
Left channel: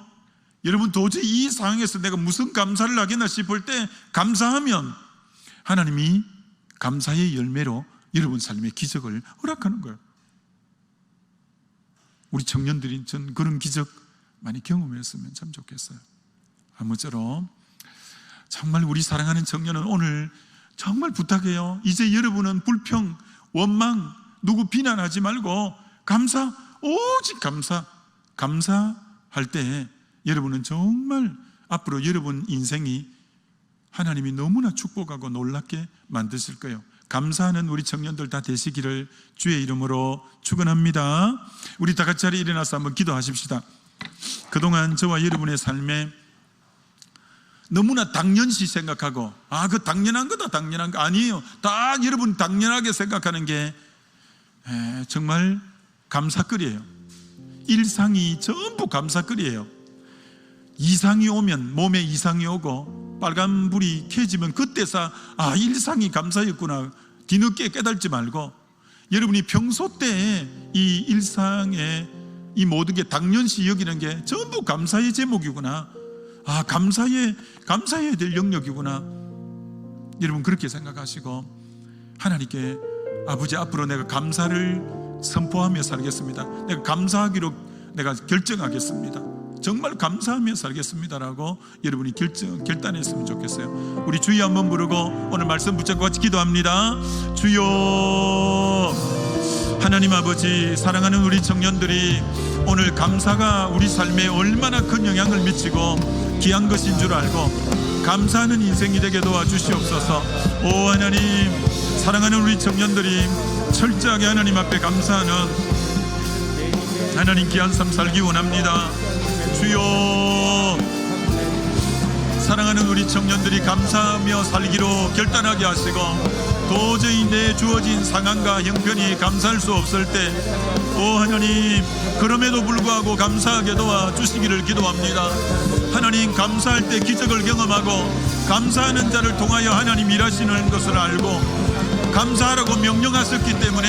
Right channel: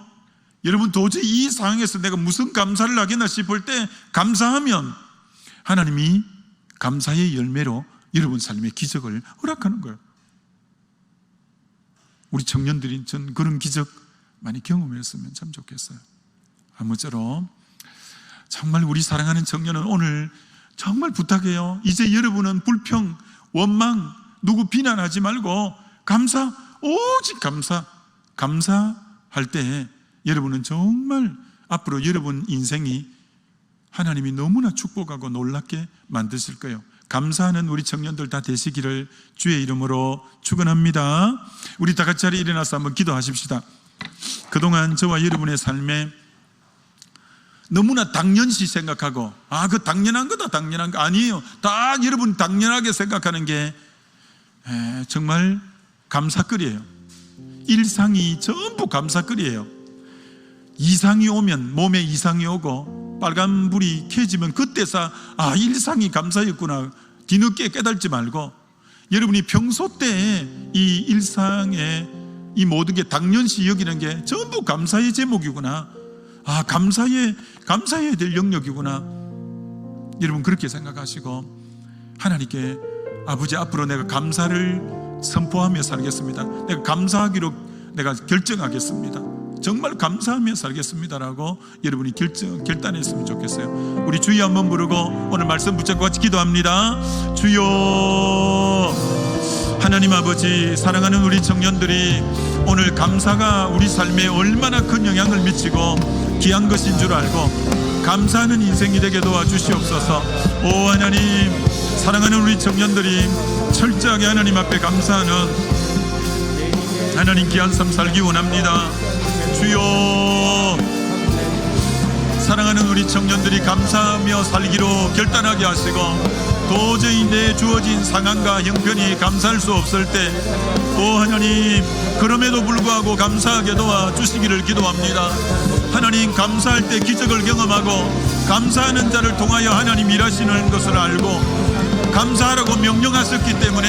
여러분, 도저히 이 상황에서 내가 무슨 감사를 하겠나 싶을 때 감사하면 하나님이 감사의 열매로 여러분 삶의 기적을 허락하는 거예요. 우리 청년들이 전 그런 기적 많이 경험했으면 참 좋겠어요. 아무쪼록 정말 우리 사랑하는 청년은 오늘 정말 부탁해요. 이제 여러분은 불평, 원망, 누구 비난하지 말고 오직 감사할 때 여러분은 정말 앞으로 여러분 인생이 하나님이 너무나 축복하고 놀랍게 만드실 거예요. 감사하는 우리 청년들 다 되시기를 주의 이름으로 축원합니다. 우리 다 같이 자리에 일어나서 한번 기도하십시다. 그동안 저와 여러분의 삶에 너무나 당연시 생각하고 그 당연한 거다, 당연한 거 아니에요. 다 여러분 당연하게 생각하는 게 정말 감사거리예요. 일상이 전부 감사거리예요. 이상이 오면, 몸에 이상이 오고 빨간불이 켜지면 그때서 일상이 감사였구나 뒤늦게 깨달지 말고 여러분이 평소 때 이 일상에 이 모든 게 당연시 여기는 게 전부 감사의 제목이구나, 감사해야 될 영역이구나, 여러분 그렇게 생각하시고 하나님께 아버지, 앞으로 내가 감사를 선포하며 살겠습니다. 내가 감사하기로 내가 결정하겠습니다. 정말 감사하며 살겠습니다라고 여러분이 결단했으면 좋겠어요. 우리 주여 한번 부르고 오늘 말씀 붙잡고 같이 기도합니다. 주여, 하나님 아버지, 사랑하는 우리 청년들이 오늘 감사가 우리 삶에 얼마나 큰 영향을 미치고 귀한 것인 줄 알고 감사하는 인생이 되게 도와주시옵소서. 오 하나님, 사랑하는 우리 청년들이 철저하게 하나님 앞에 감사하는 하나님 귀한 삶 살기 원합니다. 주여, 사랑하는 우리 청년들이 감사하며 살기로 결단하게 하시고 도저히 내 주어진 상황과 형편이 감사할 수 없을 때, 오 하나님, 그럼에도 불구하고 감사하게 도와주시기를 기도합니다. 하나님, 감사할 때 기적을 경험하고 감사하는 자를 통하여 하나님 일하시는 것을 알고 감사하라고 명령하셨기 때문에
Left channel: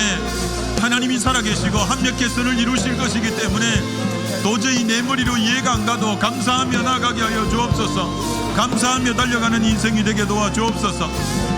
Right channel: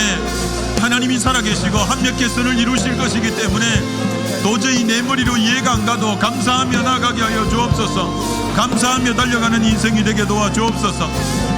하나님이 살아계시고 합력해 선을 이루실 것이기 때문에 도저히 내 머리로 이해가 안 가도 감사하며 나가게 하여 주옵소서. 감사하며 달려가는 인생이 되게 도와주옵소서.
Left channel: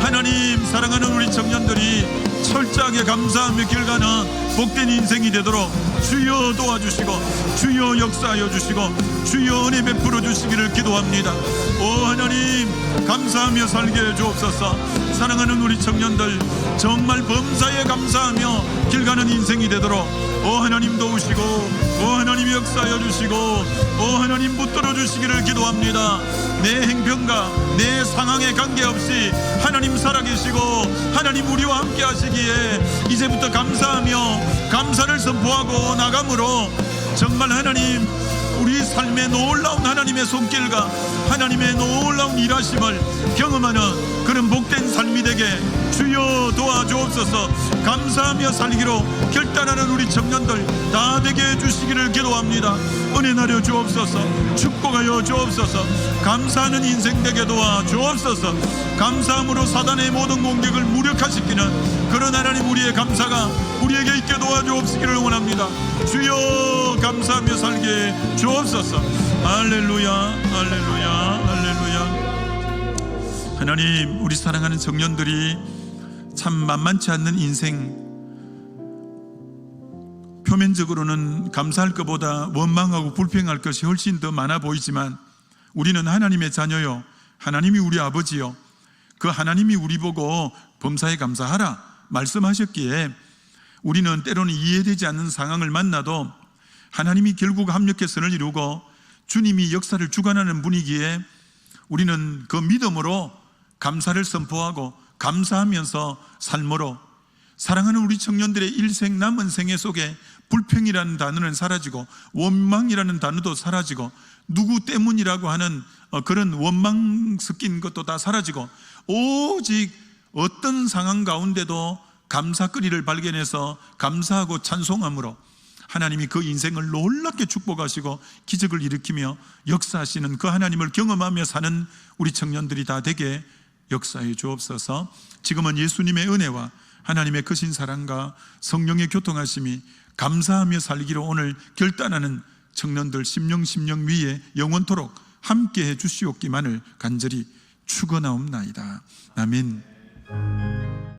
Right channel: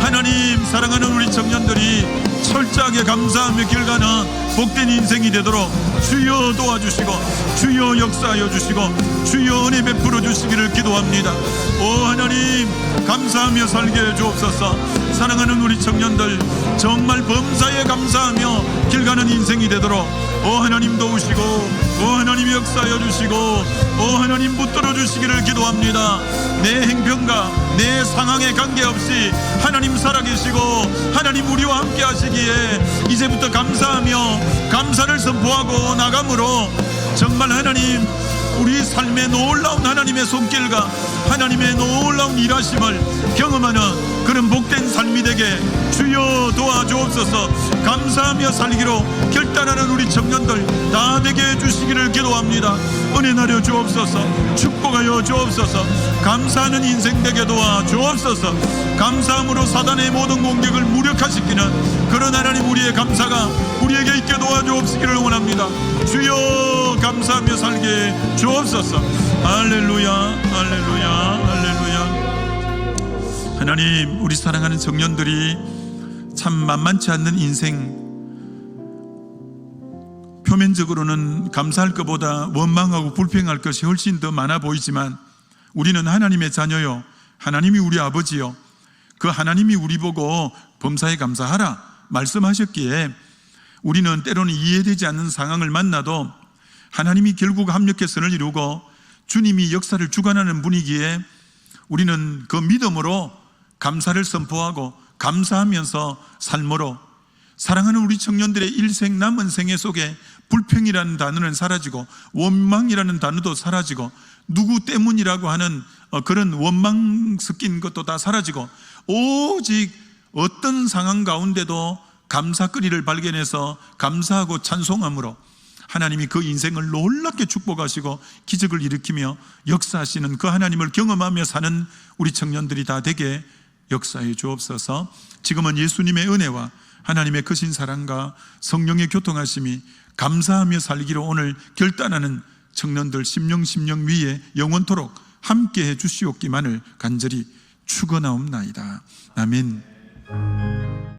하나님, 사랑하는 우리 청년들이 철저하게 감사하며 길가는 복된 인생이 되도록 주여 도와주시고 주여 역사하여 주시고 주여 은혜 베풀어 주시기를 기도합니다. 오 하나님, 감사하며 살게 해 주옵소서. 사랑하는 우리 청년들 정말 범사에 감사하며 길가는 인생이 되도록 오 하나님 도우시고 오 하나님 역사하여 주시고 오 하나님 붙들어 주시기를 기도합니다. 내 행편과 내 상황에 관계없이 하나님 살아계시고 하나님 우리와 함께 하시기에 이제부터 감사하며 감사를 선포하고 나감으로 정말 하나님 우리 삶에 놀라운 하나님의 손길과 하나님의 놀라운 일하심을 경험하는 그런 복된 삶이 되게 주여 도와주옵소서. 감사하며 살기로 결단하는 우리 청년들 다 되게 해주시기를 기도합니다. 은혜 나려 주옵소서. 축복하여 주옵소서. 감사하는 인생 되게 도와주옵소서. 감사함으로 사단의 모든 공격을 무력화시키는 그런 하나님 우리의 감사가 우리에게 있게 도와주옵시기를 원합니다. 주여, 감사하며 살게 주옵소서. 할렐루야, 할렐루야, 할렐루야. 하나님, 우리 사랑하는 청년들이 참 만만치 않는 인생, 표면적으로는 감사할 것보다 원망하고 불평할 것이 훨씬 더 많아 보이지만 우리는 하나님의 자녀요, 하나님이 우리 아버지요, 그 하나님이 우리 보고 범사에 감사하라 말씀하셨기에 우리는 때로는 이해되지 않는 상황을 만나도 하나님이 결국 합력해 선을 이루고 주님이 역사를 주관하는 분위기에 우리는 그 믿음으로 감사를 선포하고 감사하면서 삶으로 사랑하는 우리 청년들의 일생 남은 생애 속에 불평이라는 단어는 사라지고 원망이라는 단어도 사라지고 누구 때문이라고 하는 그런 원망 섞인 것도 다 사라지고 오직 어떤 상황 가운데도 감사거리를 발견해서 감사하고 찬송함으로 하나님이 그 인생을 놀랍게 축복하시고 기적을 일으키며 역사하시는 그 하나님을 경험하며 사는 우리 청년들이 다 되게 역사해 주옵소서. 지금은 예수님의 은혜와 하나님의 크신 사랑과 성령의 교통하심이 감사하며 살기로 오늘 결단하는 청년들 심령 위에 영원토록 함께해 주시옵기만을 간절히 축원하옵나이다. 아멘.